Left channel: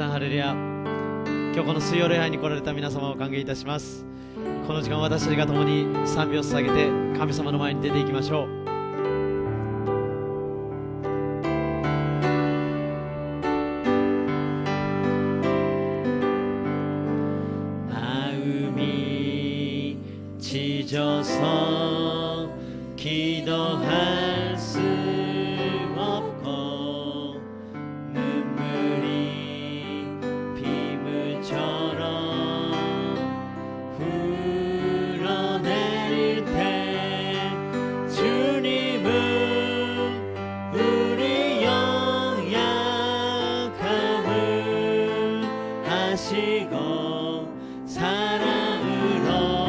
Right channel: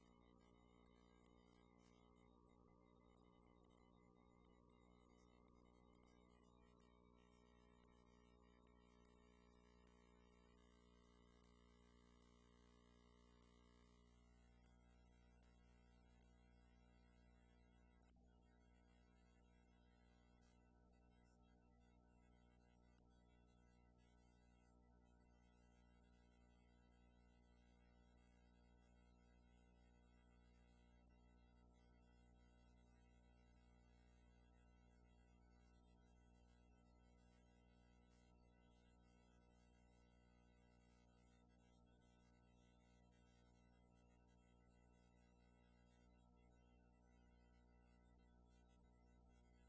さんハレルヤ。今日この水曜礼拝に来られた皆様を歓迎いたします。この時間私たちが共に賛美を捧げて神様の前に出ていきましょう。지져서 기도할 수 없고 눈물이 빗물처럼 흘러내릴 때 주님은 우리 연약함을 아시고 사랑으로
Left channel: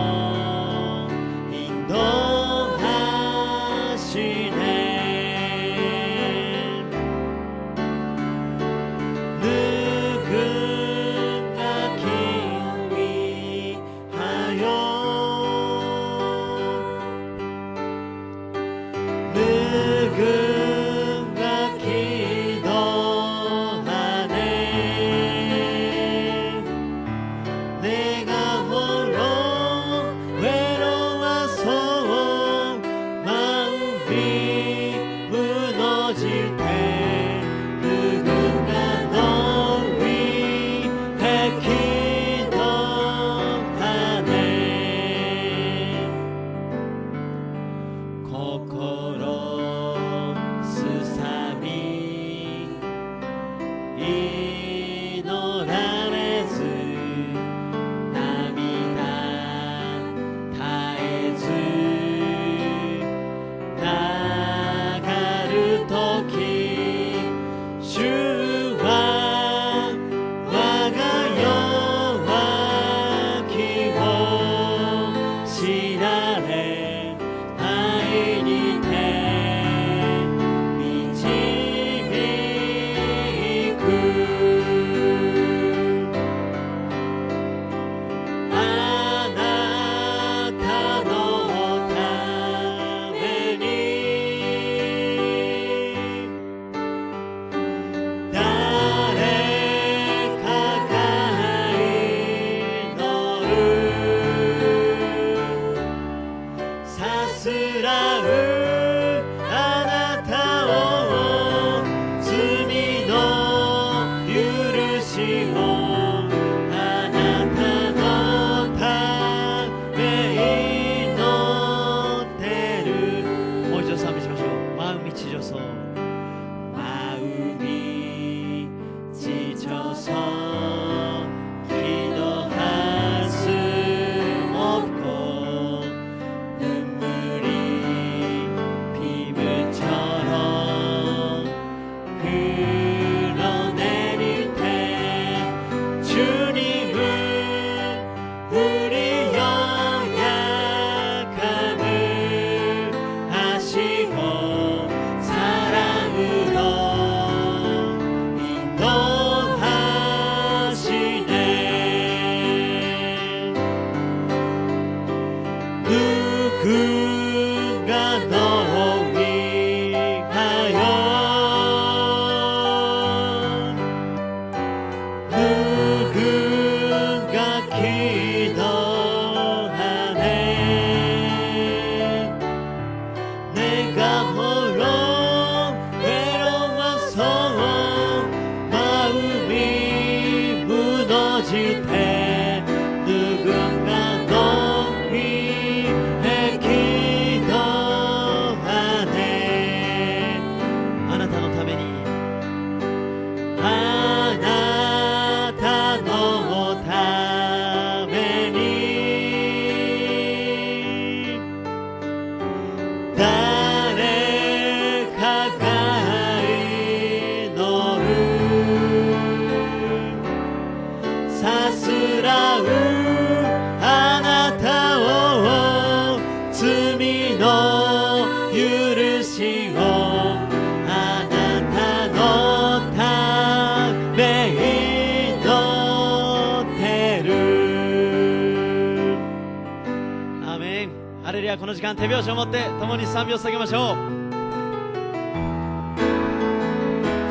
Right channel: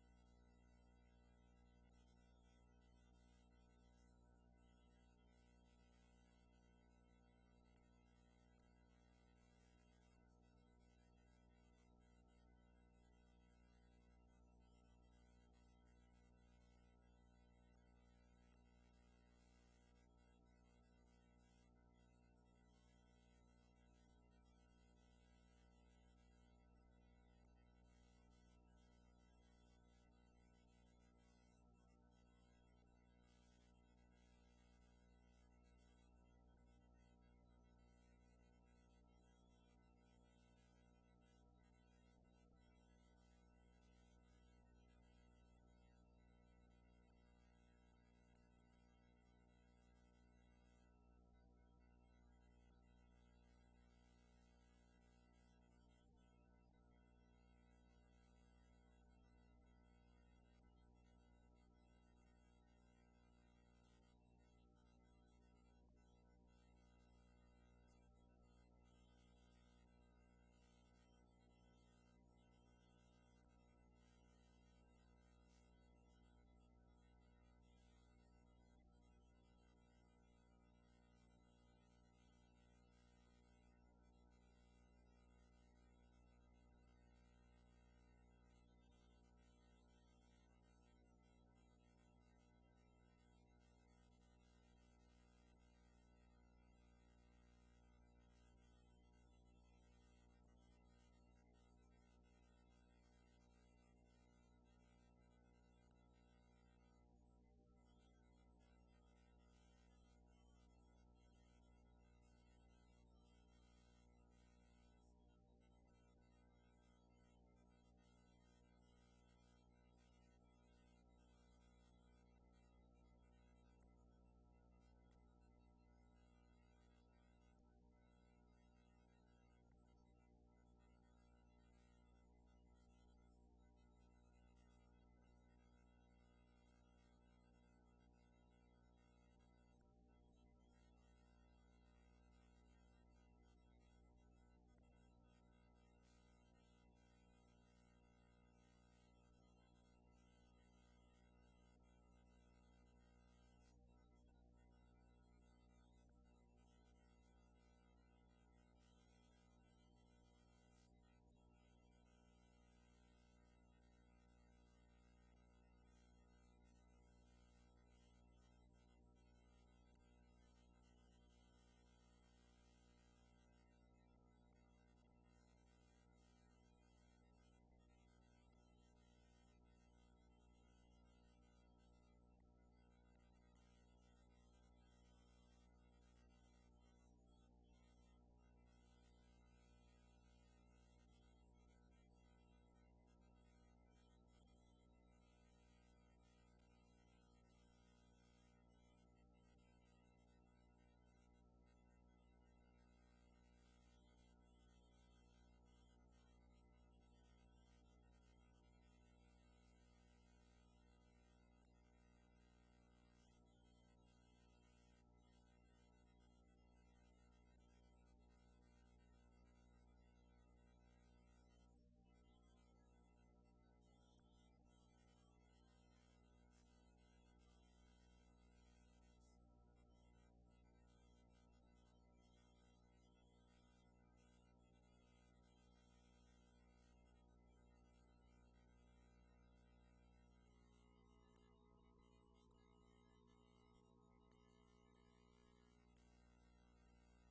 この時間手拍子を持って共に賛美を捧げましょう。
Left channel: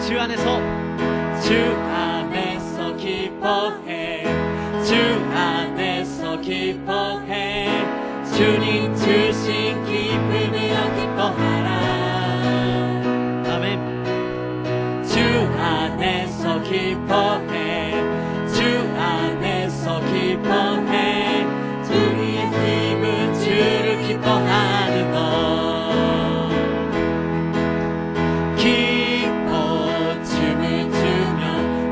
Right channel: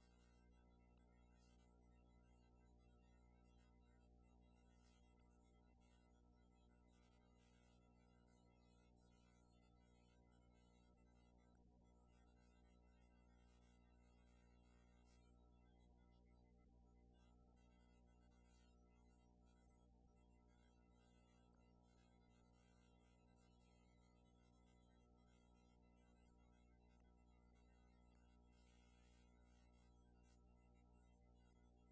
主アネソ 기뻐해 주 안에서 기뻐해 주님 주신 기쁨으로 기뻐하라 아멘. 주 안에서 기뻐해 주 안에서 기뻐해 우리의 힘은 주를 기뻐하는 것 기뻐 춤을 추며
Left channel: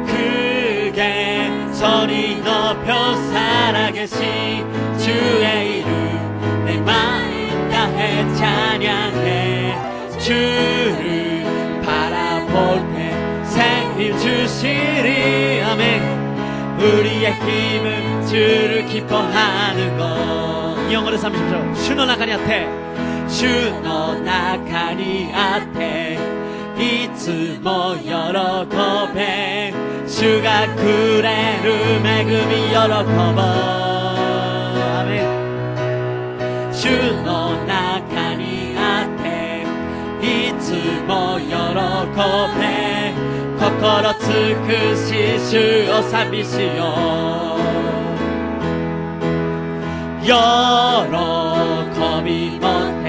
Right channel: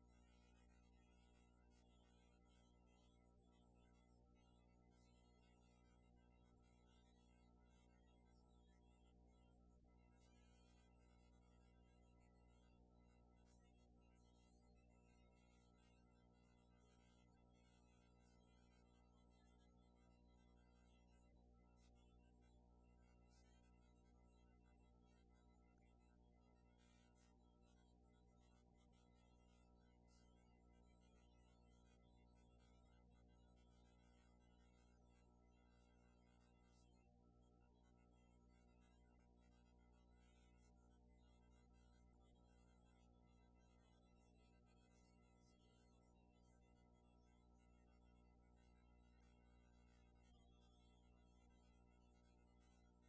크게 소리 높여 살아계신 주의 이름 내 마음 다해 찬양해 주를 바라볼 때 새 힘 주시리 아멘 우리의 힘은 주를 기뻐하는 것 이 영어로 삼십시오. 주の中にあって主の中にあっていつも喜べ主がくれる恵み喜ぼうアメン。主の中にあっていつも喜べ心尽くし主を賛美しよう喜び持って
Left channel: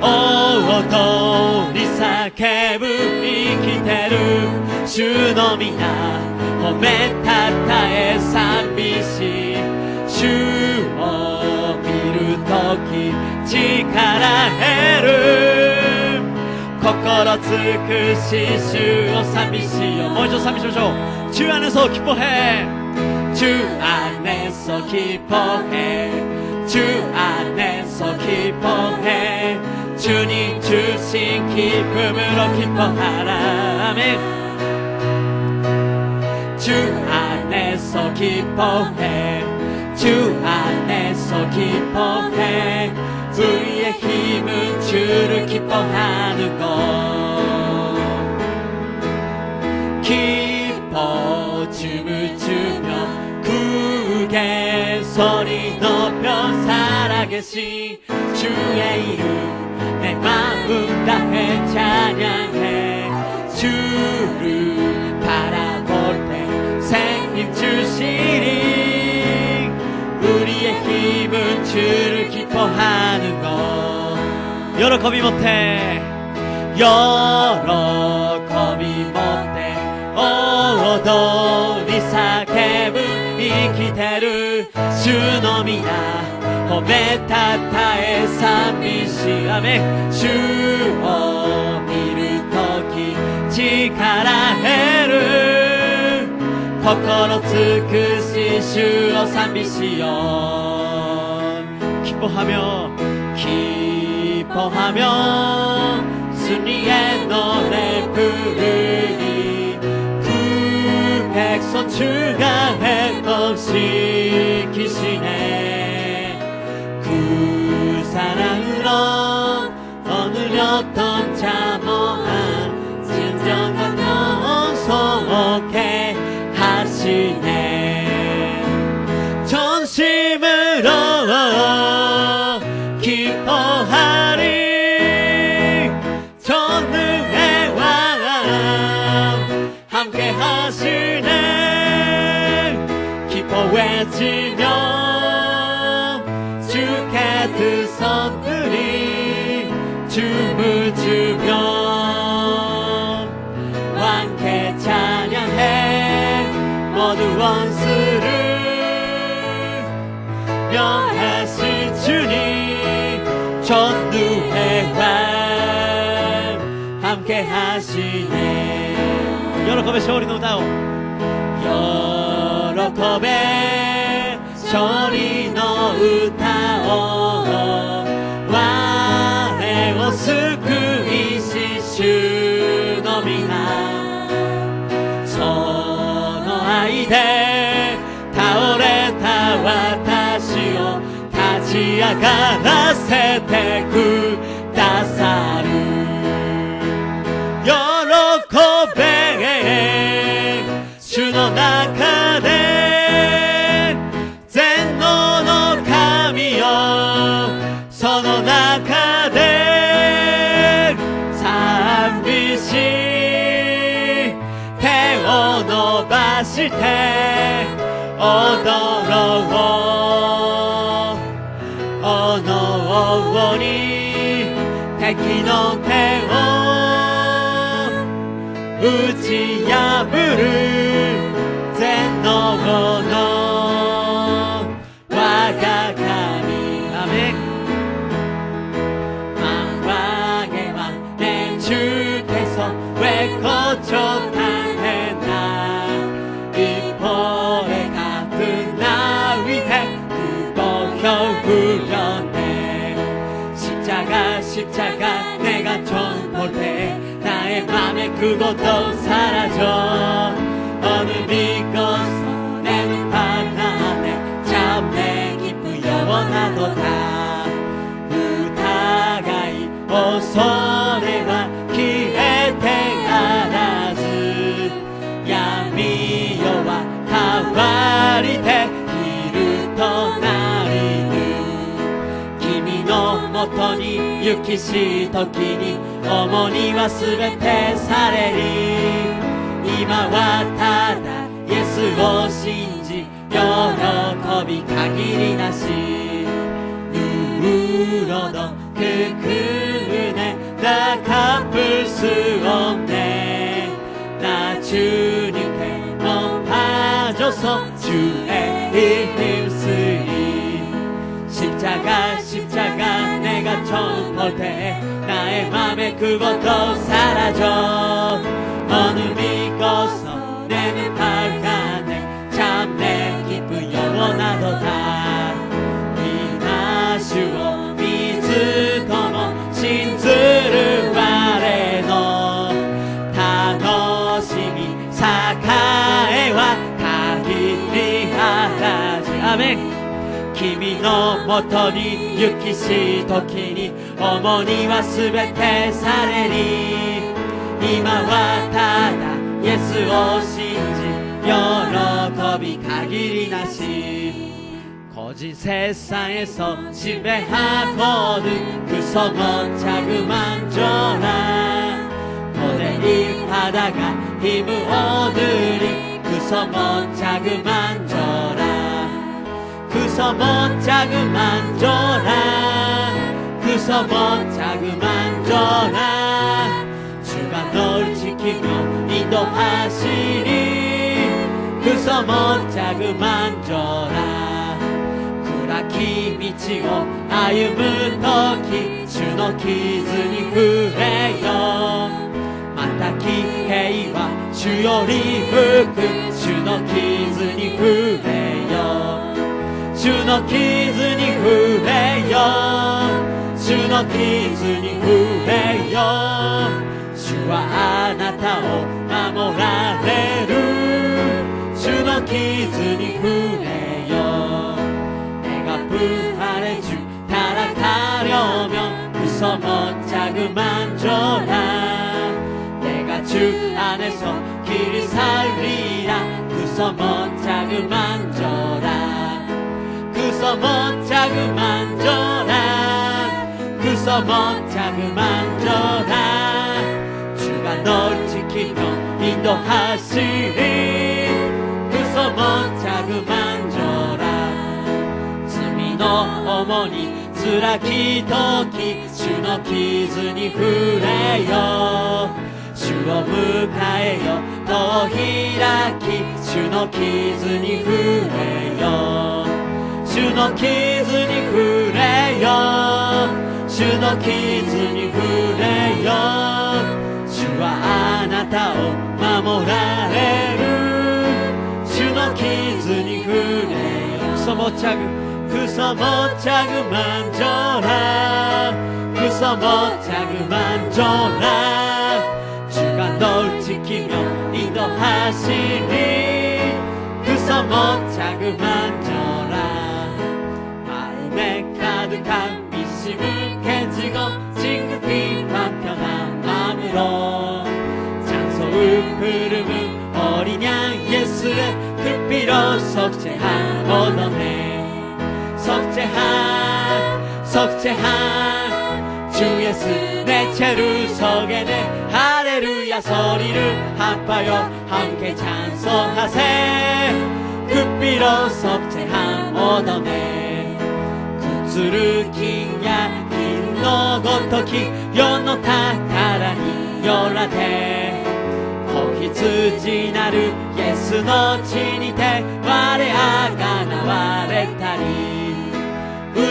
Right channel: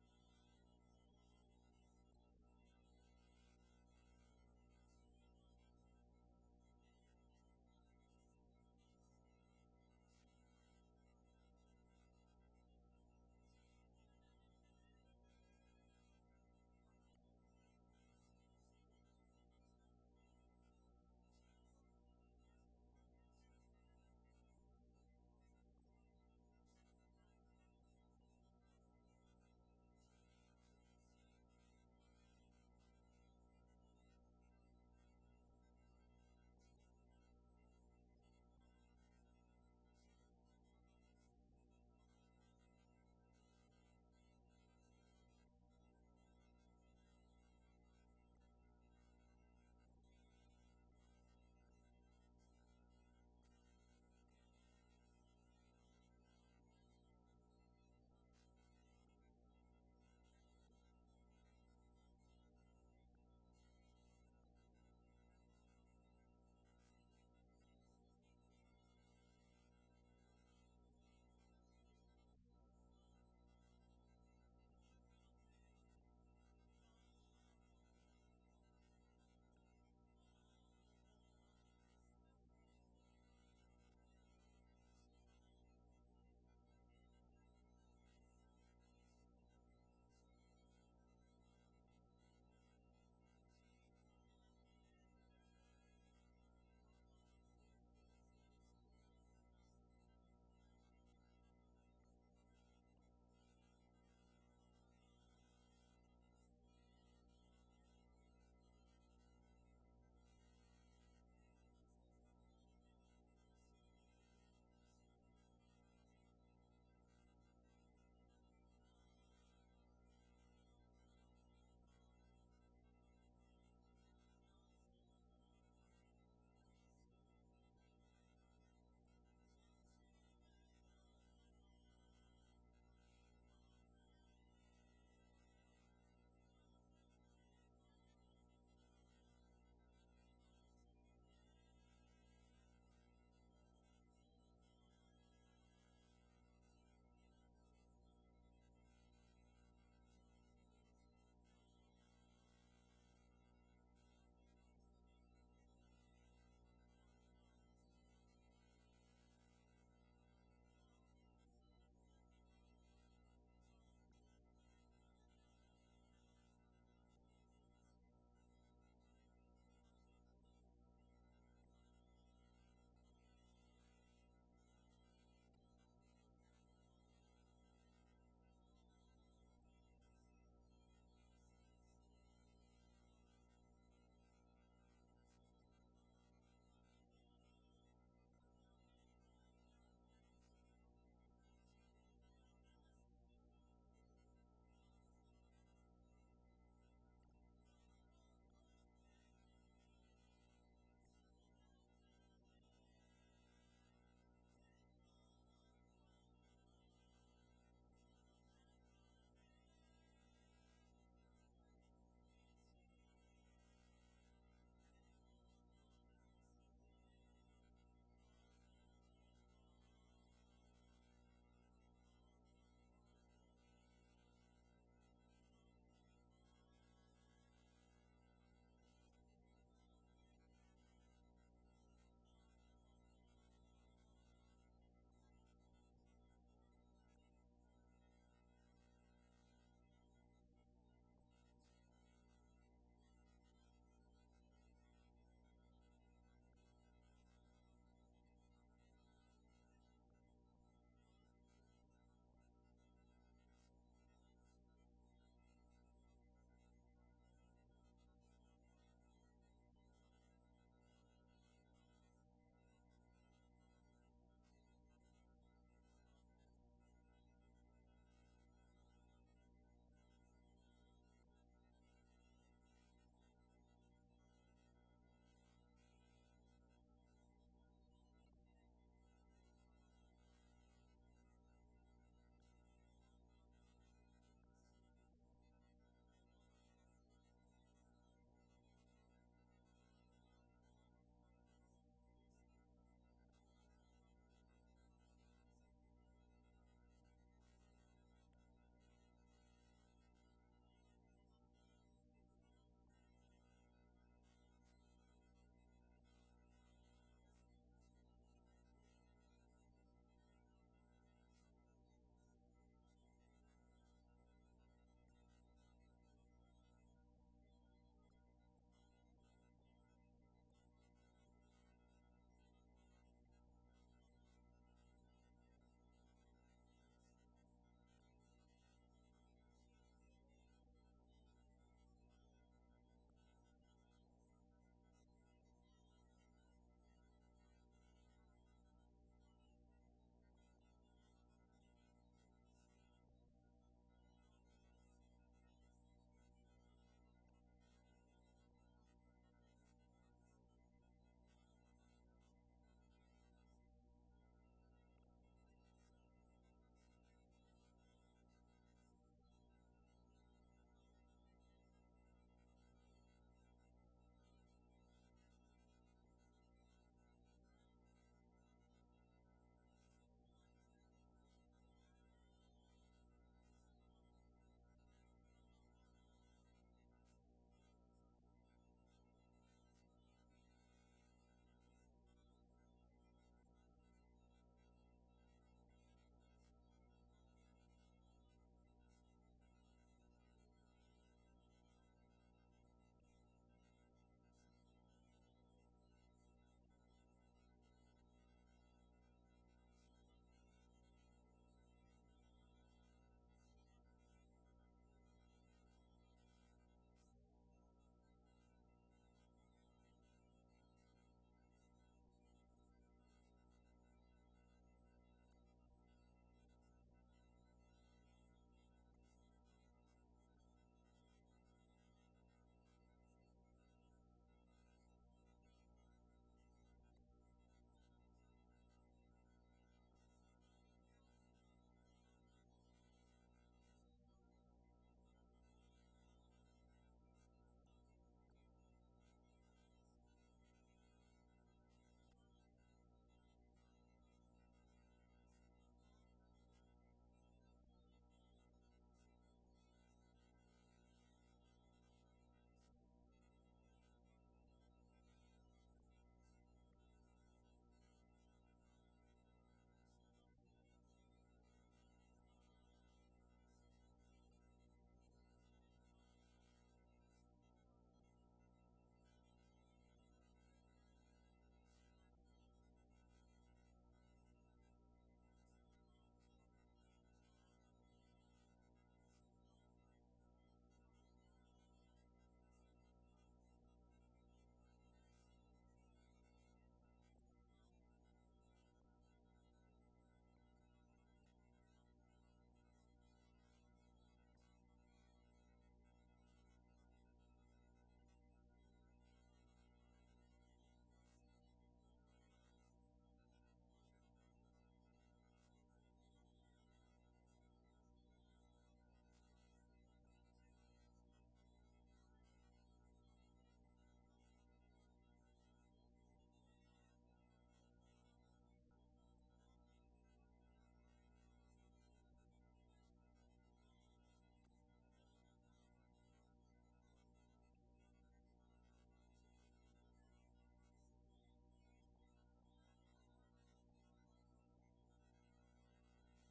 踊り叫ぶ生きてる主の皆褒めたたえ賛美し主を見るとき力得る心尽くし主を賛美しようもう一度賛美しましょう。주 안에서 기뻐해 주 안에서 기뻐해 주 안에서 기뻐해 주님 주신 기쁨으로 기뻐하라 아멘 주 안에서 기뻐해 주 안에서 기뻐해 우리의 힘은 주를 기뻐하는 것 기뻐 춤을 추며 크게 소리 높여 살아계신 주의 이름 내 마음 다해 찬양해 주를 바라볼 때 새 힘 주시리 우리의 힘은 주를 기뻐하는 것喜び持って喜び持って踊り叫ぶ生きてる主の皆褒めたたえ賛美しアメン主を見るとき力得る心尽くし主を賛美しよう 기뻐하며 기뻐하며 승리의 노래 부르니 그 백성 주가 회복시키시네 그 사랑으로 얻으렸던 자모한 진정한 영성 속해 하시네 전심으로 기뻐하리 전능의 왕 함께 하시네 기뻐 외치며 주께 두 손 들이 춤을 추며 왕께 찬양해 모두 원수를 명하신 주님 전두의 왕 함께 하시네 喜べ勝利の歌を 喜べ勝利の歌を我を救いし主の皆その愛で倒れた私を立ち上がらせてくださる喜べ主の中で全能の神よその中で賛美し手を伸ばして敵の手を打ち破る全能の我が神アメン망에와 내 주께서 왜 거쳐가했나 이포에 같은 나 위해 그보혀 흘렸네 십자가 내가 처음 볼 때 나의 맘에 그것도 사라져 어둠이 꺼서 내 눈밭 안에 잡내 기쁘 영원하도다それは消えてならず闇夜は変わりて昼となりぬ君のもとに行きし時に重荷はすべてされり今はただイエスを信じ喜び限りなし누구로도 그 그은혜 나 갚을 수 없네 나 주님께 높아져서 주의 힘쓰리 십자가 내가 처음 볼 때 나의 맘에 그것도 사라져 어둠이 꺼서 내 눈 밝아내 참 내 기쁨 영원하도다主を見ずとも信ずる我の楽しみ栄は限りあらずアメン君のもとに行きし時に重荷はすべてされり今はただイエスを信じ喜び限りなし거짓 세상에서 지배하거든 그 소모착을 만져라 고대리 하다가 힘을 얻으리 그 소모착을 만져라 그 소모착을 만져라 그 소모착을 만져라 주가 널 지키며 인도하시리 그 소모착을 만져라暗き道を歩むとき主の傷に触れよまた騎兵は主より吹く主の傷に触れよ主の傷に触れよ主の傷に触れよ主はあなたを守られる主の傷に触れよ부활해주 타락하려면 그 소모짝을 만져라 내가 주 안에서 길을 살리라 그 소모짝을 만져라 그 소모짝을 만져라 그 소모짝을 만져라 주가 널 지키며 인도하시리 그 소모짝을 만져라の重荷辛き時主の傷に触れよ主を迎えよ戸を開き主の傷に触れよ主の傷に触れよ主の傷に触れよ主はあなたを守られる主の傷に触れよそもちゃぐ그 소모짝을 만져라 그 소모짝을 만져라 주가 널 지키며 인도하시니 그 소모짝을 만져라 마음에 가득한 미심을 깨지고 진급히 편한 마음으로 찬송을 흐르는 어린 양 예수의 그 피로 속죄한 얻어내 석재한 주 예수 내 채를 서게네 할렐루야 소리를 합하여 함께 찬송하세 그 피로 석재한 얻어내 구주를 기냐 긴 너ごとき世の宝によらて子羊なるイエスの血にて我あがなわれたり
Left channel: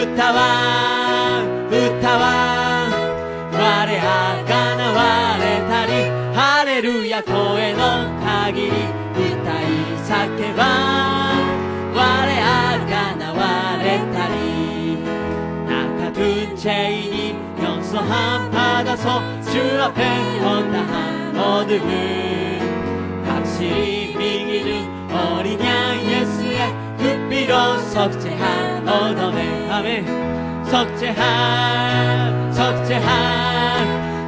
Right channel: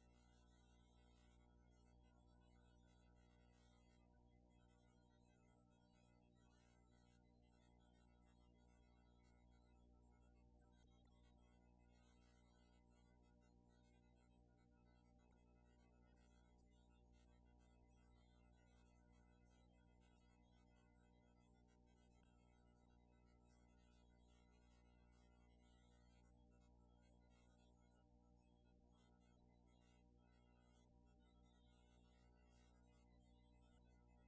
歌わ我あがなわれたりハレルヤ声の限り歌い叫ば我あがなわれたりnakatuncay yung soham padaso Chua pen hondahan odumu 확실히 미기는 어린양 예수의 굿비로 석재한 얻어내 아멘 석재한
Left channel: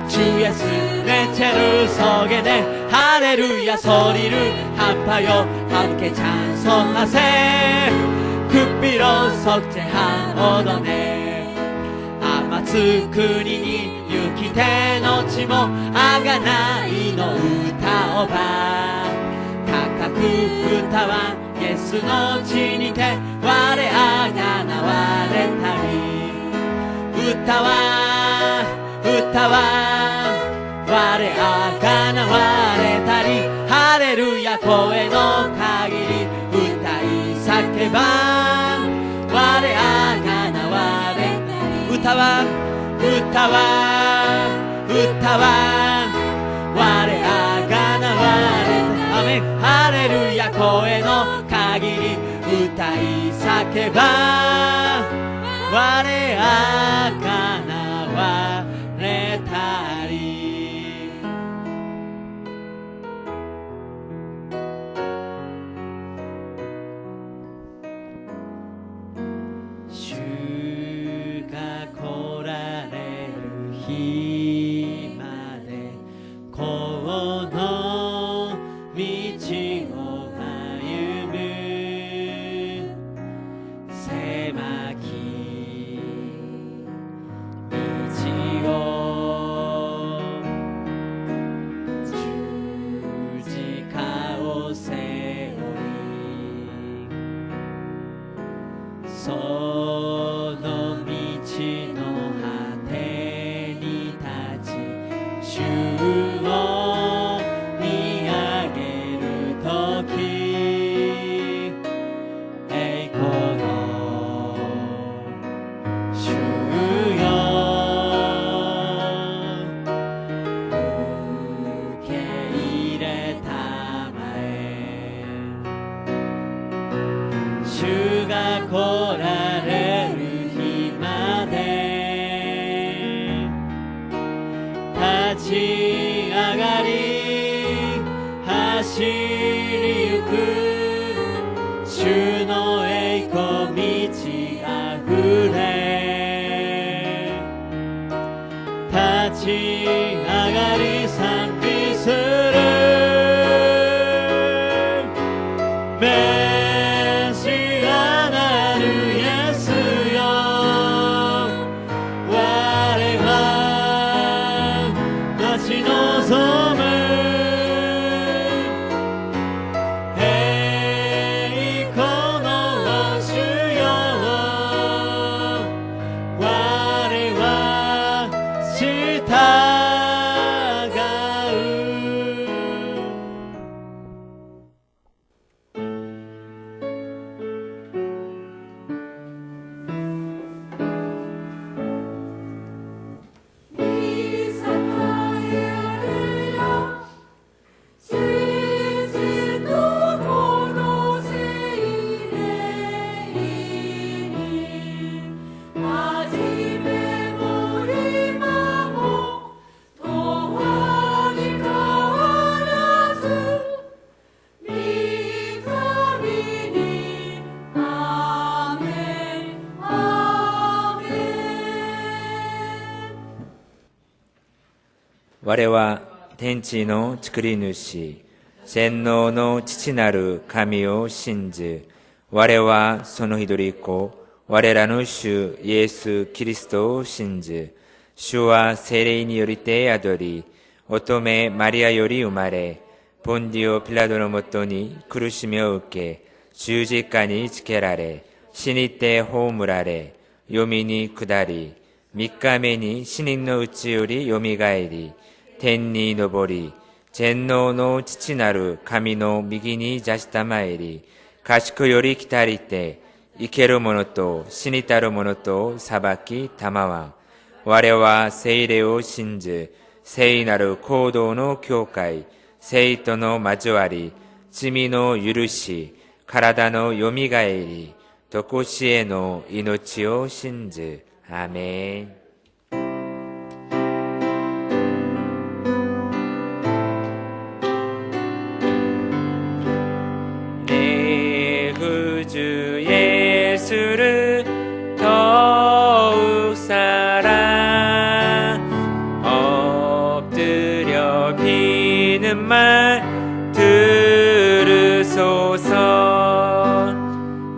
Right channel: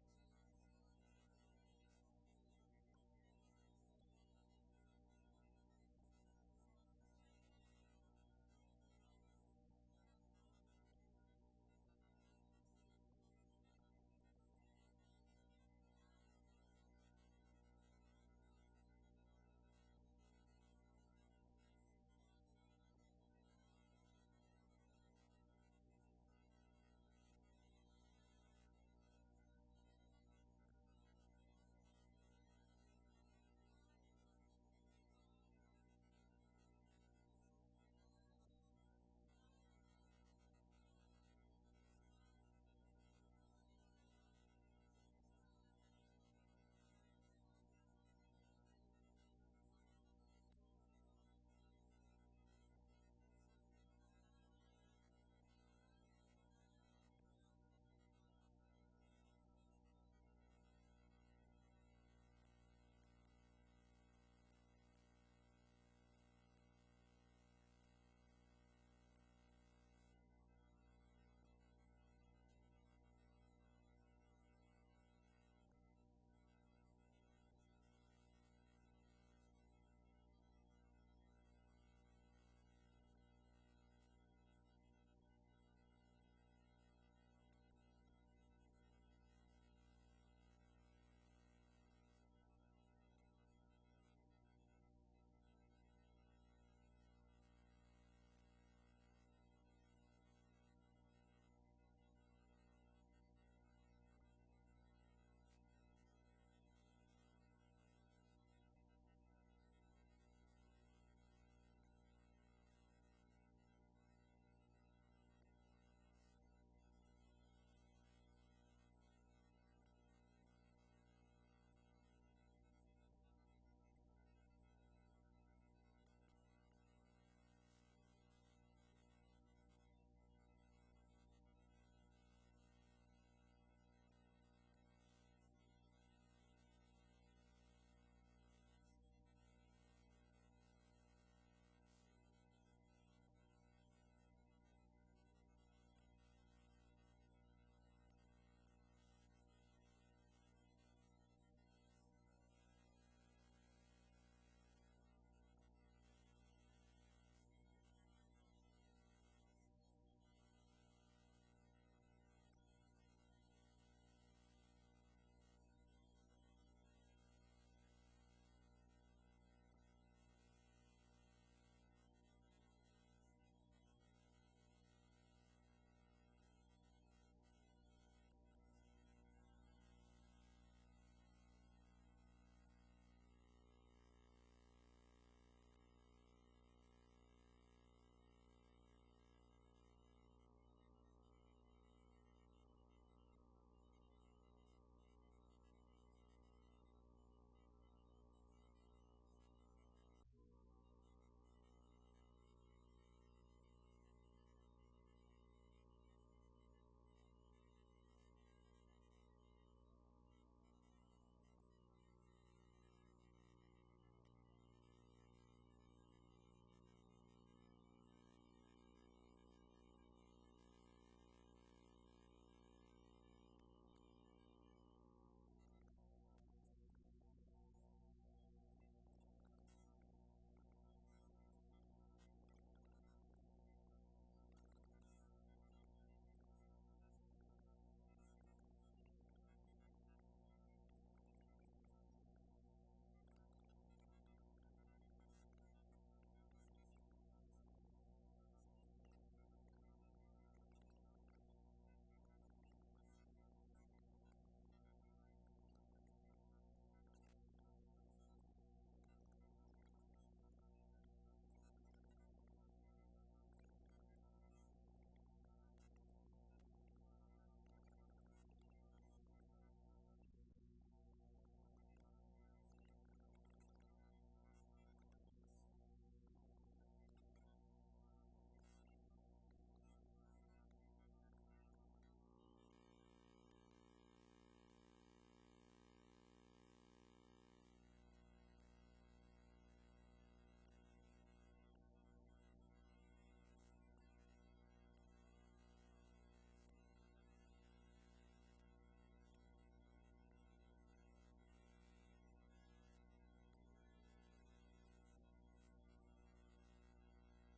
주 예수 내 채를 서게 돼 할렐루야 소리를 합하여 함께 찬송하세 굿비로 석재한 얻어내 아마つくにに行きてのちもあがないの歌をば高く歌わイエスの血にて我あがなわれたり歌わ我あがなわれたりハレルヤ声の限り歌い叫ば我あがなわれたり歌わ我あがなわれたりアメンハレルヤ声の限り歌い叫ば我あがなわれたり主が来られる日までこの道を歩む狭き道を十字架を背負いその道の果てに立ち主を見上げるとき栄光の主よ受け入れたまえ主が来られる日まで立ち上がり走りゆく主の栄光満ちあふれ立ち上がり賛美するメシアなるイエスよ我は待ち望む栄光の主よ我は従う我は天地の作り主、全能の父なる神を信じ、我はその一人子、我らの主イエス・キリストを信じ、主は聖霊によりて宿り、乙女マリアより生まれ、ポンディオ・ピラトのもとに苦しみを受け、十字架につけられ、死にて葬られ、読みに下り、3日目に死人のうちよりよみがえり、天に昇り、全能の父なる神の右に座したまえり、賢より来たりて、生ける者と死にたる者と裁きたまわ。我は聖霊を信じ、聖なる行動の教会、聖との交わり、罪の許し、体のよみがえり、とこしえの命を信じ。アーメン。내 구주 예수를 더욱 사랑 엎드려 비는 말 들으소서.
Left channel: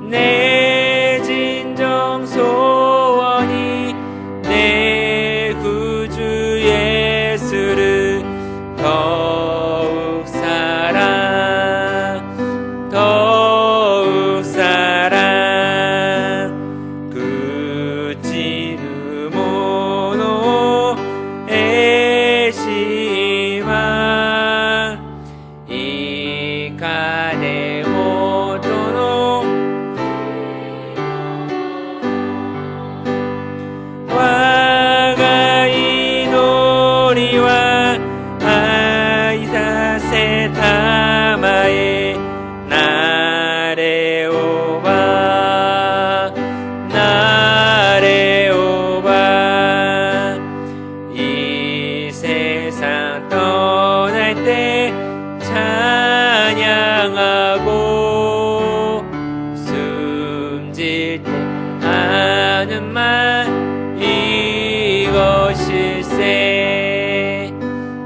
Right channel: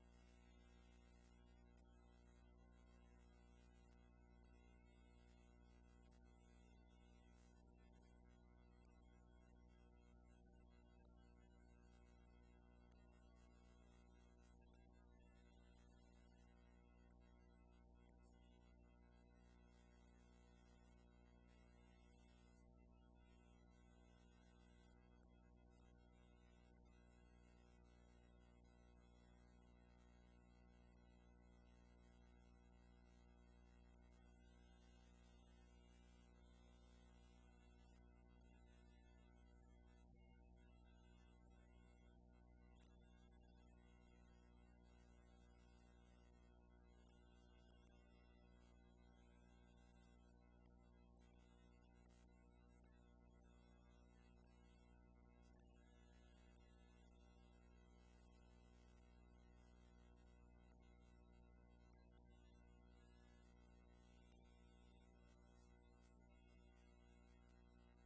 내 진정 소원이 내 구주 예수를 더욱 사랑 더욱 사랑 그치는 모노 에시마 이카네 모토노 와가 이노리와 아이사세 타마에 나레오바 나레오바 이 세상 떠날 때 찬양하고 숨질 때 하는 말 이것일세.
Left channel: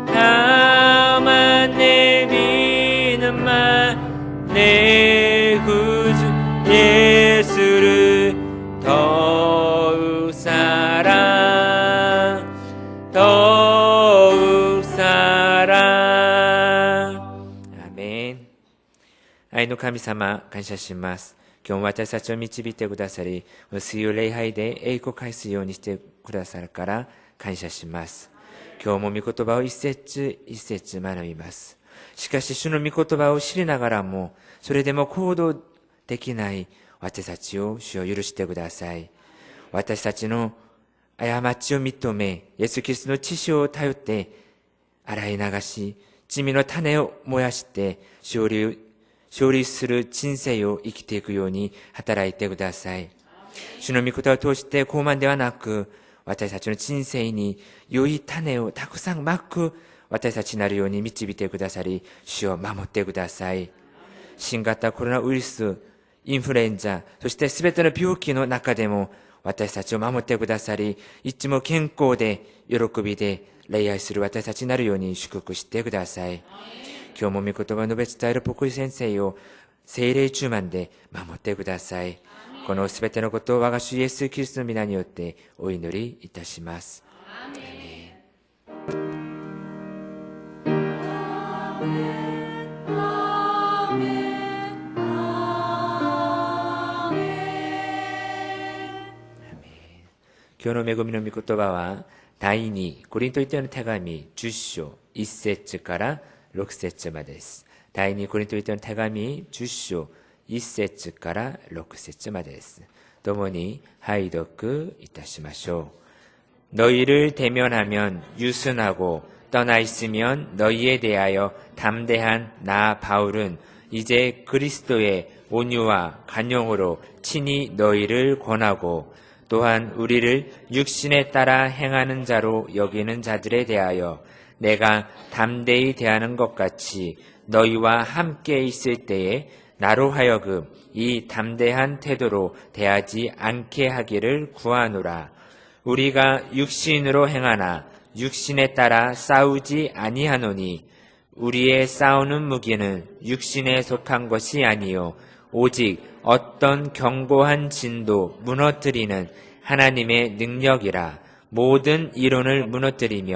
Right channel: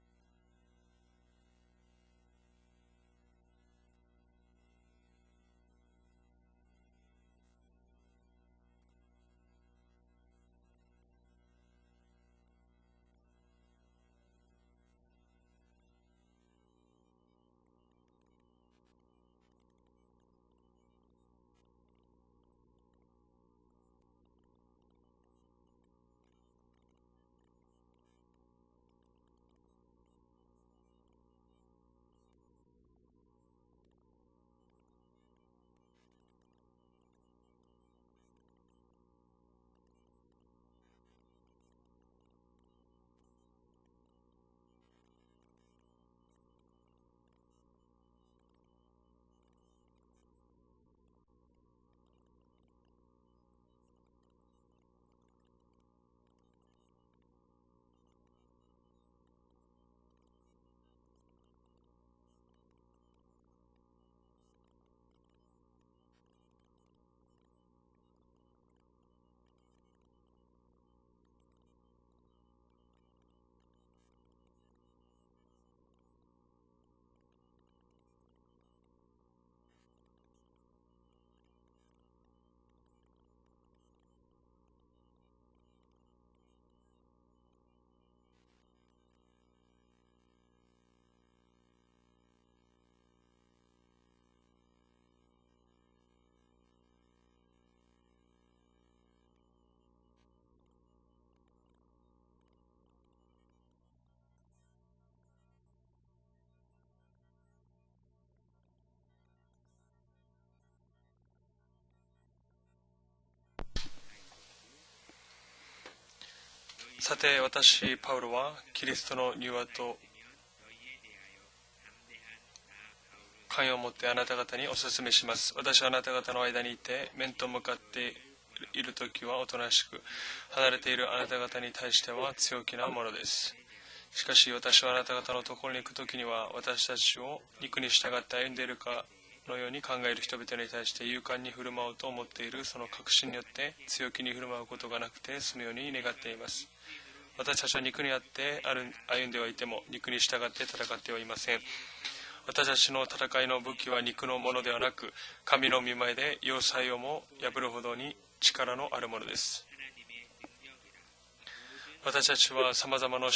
다만 내 믿는 말 내 구주 예수를 더욱 사랑 더욱 사랑. アーメン。愛の神様、感謝します。今日も私たちを導いてくださり、水曜礼拝で栄光を返すようにしてくださるから感謝します。今日も御言葉を一節一節学びます。しかし主の御言葉を知りながらも、それでも行動できない私たちを主を許してください。私たちの過ちを認め、イエス・キリストの血潮を頼って洗い流し、罪の種を燃やして勝利する人生を生きていくように働いてください。主の御言葉を通して傲慢ではなく、私たちの人生に良い種をたくさんまく私たちになるように導いてくださり、主を守ってください。新型コロナウイルス、インフルエンザ、そしてすべての病気の中でも私たちを守ってくださり、いつも健康で喜びで礼拝する私たちになるように祝福してください。今日も御言葉を述べ伝える牧師先生を聖霊充満で守ってください。このすべてのことを我が主イエス・キリストの皆によってお祈りいたします。今日の恵みの御言葉は第2コリント人への手紙10章1節から6節までです。第2コリント人への手紙10章1節から6節までです。共に拝読いたしましょう。너희를 대면하면 유순하고 떠나 있으면 너희에 대하여 담대한 나 바울은 이제 그리스도의 온유와 간용으로 친히 너희를 권하고 또한 우리를 육신에 따라 행하는 자로 여기는 자들에 대하여 내가 담대히 대하는 것 같이 너희와 함께 있을 때에 나로 하여금 이 담대한 태도로 대하지 않게 하기를 구하노라. 우리가 육신으로 행하나 육신에 따라 싸우지 아니하노니 우리의 싸우는 무기는 육신에 속한 것이 아니요 오직 어떤 견고한 진도 무너뜨리는 하나님의 능력이라. 모든 이론을 무너뜨리며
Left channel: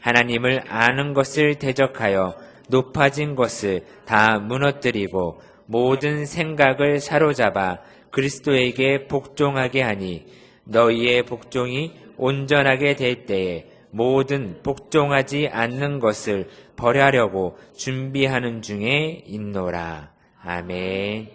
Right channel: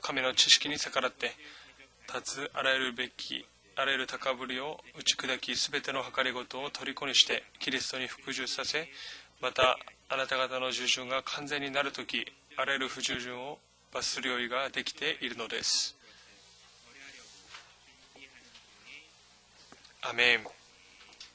하나님을 아는 것을 대적하여 높아진 것을 다 무너뜨리고 모든 생각을 사로잡아 그리스도에게 복종하게 하니 너희의 복종이 온전하게 될 때에 모든 복종하지 않는 것을 버려하려고 준비하는 중에 있노라. 아멘.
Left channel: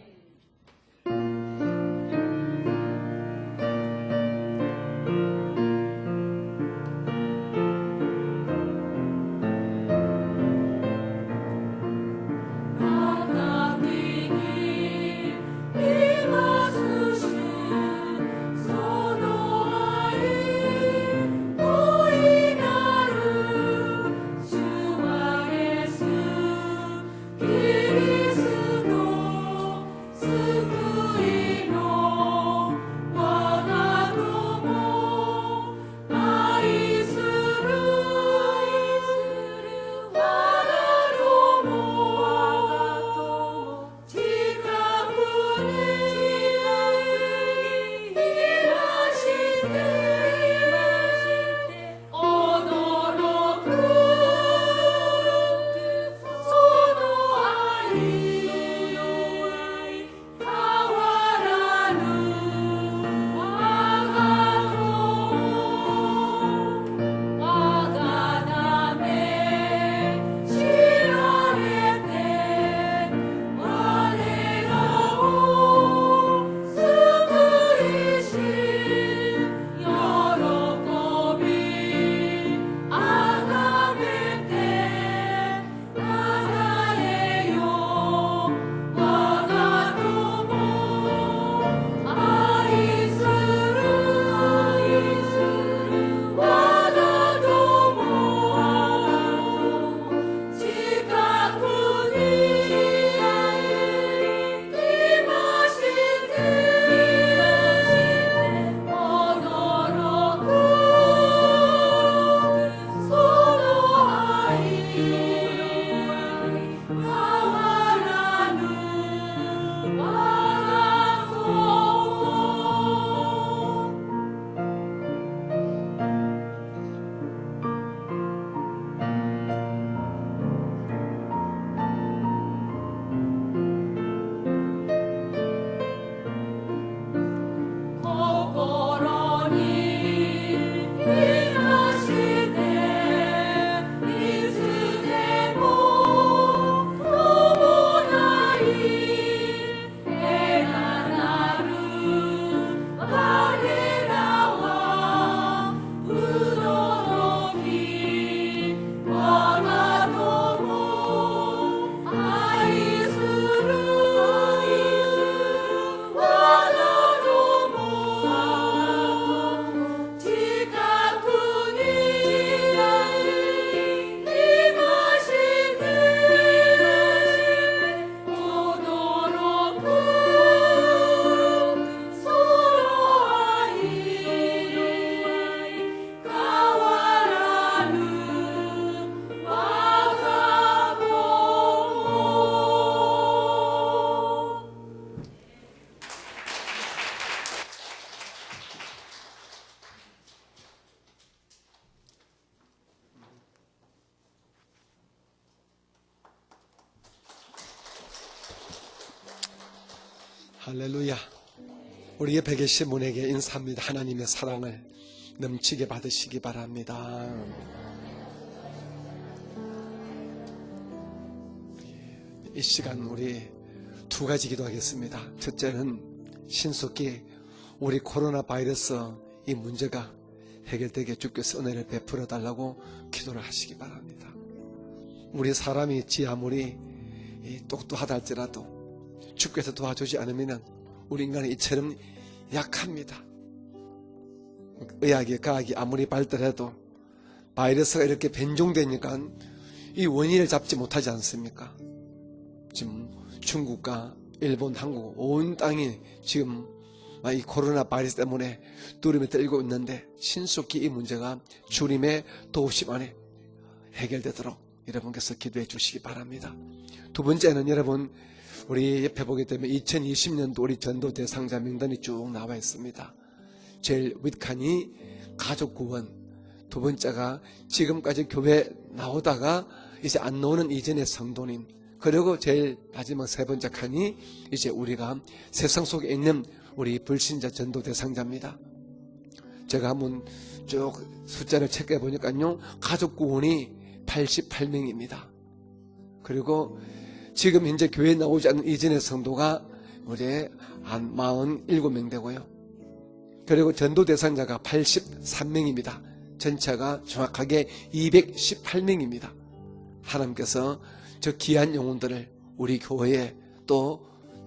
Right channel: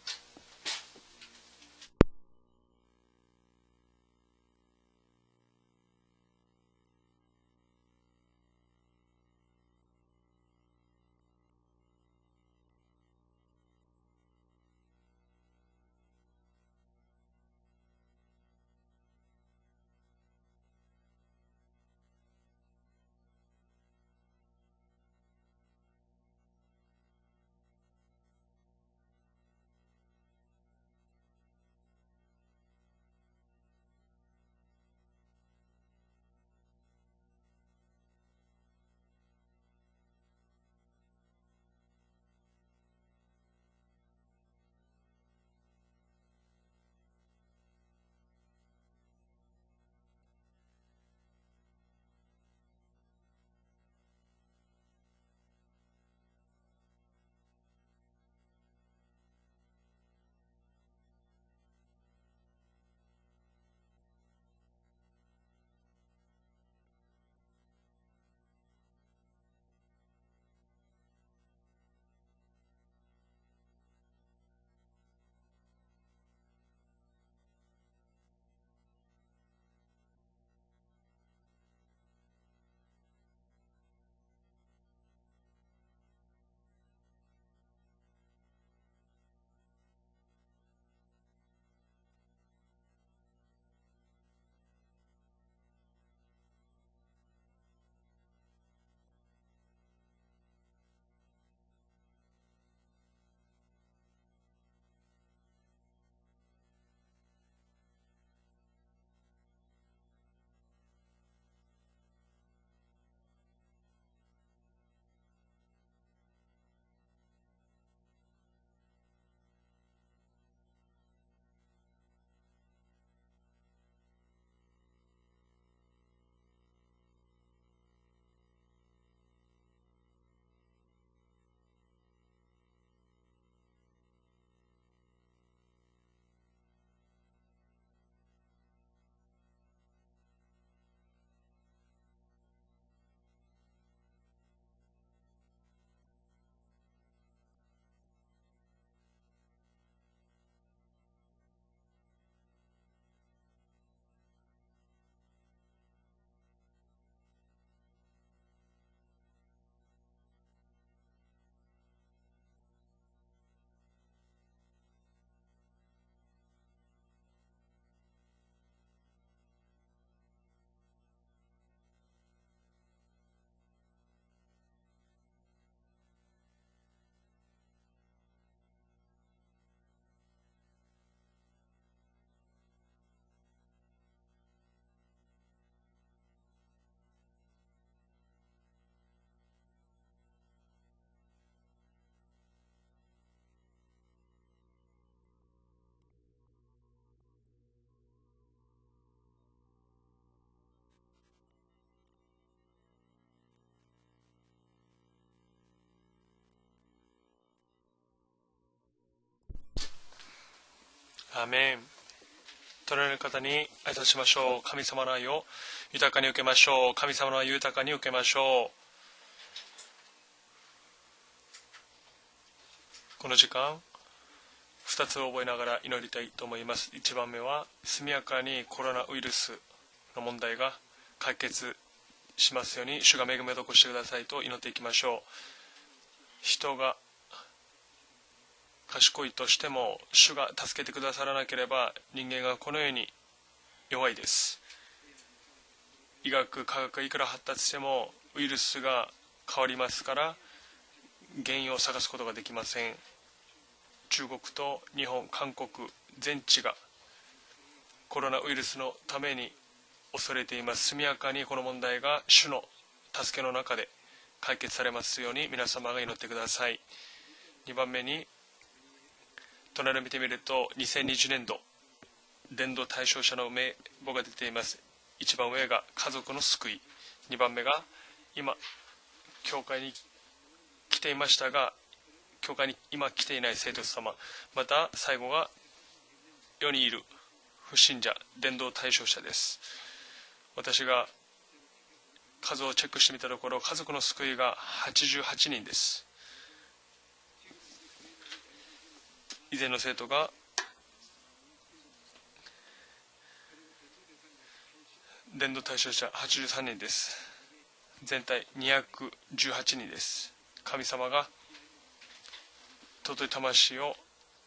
할렐루야. 아멘. 우리 옆에 계신 隣の 분에게 方に 인사합니다. 挨拶し 하나님의 ましょう。 사랑을 神様の愛を 넘치게 豊かに受 받으시기 けましょう。神様の愛を 바랍니다. 豊かに受けましょ 이 시간 う。 우리 この時間、 두 가지 2 기도하겠습니다. つを覚えながら祈 첫째는 りたいと思います。 신속히 1番目は、 우리 速やか 코로나 にコロ 바이러스 ナウイルス 이 문제가 の問題が 해결되게 解 주께서 決 은혜를 베풀어 し 달라고 ますように、主が恵みを残してく 기도하십니다. ださいと祈っていきましょ 우리 사람이 지 아무리 う。人が 똑똑하다 할지라도 賢いとして 주께서 も、 도와주지 主が 않으면 助けてくださらなければ、 우리는 人間がこのように 약합니다. 弱いです。 의학이 과학이 아무리 医学、 발달해도 科学がいくら発達 바이러스가 しても、 이렇게 ウイルスが 변종되니까 変わります 이 から、 원인을 잡지 못하지 않습니다. 原因を探すことができません。 중국과 中国 일본, と 한국 日本、 온 韓国 땅이 지금 全地が 이 코로나 바이러스 コロナウイ 때문에 ルスのた 두름이 めに 떨고 있는데 恐れていま 신속히 す。 이 速やか 문제가 にこの問題 주님의 が主の 도우심 안에 助けの中で 해결되도록 解決されますよう 여러분께서 に 기도해 皆様が 주시기 祈ってくだ 바랍니다. さい。 두 번째는 2番目 여러분 に 우리 옆에 보게 되면 2020년도 우리 전도 2020 대상자 명단이 쭉 나와 伝道 있습니다. 対象者の名 제일 簿が出ています。 밑칸이 一番上が 가족 구원, 家族の救い。 두 번째가 2番目が 지금까지 교회 나오다가 教会に 이제 안 나오는 来 이전의 ていました 성도님 が、 그리고 제일 今 마지막 来て 세 いない 번째 聖別 칸이 様 이제 また 우리가 最後が 세상 속에 있는 世にい 우리 る 불신자 전도 信者 대상자입니다. 伝道対象者です 제가 한번 私が 숫자를 체크해 보니까요. 数をチェックして 가족 みたところ 구원이 家族の救いが 88명입니다. 88人です 그리고 지금 현재 교회에 나오지 않는 이전의 성도가 以前の生徒が 이제 한 47명 되고요. 그리고 전도 대상자가 83명입니다. 전체가 정확하게 218명입니다. 18人です 하나님께서 神様が 저 귀한 영혼들을 우리 교회에 또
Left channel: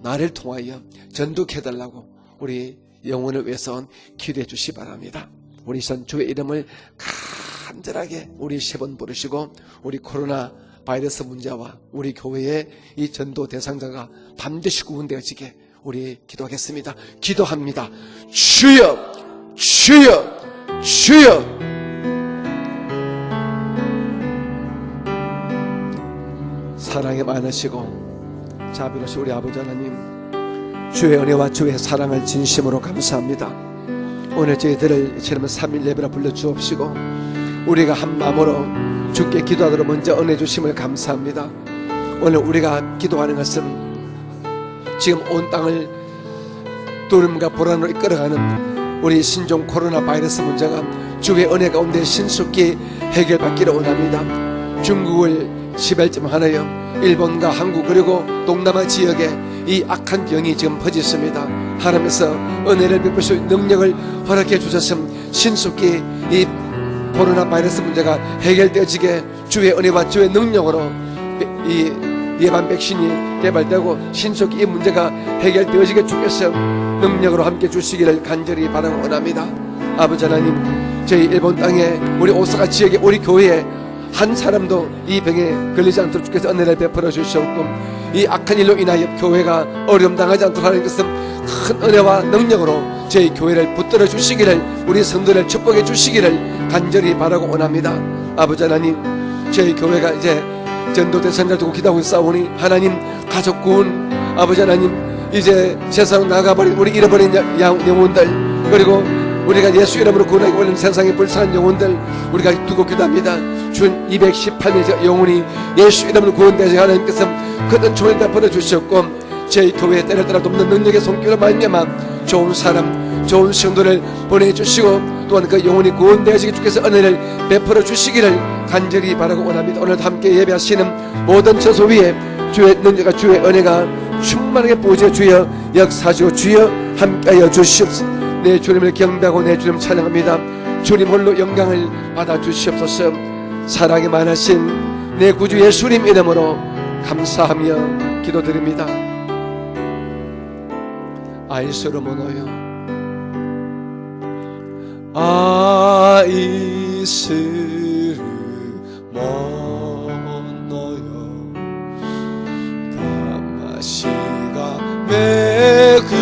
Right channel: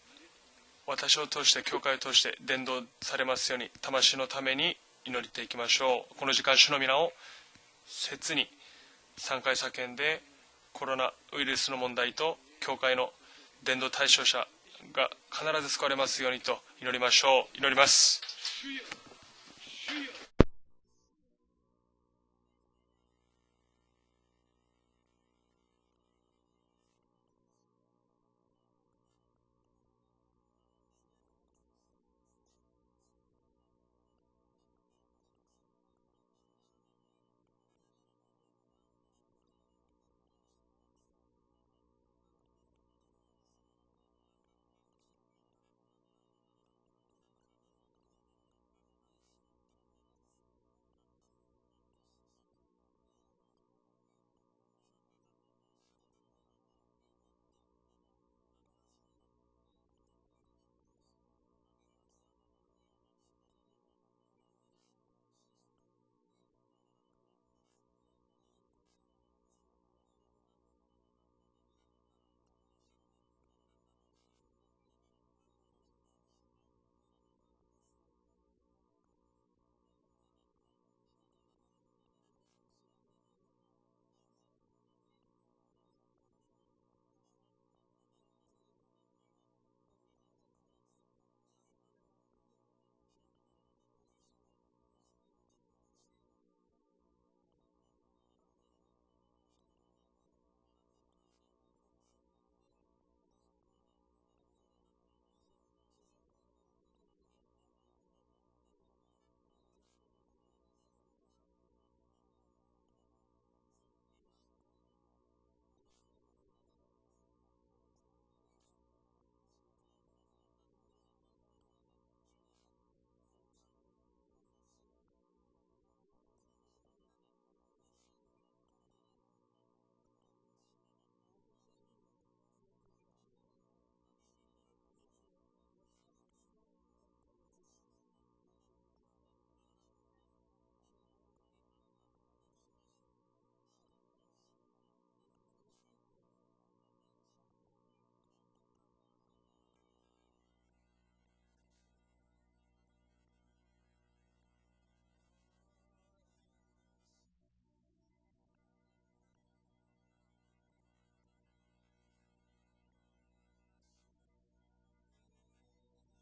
나를 통하여 私を通して教 전도해달라고 会を通して伝 우리 道されま 영혼을 すよう 위해서 に魂のた 기도해 めに 주시기 祈 바랍니다. っていきま 우리 しょう 선 주의 この時間 이름을 主の皆を 간절하게切に 우리 세 번 부르시고 3回叫んで 우리 코로나 바이러스 문제와 우리 교회의 이 전도 대상자가 반드시 구원되어지게 우리 기도하겠습니다. 기도합니다. 주여, 주여, 주여. 사랑이 많으시고 자비로우신 우리 아버지 하나님, 주의 은혜와 주의 사랑을 진심으로 감사합니다. 오늘 저희들을 이처럼 3일 예배라 불러주옵시고 우리가 한 마음으로 주께 기도하도록 먼저 은혜 주심을 감사합니다. 오늘 우리가 기도하는 것은 지금 온 땅을 두려움과 불안으로 이끌어가는 우리 신종 코로나 바이러스 문제가 주의 은혜 가운데 신속히 해결받기를 원합니다. 중국을 시발점하여 일본과 한국 그리고 동남아 지역에 이 악한 병이 지금 퍼졌습니다. 하나님께서 은혜를 베푸실 능력을 허락해 주셨음 신속히 이 코로나 바이러스 문제가 해결되어지게 주의 은혜와 주의 능력으로 이 예방 백신이 개발되고 신속히 이 문제가 해결되어지게 주께서 능력으로 함께 주시기를 간절히 바라고 원합니다. 아버지 하나님, 저희 일본 땅에 우리 오사카 지역에 우리 교회에 한 사람도 이 병에 걸리지 않도록 주께서 은혜를 베풀어 주시옵고 이 악한 일로 인하여 교회가 어려움 당하지 않도록 하는 것은 큰 은혜와 능력으로 저희 교회를 붙들어 주시기를 우리 성도를 축복해 주시기를 간절히 바라고 원합니다. 아버지 하나님, 저희 교회가 이제 전도 대상자 두고 기도하고 있사오니 하나님 가족 구원, 아버지 하나님 이제 세상 나가버린 우리 잃어버린 영혼들 그리고 우리가 예수 이름으로 구원하기 원하는 세상의 불쌍한 영혼들 우리가 두고 기도합니다. 준 218명의 영혼이 예수 이름으로 구원되지 하나님께서 그 은총을 베풀어 주셨고 저희 교회에 때를 따라 돕는 능력의 손길로 말미암아 좋은 사람 좋은 성도를 보내주시고 또한 그 영혼이 구원되어지게 주께서 은혜를 베풀어 주시기를 간절히 바라고 원합니다. 오늘도 함께 예배하시는 모든 처소 위에 주의 능력과 주의 은혜가 충만하게 부어져 주여 역사하시고 주여 함께하여 주시옵소서. 내 주님을 경배하고 내 주님 찬양합니다. 주님 홀로 영광을 받아 주시옵소서. 사랑이 많으신 내 구주 예수님 이름으로 감사하며 기도드립니다. 아이스로 모노요 아이스를 모노요 다마시가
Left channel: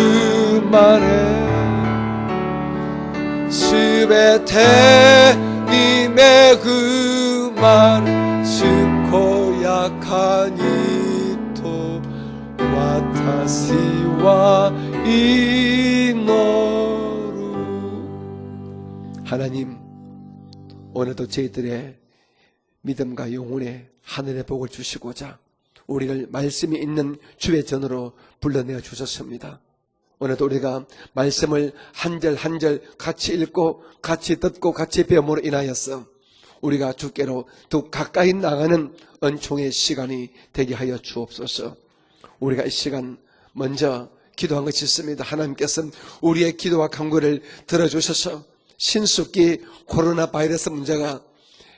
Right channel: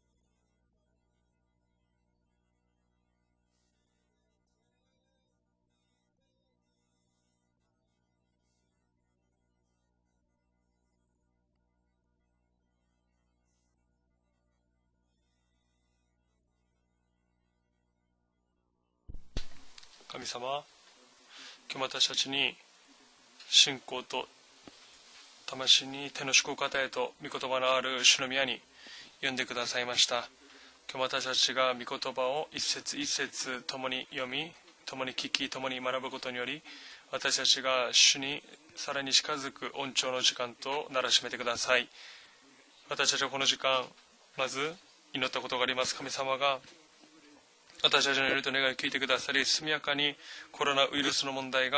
메그마레 스베테 님의 그 말 스코 야카니토 와타시와 이노루 하나님 神様 오늘도 저희들의 私たちに 믿음과 영혼의 하늘의 복을 주시고자 魂に 우리를 天の祝 말씀이 福を与え 있는 と御 주의 言葉のあ 전으로 る主の宮に 불러내어 呼んで 주셨습니다. くださいました 오늘도 우리가 말씀을 한 절 한 절 같이 읽고 같이 듣고 같이 배움으로 인하여서 우리가 주께로 더 가까이 나가는 은총의 시간이 되게 하여 주옵소서. 우리가 이 시간 먼저 기도한 것이 있습니다. 하나님께서 우리의 기도와 간구를 들어주셔서 신속히 코로나 바이러스 문제가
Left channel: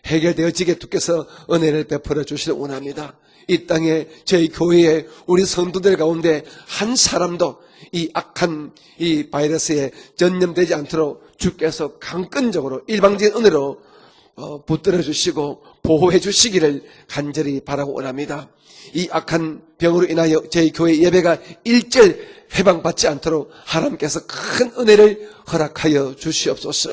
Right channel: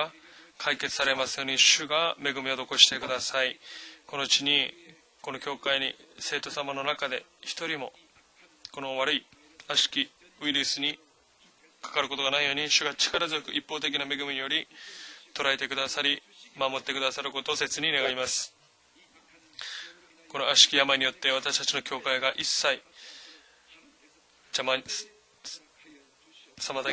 해결되어지게 주께서 은혜를 베풀어 주시기 원합니다. 이 땅에 저희 교회에 우리 성도들 가운데 한 사람도 이 악한 이 바이러스에 전염되지 않도록 주께서 강권적으로 일방적인 은혜로 붙들어 주시고 보호해 주시기를 간절히 바라고 원합니다. 이 악한 병으로 인하여 저희 교회 예배가 일절 해방받지 않도록 하나님께서 큰 은혜를 허락하여 주시옵소서.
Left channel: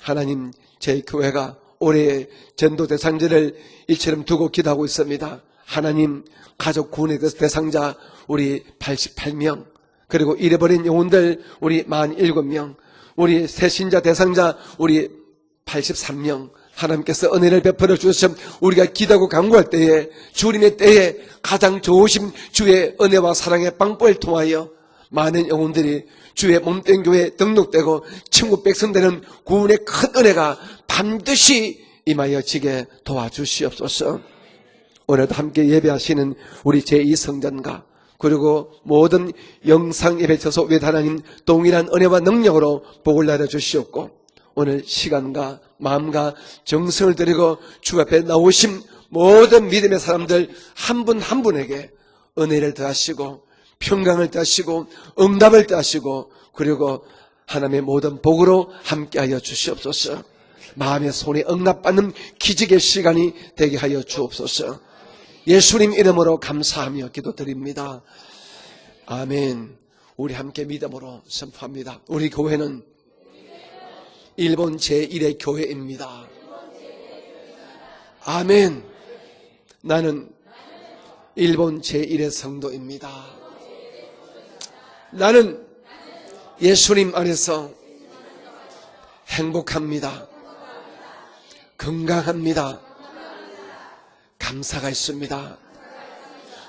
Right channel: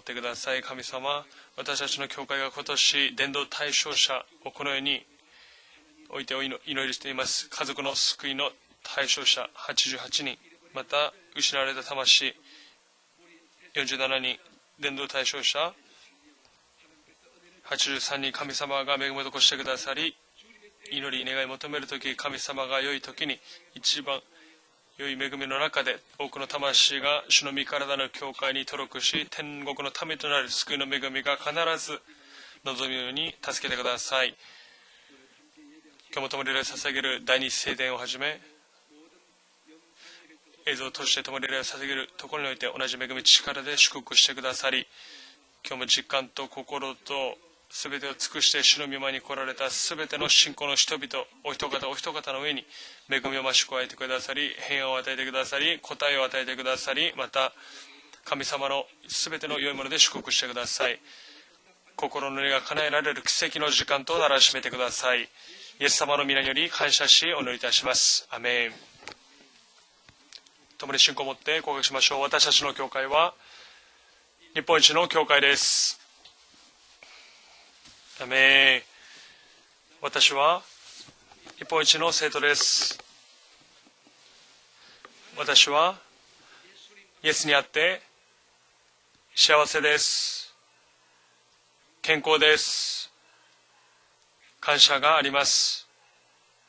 하나님, 저희 교회가 올해 전도 대상자를 이처럼 두고 기도하고 있습니다. 하나님, 가족 구원의 대상자 우리 88명, 그리고 잃어버린 영혼들 우리 47명, 우리 새신자 대상자 우리 83명, 하나님께서 은혜를 베풀어 주셔서 우리가 기도하고 간구할 때에 주님의 때에 가장 좋으신 주의 은혜와 사랑의 방법을 통하여 많은 영혼들이 주의 몸된 교회에 등록되고 천국 백성 되는 구원의 큰 은혜가 반드시 임하여 지게 도와주시옵소서. 오늘도 함께 예배하시는 우리 제2성전과 그리고 모든 영상 예배 저소 외 하나님 동일한 은혜와 능력으로 복을 내려주시옵고 오늘 시간과 마음과 정성을 드리고 주 앞에 나오신 모든 믿음의 사람들 한 분 한 분에게 은혜를 더하시고 평강을 더하시고 응답을 더하시고 그리고 하나님의 모든 복으로 함께하여 주시옵소서. 마음의 손에 응답받는 기적의 시간이 되게 하여 주옵소서. 예수님 이름으로 감사하며 기도드립니다. 아멘. 우리 함께 믿음으로 선포합니다. 우리 교회는 일본 제1의 교회입니다. 아멘. 나는 일본 제1의 선거입니다. 나는 예수님 안에서 행복합니다. 건강합니다. 감사가 있습니다.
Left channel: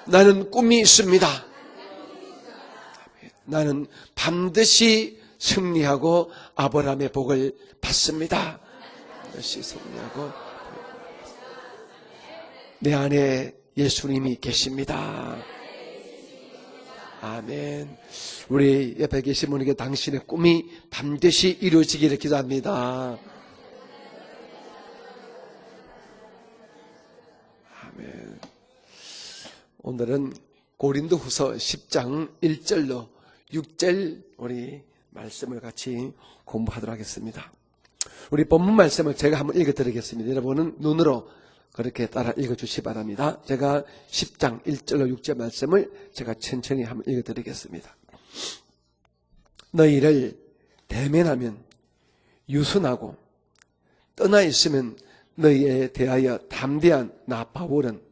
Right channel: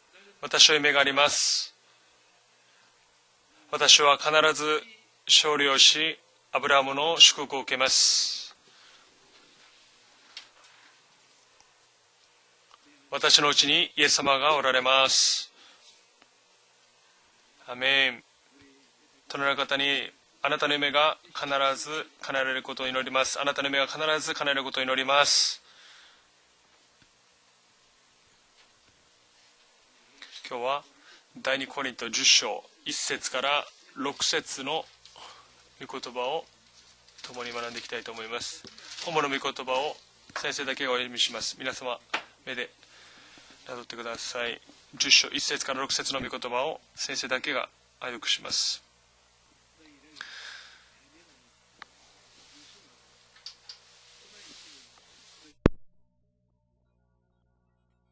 나는 꿈이 있습니다. 나는 반드시 승리하고 아브라함의 복을 받습니다. 반드시 승리하고 내 안에 예수님이 계십니다. 아멘. 우리 옆에 계신 분에게 당신의 꿈이 반드시 이루어지기를 기도합니다. 오늘은 고린도후서 10장 1절로 6절 우리 말씀을 같이 공부하도록 하겠습니다. 우리 본문 말씀을 제가 한번 읽어드리겠습니다. 여러분은 눈으로 그렇게 따라 읽어주시기 바랍니다. 제가 10장 1절로 6절 말씀을 제가 천천히 한번 읽어드리겠습니다. 너희를 대면하면 유순하고 떠나 있으면 너희에 대하여 담대한 나 바울은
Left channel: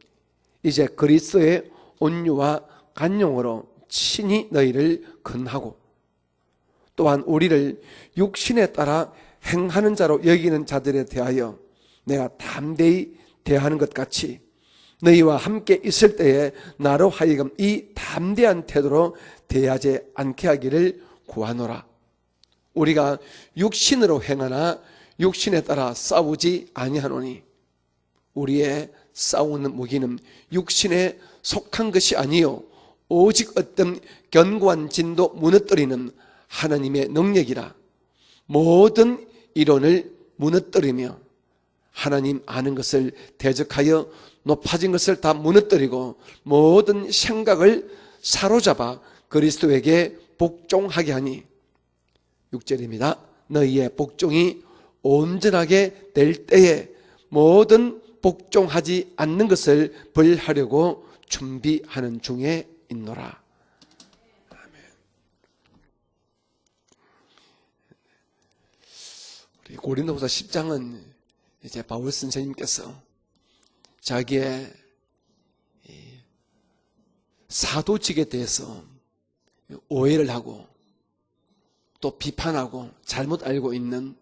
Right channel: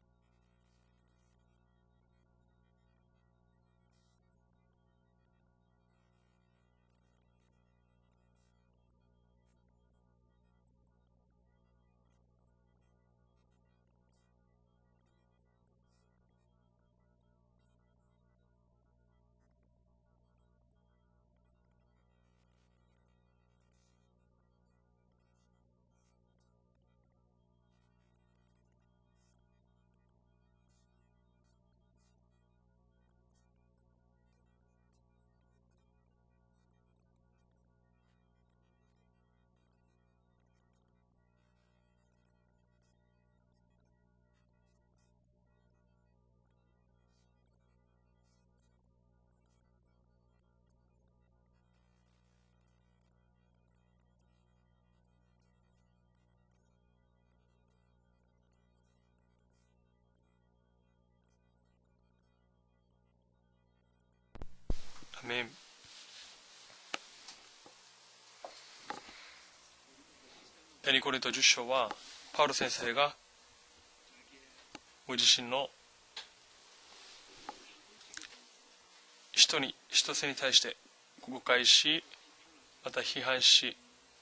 이제 그리스도의 온유와 간용으로 친히 너희를 건하고 또한 우리를 육신에 따라 행하는 자로 여기는 자들에 대하여 내가 담대히 대하는 것 같이 너희와 함께 있을 때에 나로 하여금 이 담대한 태도로 대하지 않게 하기를 구하노라. 우리가 육신으로 행하나 육신에 따라 싸우지 아니하노니 우리의 싸우는 무기는 육신에 속한 것이 아니요 오직 어떤 견고한 진도 무너뜨리는 하나님의 능력이라. 모든 이론을 무너뜨리며 하나님 아는 것을 대적하여 높아진 것을 다 무너뜨리고 모든 생각을 사로잡아 그리스도에게 복종하게 하니 6절입니다. 너희의 복종이 온전하게 될 때에 모든 복종하지 않는 것을 벌하려고 준비하는 중에 있노라. 아멘. 고린도후서 10장은 이제 바울 선생님께서 자기의 사도직에 대해서 오해를 하고 또 비판하고 잘못 알고 있는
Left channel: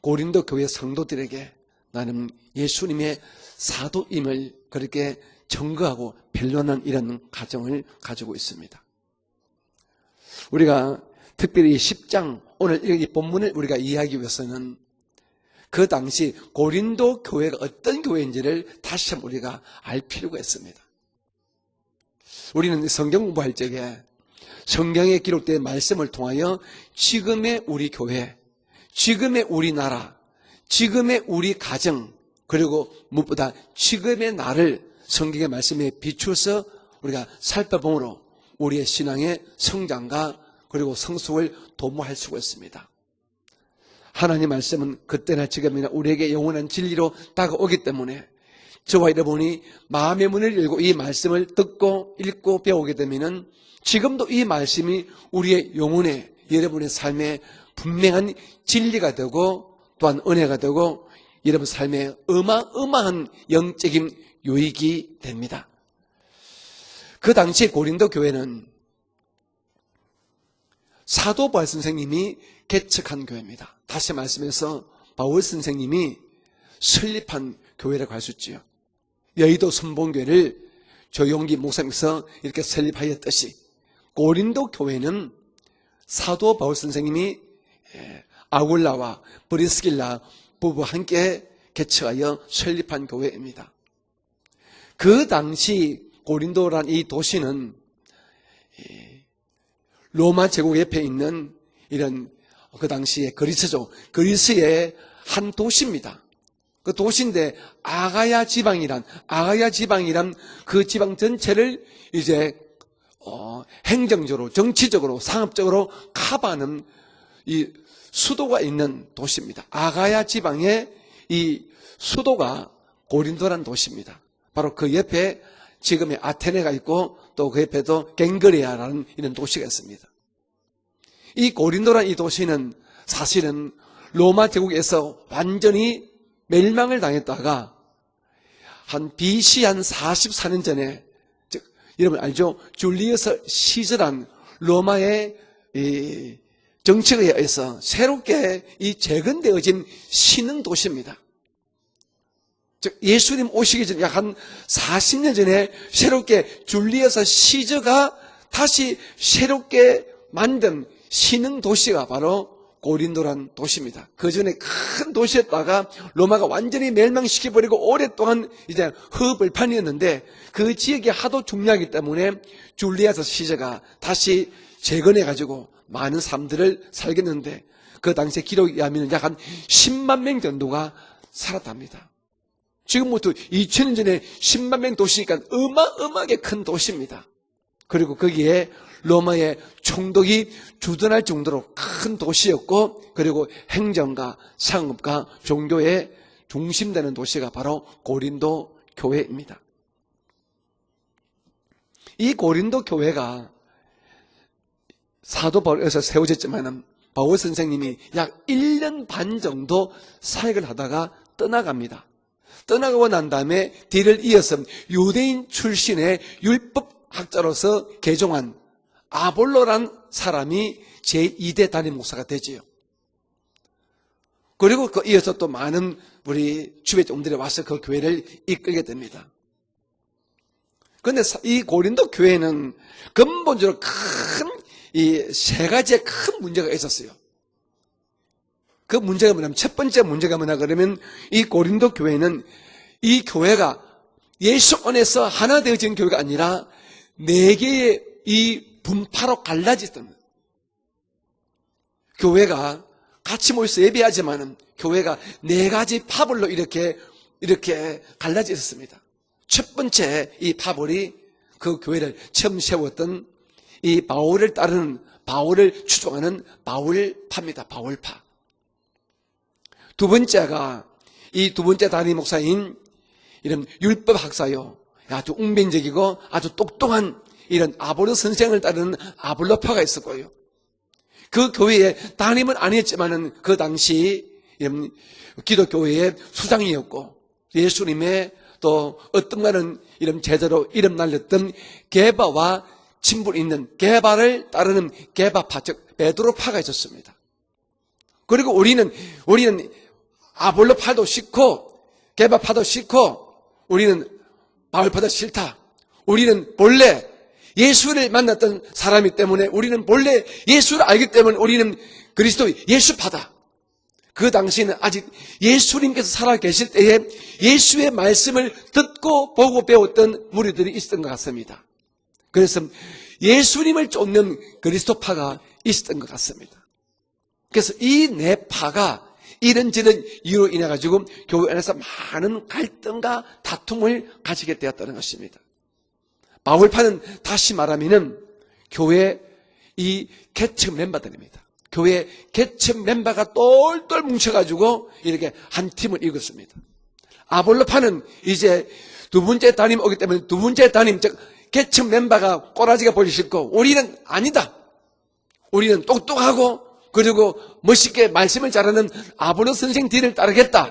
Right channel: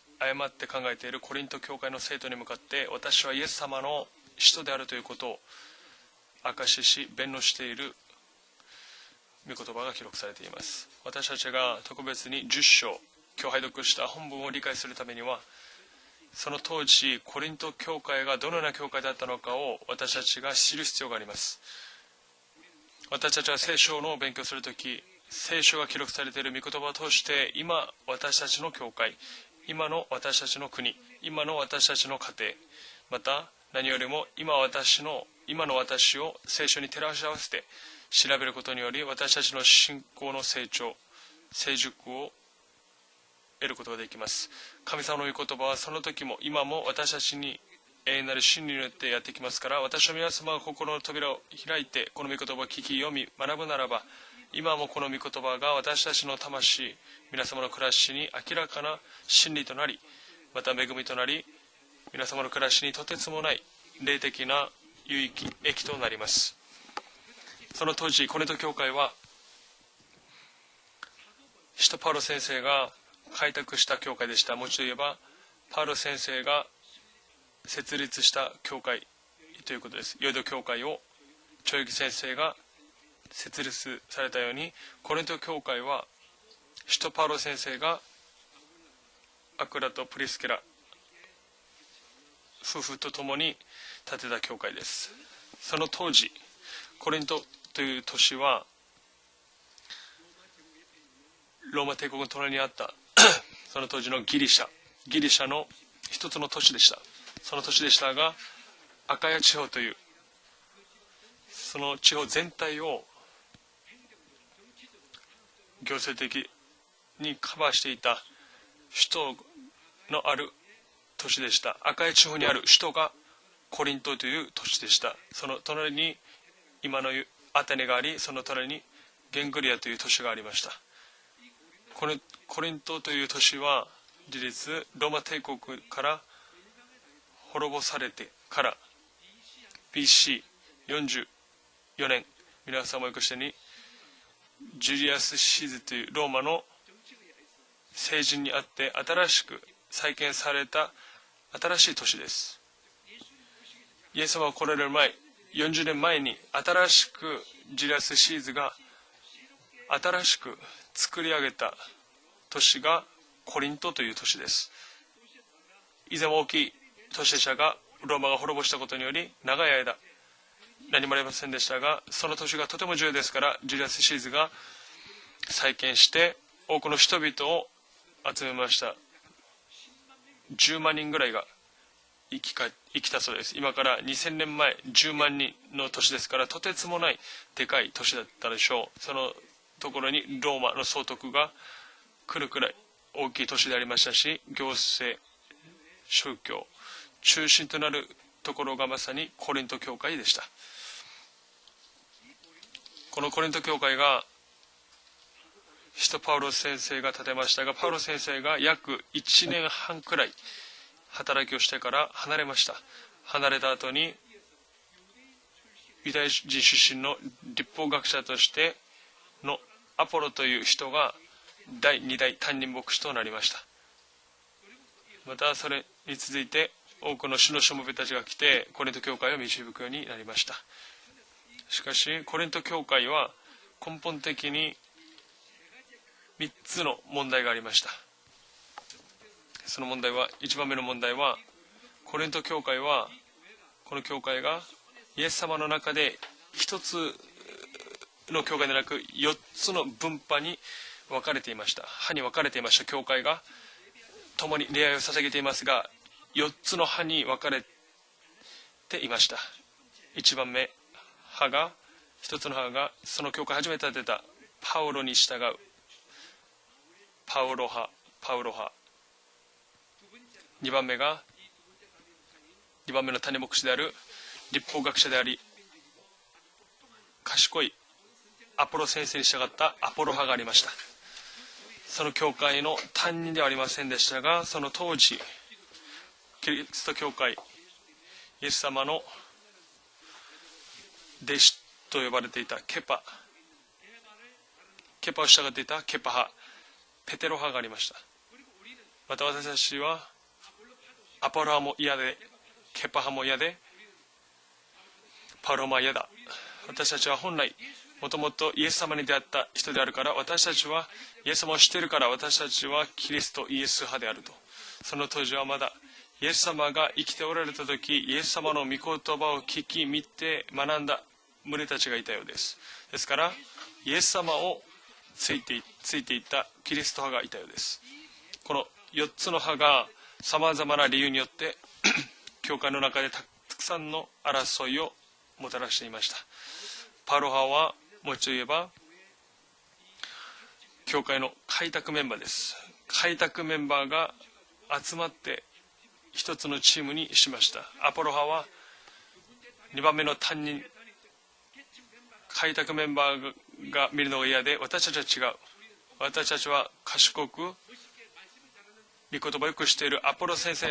고린도 교회 성도들에게 나는 예수님의 사도임을 그렇게 증거하고 변론한 이런 과정을 가지고 있습니다. 우리가 특별히 10장 오늘 이 본문을 우리가 이해하기 위해서는 그 당시 고린도 교회가 어떤 교회인지를 다시 한번 우리가 알 필요가 있습니다. 우리는 성경 공부할 때에 성경에 기록된 말씀을 통하여 지금의 우리 교회, 지금의 우리나라, 지금의 우리 가정, 그리고 무엇보다 지금의 나를 성경의 말씀에 비추어서 우리가 살펴보므로 우리의 신앙의 성장과 그리고 성숙을 도모할 수가 있습니다. 하나님 말씀은 그때나 지금이나 우리에게 영원한 진리로 다가오기 때문에 저와 여러분이 마음의 문을 열고 이 말씀을 듣고 읽고 배우게 되면 지금도 이 말씀이 우리의 영혼에 여러분의 삶에 분명한 진리가 되고 또한 은혜가 되고 여러분 삶에 어마어마한 영적인 유익이 됩니다. 그 당시 고린도 교회는 사도 바울 使徒 선생님이 パウロ先生が 개척한 開 교회입니다. 拓した 다시 教会でした。 말씀해서 もう一度言えば 바울 パウロ 선생님이 先生が 설립한 設 교회라고 立 할 し 수 た 있지요. 教会 여의도 ということです。 선봉교회를 教会を 조용기 목사님께서 이렇게 설립하였듯이 設立されたように 고린도 교회는 コリント教会は 사도 바울 使徒パウ 선생님이 ロ先生が 아굴라와 브리스길라 아굴라와 브리스길라 부부 함께 개척하여 夫 설립한 婦と共に 교회입니다. 建てた教会です。 그 당시 토지, 고린도란 이 コリント 도시는 という都市は 로마 제국 옆에 있는 ローマ帝 이런 国の隣にあった 그 당시 そ 그리스죠. の当時の 그리스의 ギリシャ 한 の 도시입니다. 一つの都市でし 그 た。 도시인데 その都市でしたが 아가야 지방이란 아가야 아가야 지방 지방이란 그 지방 전체를 その地方全 이제 体を 행정적으로 정치적으로 상업적으로 교세적인 커버하는 にカ 이 バーしていた 수도가 있는 수도, 도시입니다. 아가야 수도 지방의 都市で 이 した。赤い地方にあ 수도가 る首都が 고린도란 コリン 도시입니다. トという都 바로 市 그 でした。 옆에 その隣に 지금의 아테네가 있고今の 또 그 アテネが 옆에도 あり、その隣に 갱그리아라는 이런 ゲン 도시가 グリアという 있습니다. 都市がありました。 이 고린도란 이 고린도 도시는 또いう 사실은 都市は 로마 제국에서 로마 대국 완전히 から 멸망을 당했다가 滅ぼされてから 한 BC 한 44년 전에 40 즉, 여러분 알죠? 미라사 줄리어스 왕자니 시저란 ジュリ 로마의 アスシーズンという 이 ローマの 정치에 의해서 새롭게 세신이 이 아때 재건되어진 아다라시 신흥 사이켄 도시입니다. 新しい都市です。 즉 예수님 오시기 전 약 한 예수가 고려된 40년 전에 40년前に 새롭게 줄리어스 시저가 다시 새롭게 만든 신흥 도시가 바로 고린도란 도시입니다. 그 전에 큰 도시였다가 로마가 완전히 멸망시켜버리고 오랫동안 이제 흡을판이었는데 그 지역이 하도 중요하기 때문에 줄리아스 시저가 다시 재건해가지고 많은 사람들을 살겠는데 그 당시 기록에 의하면 약 한 10만 명 10 정도가 万人ぐらいが 살았답니다. 生き返ってきた 지금부터 そうです 2000년 전에 2000 10만 명 도시니까 10万人 어마어마하게 큰 とてつもない 도시입니다. でかい都 그리고 市だったで 거기에 しょう。 로마의 총독이 로마의 주둔할 소득과 정도로 큰 도시였고 그리고 오기 도시가 아りました 행정과 し 상업과 종교의宗教 중심되는 도시가 中心 바로 となると 고린도 ころがまさに 교회입니다. コリント教会でした。 이 고린도 この 교회가 コリント教会が 사도 바울에서 세워졌지만 바울 바울 선생님이 선생님이 약 약 1년 반 1년 정도 반くらい 사역을 하다가 働きをしてか 떠나갑니다. ら離れました。 떠나가고 난 다음에 하나를 뒤를 이어서 유대인 출신의 유대인 출신의 율법학자로서 율법학자 개종한 として 아볼로란 아폴로という 사람이 人が 제2대 第 담임 2 목사가 代 되죠. 担任牧師となりました。 그리고 그 이어서 또 また 많은 それに続い 우리 て 주배 多く 종들이 の主 와서 のし 그 もべたちが 교회를 来て 이끌게 コリント教 됩니다. 会を導くようになりました。 그런데 이 고린도 고린도 교회는 교회와 근본적으로 큰 本的に 이 세 가지의 큰 문제가 3つの 있었어요. 問題がありました。 그 문제가 뭐냐면 첫 번째 문제가 뭐냐 그러면 이 고린도 コリン 교회는 ト教会は 이 교회가 この教会が 예수 안에서 하나 되어진 교회가 아니라 一つ 네 개의 の 이 教会でなく 분파로 4つの 갈라지던 分派に分かれていました。派に分かれてい 교회가 ました。教会が 같이 모여서 예배하지만共に礼拝を 교회가 捧げていますが 네 가지 파벌로 4つの 이렇게 派に分かれて 이렇게 갈라져 있었습니다. いました。 첫 번째 이 파벌이 派が 그 교회를 一つの 처음 派が 세웠던 その教会を初めて 이 建てた 바울을 パウロ 따르는 に従う 바울을 추종하는 パウロ 바울파입니다. 派 바울파. パウロ派。 두 2 번째가 番目が 이 두 번째 담임 목사인 2番目の種牧 이런 師である 율법 학사요. 율법학자들이 아주 웅변적이고 아주 똑똑한 가시고이 이런 아볼로 선생을 アポロ 따르는 先生に従った 아볼로파가 アポロ 있었고요. 派がありました。 그 교회에 서로 담임은 교회와요. 아니었지만은 담임이 그 아니었습니다. 당시 서로 토지. 기독교회의 그리스도 수장이었고 교회. 예수님의 예수님의 또 어떤가는 이런 제자로 이름 날렸던 대시- 게바와 케파. 친분 있는 게바를 따르는 케파 게바파, 씨가 즉 케파. 베드로파가 있었습니다. ペテロ派がありました。 그리고 우리는 また 우리는 私は 아볼로파도 アポロ派 싫고 も嫌で、 게바파도 ケパ 싫고 派も嫌で、 우리는 바울파도 パ 싫다. ウロも嫌だ。 우리는 본래 私は本来 예수를 만났던 예수를 사람이기 믿는 때문에 사람이다. 우리는 그래서 본래私たちは 예수를 알기 때문에 イエスを 우리는 知っているから私 그리스도 たちは 예수파다. イエスとイエス派である。 그 당시에는 아직 그런 터지와 예수님께서 살아계실 예수가 때에 이기때 오라는 예수의 것이 말씀을 예수만의 듣고 믿고 보고 깊이 배웠던 믿되 무리들이 만난다. 있었던 것 같습니다. 群れたちがいたようです。 그래서 ですから 예수님을 쫓는 예수様を 그리스도파가 ついてい 있었던 つ 것 いていた 같습니다. キリスト派がいたようです。 그래서 이 네 파가 이런저런 이유로 인해 가지고 교회 안에서 많은 갈등과 다툼을 가지게 되었다는 것입니다. もたらしていました。 바울파는 パウロ 다시 派は 말하면은 もう一度言えば 교회 이 개척 教会の 멤버들입니다. 開拓 교회 メンバーです。 개척 멤버가 開拓メンバー 똘똘 が 뭉쳐가지고 集まって 이렇게 한 팀을 一 이뤘습니다. つのチームにしました。 아볼로파는 アポロ派は 이제 두 번째 담임 오기 때문에 두 번째 담임 즉 개척 멤버가 開拓 꼬라지가 メンバー 보기 싫고 が 우리는 見るのが嫌 아니다. で私たちは違う。 우리는 똑똑하고 그리고 멋있게 말씀을 잘하는 아볼로 선생 뒤를 따르겠다.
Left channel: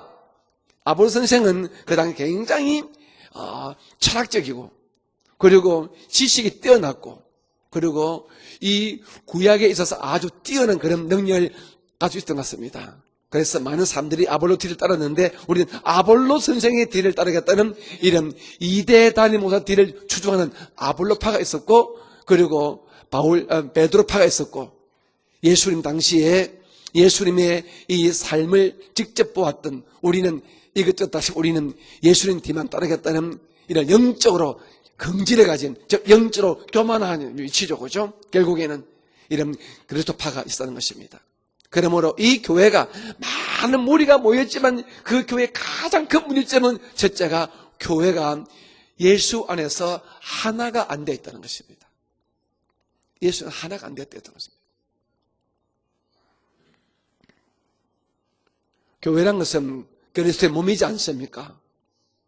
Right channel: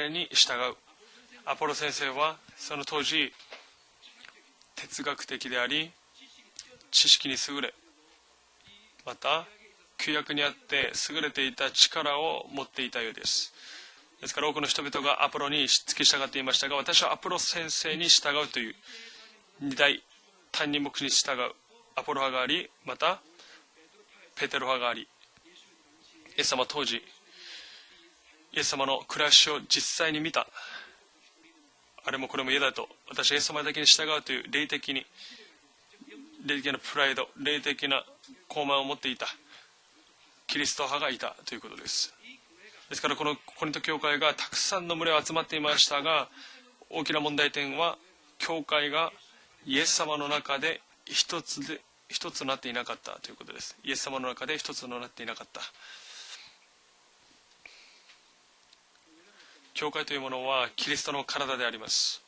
아볼로 선생은 그 당시 굉장히 철학적이고 哲学的であ 그리고 り 지식이 뛰어났고 知識に優れ 그리고 이 맞다. 구약에 있어서 아주 구약 뛰어난 그런 그냥 능력을 그때 가지고 있던 것 못 같습니다. 있다 이거였어요. 그래서 많은 사람들이 그래서 아볼로 그런 뒤를人々が 따랐는데 アポロに 우리 従って 아볼로 いましたが 선생의 뒤를 私は 따르겠다는 アポロ先生に 이런 従うという 이대 단임 목사 뒤를 二大 추종하는 단임 아볼로파가 목사 있었고 아볼로파가 그리고 아리, 맞다. 베드로파가 ペ 있었고 テロ派があり 예수님 당시에 예수님当時 예수님의 이 삶을 예수님의 직접暮らしを 보았던 実際に 우리는 見た 이것저것 다시 우리는 예수님 그럼 뒤를 그럼 따르겠다는 다시 예수님과 이런 다시 영적으로霊的に 긍지를 가진 즉 영적으로霊的な 교만한 프라이드, 위치죠. 霊的な 그죠? 결국에는 傲慢を持っていた 이런 그리스도파가 キリ 있었는 スト派が 것입니다. いたということです。 그러므로 이 교회가 ですからこの 많은 教 무리가 会が 모였지만 たくさんの群れ 그 が集ま 교회 っていました 가장 が 큰 문제점은 大きな 첫째가 問題点は 교회가 教会が 예수 イエ 안에서 ス様の中で 하나가 안 되어 一 있다는 つ 것입니다. 一つとなっていなかった。 예수는 하나가 イ 안 エス 되어 様の 있다는 中 것입니다. で一つとなっていなかった。 교회란 것은 教会というも 그리스도의 のは 몸이지 キリストの 않습니까? 体であります。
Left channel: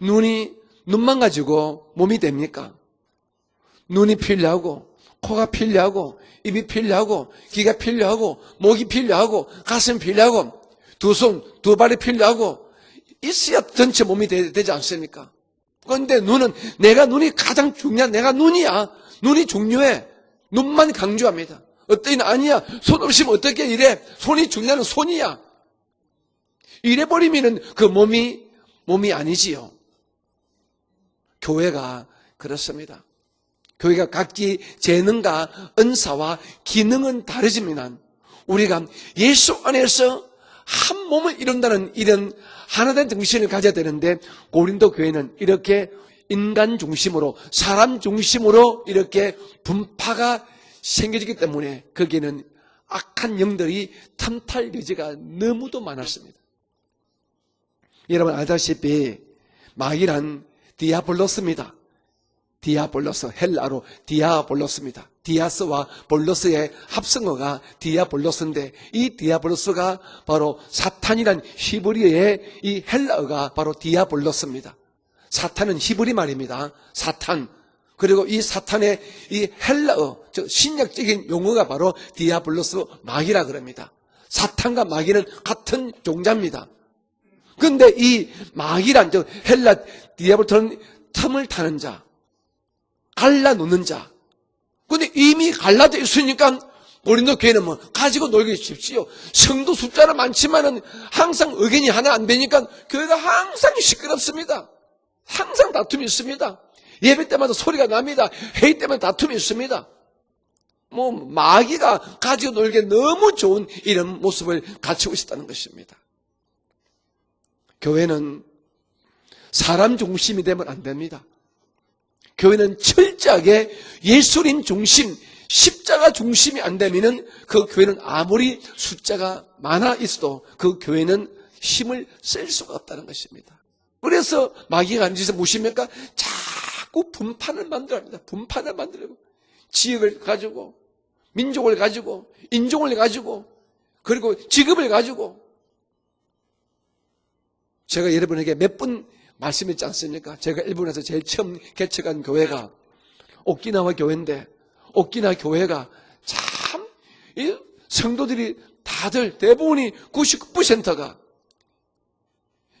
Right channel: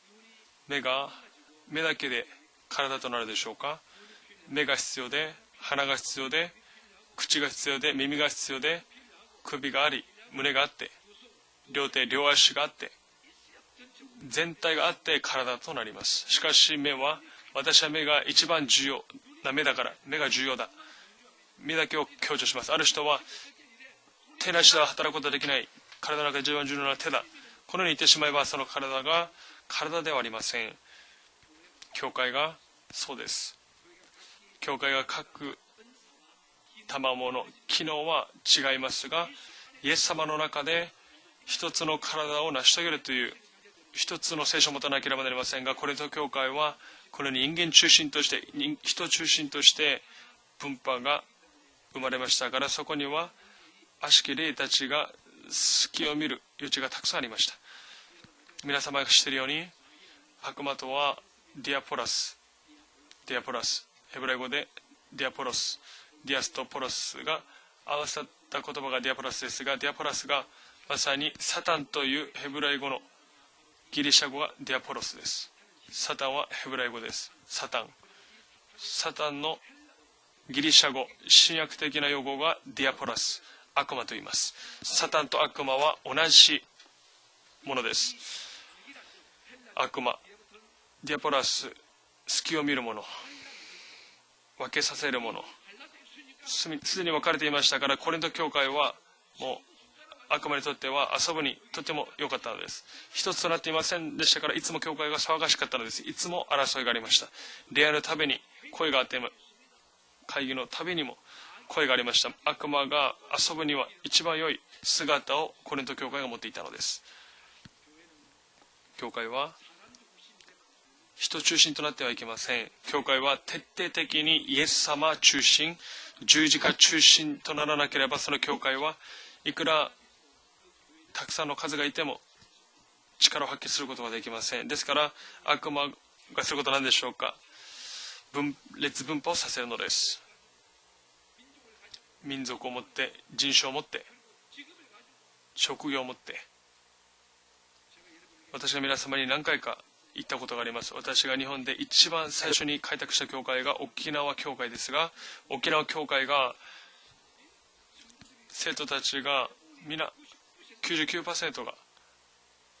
눈이 내가 눈만 가지고 目だけ 몸이 で 됩니까? 体となるでしょうか。 눈이 필요하고 내가 必要で 코가 필요하고 鼻が必要で 입이 필요하고口が 귀가 必要で 필요하고 耳が必要で 목이 필요하고 首が 가슴 あり 필요하고 胸があって 두 손, 두 발이 両手 필요하고 両足があって 있어야 전체 몸이 全 되지 体があって 않습니까? 体となります。 그런데 눈은 しかし 내가 目は 눈이 가장 私は 중요한 目 내가 が一番 눈이야. 重要 눈이 目だ 중요해.目が重要だ 눈만 강조합니다.目だ 어떤 이는 아니야. 손 없으면 어떻게 이래? 손이 手なし 중요한 は使うこと 손이야. ができない。体の中で一番重要な手だ 이래버리면은 こ 그 のように言ってし 몸이 まえばその体 몸이 が 아니지요. 体ではありません。 교회가 教会が 그렇습니다. そうです。 교회가 각기 교회가 재능과 각 은사와 기능은 機 다르지만 能は違 우리가 いますが 예수 イエス 안에서 様の中で 한 몸을 이룬다는 이것으로 이런 하나가 하나된 되어야 정신을 가져야 되는데 이것으로 세상을 고린도 떠나게 교회는 하면 이렇게 고린도 교회와 인간 중심으로 인간 사람 중심として 중심으로 人 이렇게 중심として 분파가 분파가 생겨지기 때문에 거기는 生まれましたからそこには 악한 영들이 悪霊たち 탐탈기지가 が 너무도 隙を 많았습니다. 見る余地がたくさんありました。 여러분 皆 알다시피 様が知っているように 마귀란 悪魔とは 디아볼로스입니다. ディアポラス 디아볼로스 디아볼로스. 헬라로 디아볼로스입니다. 디아볼로스. 디아스와 볼로스의 디아볼로스가 합성어가 디아볼로스인데 디아볼로스가 이 디아볼로스가 디아볼로스가 바로 사탄이란 사탄 히브리어의 또 이 히브리어의 헬라어가 바로 디아볼로스입니다. 디아볼로스です。 사탄은 히브리 사탄은 말입니다. 히브리어의 사탄. 사탄. 그리고 이 사탄의 사탄의 이 헬라어, 즉 신약적인 용어가 바로 신약적인 디아볼로스 디아볼로스. 마귀라 그럽니다. 악마と言います 사탄과 마귀는 사탄 또 같은 악마와 종자입니다. 同じ 근데 이 마귀란 즉 헬라 악마. 디아볼로스는 틈을 디아볼로스. 타는 자, 隙を見る者 갈라놓는 자. 分けさせ 근데 る者 이미 갈라져 있으니까 스스로 우리는 교회는 뭐 갈라져 가지고 있으니까 놀고 싶지요. 성도 숫자는 많지만은 항상 의견이 하나 안 되니까 교회가 항상 시끄럽습니다. 항상 다툼이 있습니다. 예배 때마다 소리가 납니다. 회의 때마다 다툼이 있습니다. 会議のたびに 뭐 声があ 마귀가 りました 가지고 悪魔 놀기에 が 너무 遊ぶ 좋은 には 이런 一番良い 모습을 갖추고 姿 있다는 をコ 것입니다. リント教会が持っていたのです。 교회는 教会は 사람 중심이 되면 안 됩니다. 人中心となってはいけません。 교회는 教会は 철저하게 徹底的に 예수님 イエス 중심, 様中心 십자가 중심이 안 되면은 그 교회는 아무리 교회와 숫자가 이끌어 많아 있어도 그 교회는 박사노 가지가 힘을 있대모 쓸 수가 없다는 것입니다. 力を発揮することができま 그래서 せん。 마귀가 앉아서 悪 무십니까? 魔がすることは何でしょ 자꾸 うか。 분판을 만들어냅니다. 分 분판을 裂 만들어. 分派をさせるのです。 지역을 가지고, 민족을 가지고, 民族を持 인종을 って 가지고, 人種を持って 그리고 직업을 가지고 職業を持って 제가 여러분에게 몇 번 皆様に何回か 말씀했지 않습니까? 言ったことが 제가 あります。 일본에서 제일 私が日 처음 本で一 개척한 番最 교회가 初に開拓した教会が 오키나와 沖縄 교회인데 教会ですが 오키나와 沖 교회가 縄教会が 참, 이 성도들이 생徒다들たちが 대부분이皆 99%가 99%が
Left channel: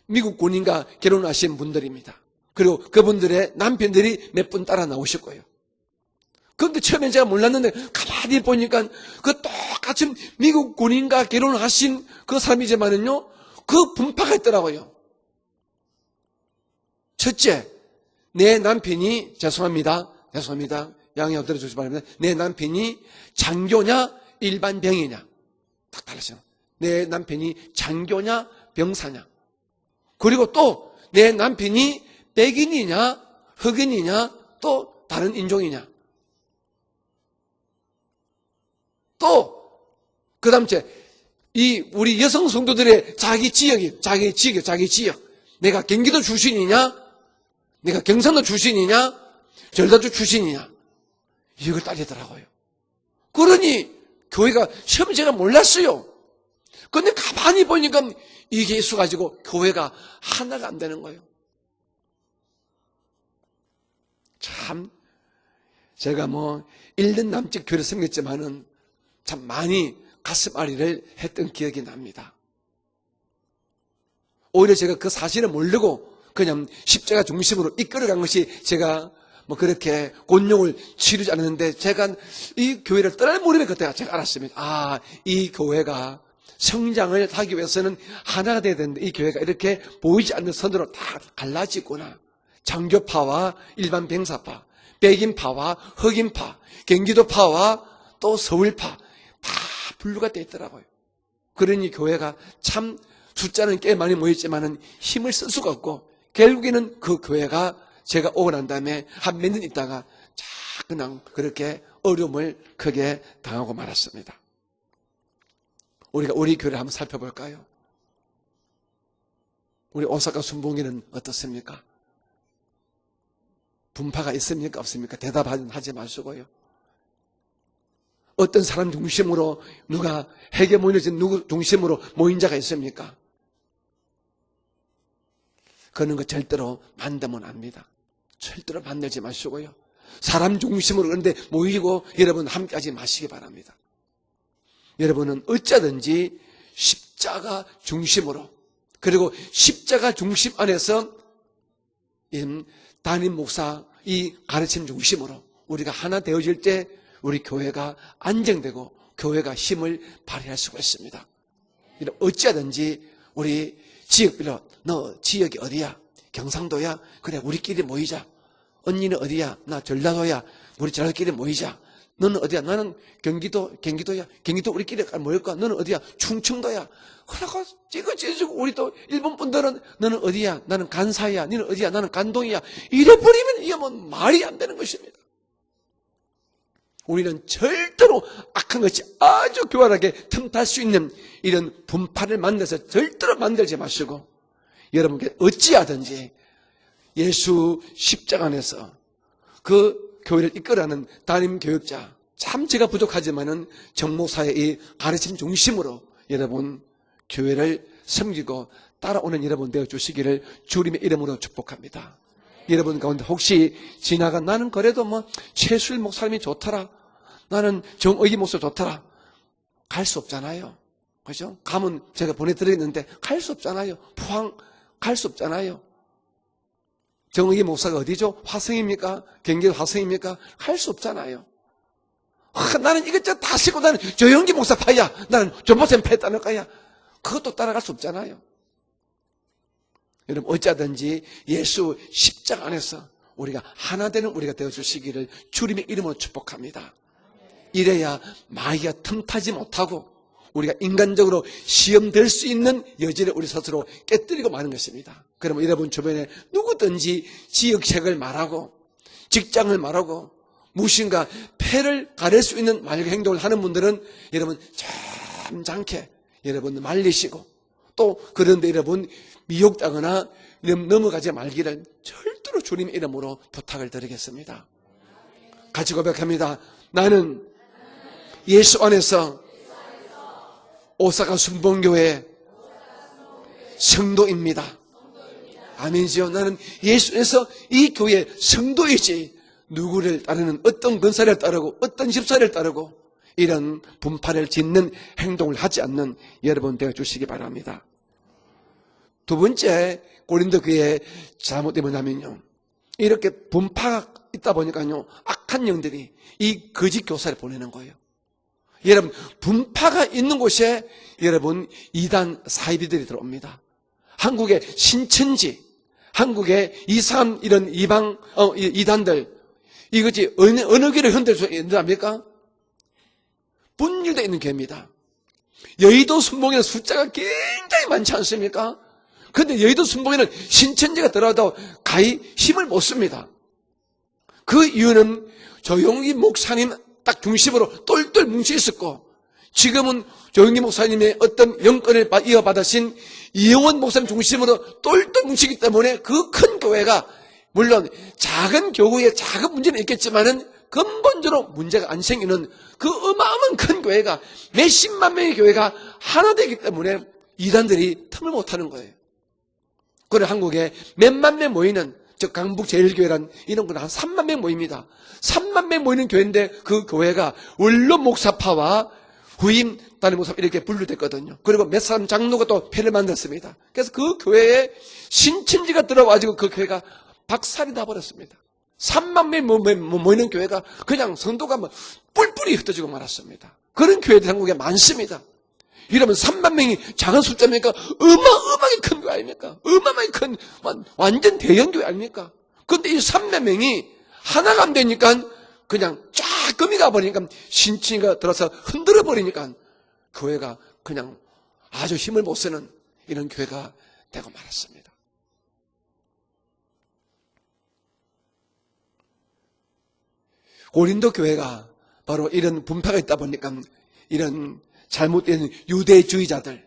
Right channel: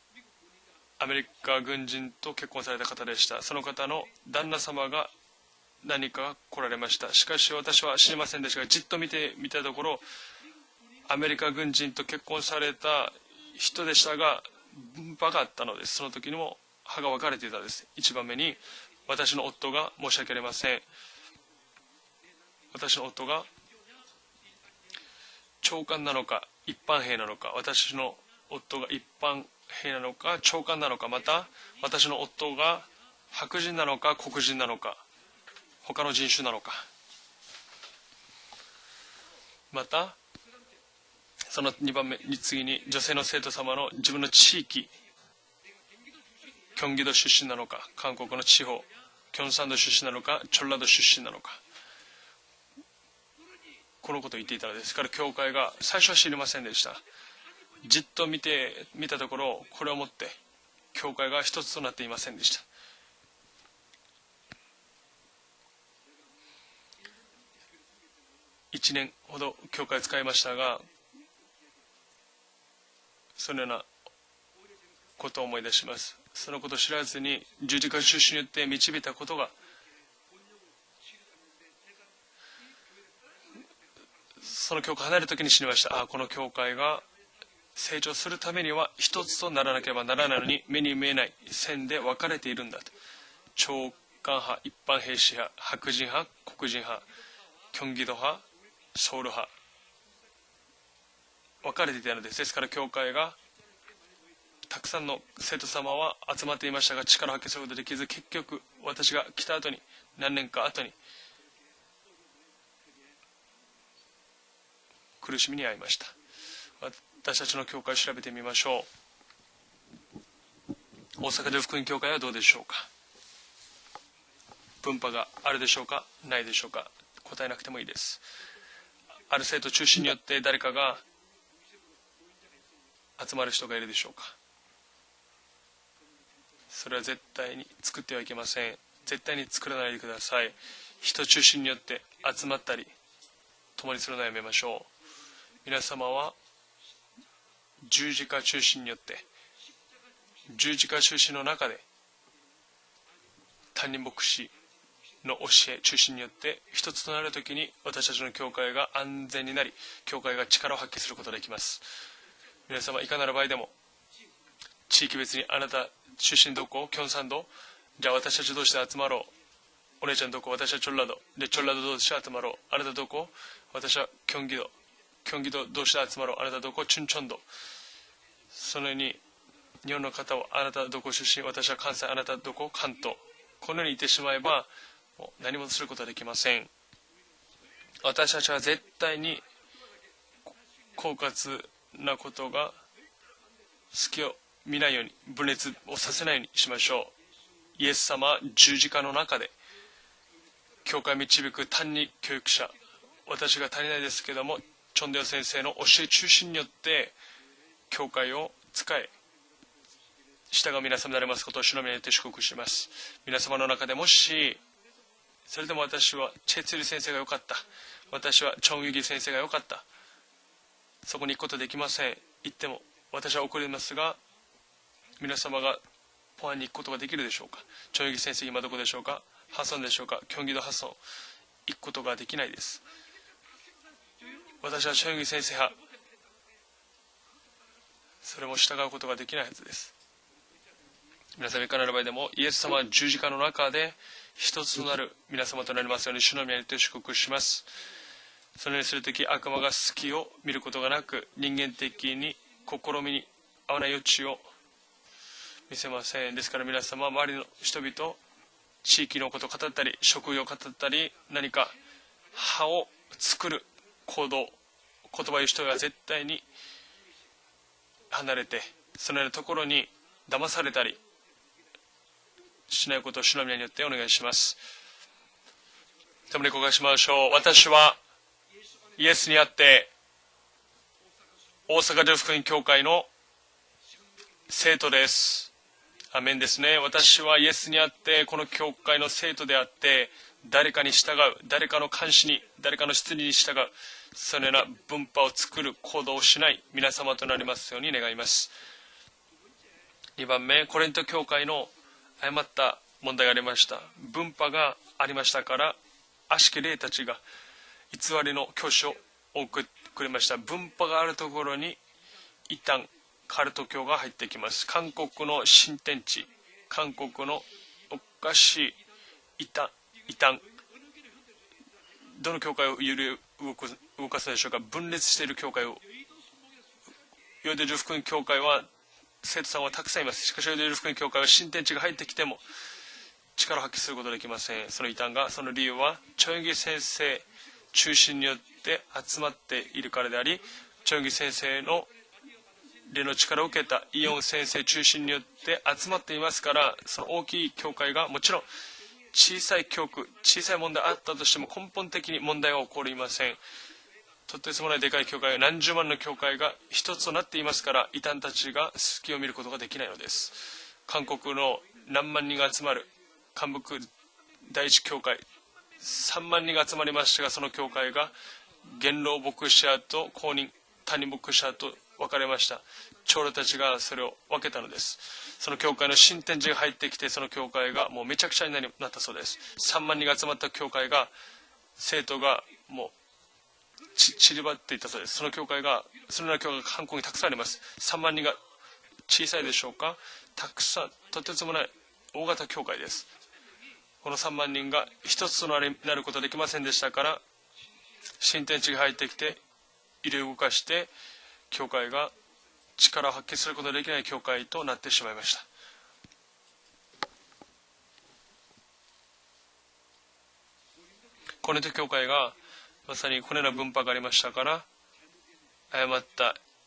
미국 군인과 결혼하신 아메리카 분들입니다. 군인도 결혼을 그리고 하게 그분들의 됐다. 남편들이 서로 몇 분 따라 나오실 거예요. 何かこ 그런데 れま 처음에 した 제가 몰랐는데 しかし私は知りませ 가만히 んでした 보니까 ちょっと見て 그 見たところ 똑같은 미국 군인과 아메리카 결혼하신 군인도 그 사람이지만은요, 그 분파가 있더라고요. 分派があったのです。その時にも派が分かれてい 첫째, たのです。一番目に 내 남편이私の夫が 죄송합니다. 申し訳ありません。 죄송합니다. 양해 얻어 주시기 바랍니다. 내 남편이 私の夫が 장교냐 일반 병이냐. 長官なのか一 내 般兵なの 남편이 か私の 장교냐 夫が一 병사냐. 般兵なのか 그리고 長 또 官なのかま 내 た 남편이 私の夫が 백인이냐 白人なのか 흑인이냐 黒人なの 또 か 다른 인종이냐. 他の人種なのか 또 また 그다음 이 우리 여성 성도들의 자기 지역이 자기 지역. 내가 경기도 출신이냐, 경기도 출신 なのか 내가 경상도 출신이냐, 경상도 전라도 출신이냐 출신이냐. 전라도 출신 なのか 이걸 따지더라고요. 그러니 このこと 교회가 처음 제가 몰랐어요. 最初は知りませんでした 근데 가만히 보니까 じっと見て 이게 있어 가지고 見たところ 교회가 これをもって 하나가 안 되는 教 거예요. 会が一つとなっていませんでした 참 제가 뭐 1년 남짓 교회를 섬겼지만은 1年ほ 참 ど 많이 教会使いましたが 가슴앓이를 했던 기억이 납니다. そのような 오히려 제가 그 사실을 모르고 그냥 십자가 중심으로 이끌어간 것이 제가 뭐 그렇게 곤욕을 치르지 않았는데 제가 이 교회를 떠날 무렵에 그때 제가 알았습니다. 아, 이 교회가 성장을 하기 위해서는 하나가 되어야 되는데 이 교회가 이렇게 보이지 않는 선으로 갈라지고 장교파와 일반 병사파, 백인파와 흑인파, 경기도파와 또 서울파 다 분류가 되어 있더라고요. 그러니 교회가 참 숫자는 꽤 많이 모였지만 힘을 쓸 수가 없고 결국에는 그 교회가 제가 오고 난 다음에 한 몇 년 있다가 그냥 그렇게 어려움을 크게 당하고 말았습니다. 苦しみに遭いました。 우리가 우리 교회를 한번 私 살펴볼까요? たちの教会を調べてみましょ 우리 오사카 순봉기는 う。大阪で福 어떻습니까? 音教会はどうでしょうか。 분파가 있습니까? 分派 없습니까? があ 대답하지 るでしょうか、 마시고 ないでしょうか。答えなくてもいいです。 어떤 사람 중심으로 누가 회개 모여진 누구 중심으로 모인 자가 있습니까? 集まる人がいるでしょうか。 그런 거 절대로 それは絶 반대면 対に 합니다. 作ってはいけません。 절대로 반대하지 絶対に 마시고요. 作らないでください。 사람 중심으로 그런데 모이고 여러분 함까지 마시기 바랍니다. 共にするのをやめましょ 여러분은 어쩌든지 십자가 う。十字 중심으로 架中心によって、 그리고 십자가 중심 十字 안에서 架中心の中で、 담임 목사 이 가르침 중심으로 우리가 하나 되어질 때 우리 교회가 안정되고 교회가 힘을 발휘할 수 있습니다. 어찌하든지 우리 지역별로 너 지역이 어디야? 경상도야? 그래 우리끼리 모이자. 언니는 어디야? 나 전라도야. 우리 저희끼리 모이자. 너는 어디야? 나는 경기도야. 경기도 우리끼리 모일 거야. 너는 어디야? 충청도야. 그러고 찌그찌그지고 우리 또 일본 분들은 너는 어디야? 나는 간사야. 너는 어디야? 나는 간동이야. 이래버리면 이게 뭐 말이 안 되는 것입니다. 何もすることはできません。 우리는 절대로 악한 것이 아주 교활하게 틈탈 수 있는 이런 분파를 만들어서 절대로 만들지 마시고 여러분께 어찌하든지 예수 십자가 안에서 그 교회를 이끌어가는 담임 교육자 참 제가 부족하지만 정목사의 이 가르침 중심으로 여러분 교회를 섬기고 따라오는 여러분 되어주시기를 주님의 이름으로 축복합니다. 여러분 가운데 혹시 지나가 나는 그래도 뭐 최수일 목사님이 좋더라, 나는 정의기 목사 좋더라, 갈 수 없잖아요. 그렇죠? 가면 제가 보내드리는데 갈 수 없잖아요. 포항 갈 수 없잖아요. 정의기 목사가 어디죠? 화성입니까? 경기도 화성입니까? 갈 수 없잖아요. 나는 이것저것 다 쓰고 나는 조영기 목사 파야, 나는 전보쌤 패다는 거야. 그것도 따라갈 수 없잖아요. 여러분 어찌하든지 예수 십자가 안에서 우리가 하나 되는 우리가 되어주시기를 주님의 이름으로 축복합니다. 이래야 마귀가 틈타지 못하고 우리가 인간적으로 시험될 수 있는 여지를 우리 스스로 깨뜨리고 마는 것입니다. 그러면 여러분 주변에 누구든지 지역색을 말하고 직장을 말하고 무엇인가 폐를 가릴 수 있는 말과 행동을 하는 분들은 여러분 점잖게 여러분 말리시고 또 그런데 여러분 유혹당하거나 넘어가지 말기를 절대로 주님 이름으로 부탁을 드리겠습니다. 같이 고백합니다. 나는 예수 안에서 오사카 순봉교회 성도입니다. 아멘이요. 나는 예수에서 이 교회 성도이지 누구를 따르는 어떤 권사를 따르고 어떤 집사를 따르고 이런 분파를 짓는 행동을 하지 않는 여러분 되어주시기 바랍니다. 두 번째 고린도 교회의 잘못이 뭐냐면 이렇게 분파가 있다 보니까요 악한 영들이 이 거짓 교사를 보내는 거예요. 여러분 분파가 있는 곳에 여러분 이단 사이비들이 들어옵니다. 한국의 신천지, 한국의 이상 이런 이방 이단들 이것이 어느 교를 흔들 수 있습니까? 분열되어 있는 교회입니다. 여의도 순봉에는 숫자가 굉장히 많지 않습니까? 그런데 여의도 순봉에는 신천지가 들어와도 가히 힘을 못 씁니다. 그 이유는 조용기 목사님 딱 중심으로 똘똘 뭉쳐 있었고 지금은 조용기 목사님의 어떤 영권을 이어받으신 이영원 목사님 중심으로 똘똘 뭉치기 때문에 그 큰 교회가 물론 작은 교회에 작은 문제는 있겠지만 근본적으로 문제가 안 생기는 그 어마어마한 큰 교회가 몇십만 명의 교회가 하나 되기 때문에 이단들이 틈을 못하는 거예요. を見ることができないのです。 그래 한국에 몇만 명 모이는 저 강북 제일교회란 이런 곳은 한 3만 명 모입니다. 3만 명 모이는 교회인데 그 교회가 원로 목사파와 구임 단임 목사 이렇게 분류됐거든요. 그리고 몇 사람 장로가 또 회를 만났습니다. 그래서 그 교회에 신천지가 들어와가지고 그 교회가 박살이 나버렸습니다. 3만 명 모이는 교회가 그냥 성도가 뭐 뿔뿔이 흩어지고 말았습니다. 그런 교회들이 한국에 많습니다. 이러면 3만 명이 작은 숫자입니까? 어마어마하게 큰 교회 아닙니까? 어마어마하게 큰 완전 대형 교회 아닙니까? 근데 이 3만 명이 하나가 안 되니까 그냥 쫙 끔이가 버리니까 신치가 들어서 흔들어 버리니까 교회가 그냥 아주 힘을 못 쓰는 力を 이런 発揮すること 교회가 ができない教会となってしまいました。 고린도 교회가 コリント教会 바로 が 이런 분파가 있다 このよう 보니까 な分派がありましたか 이런 ら 잘못된 유대주의자들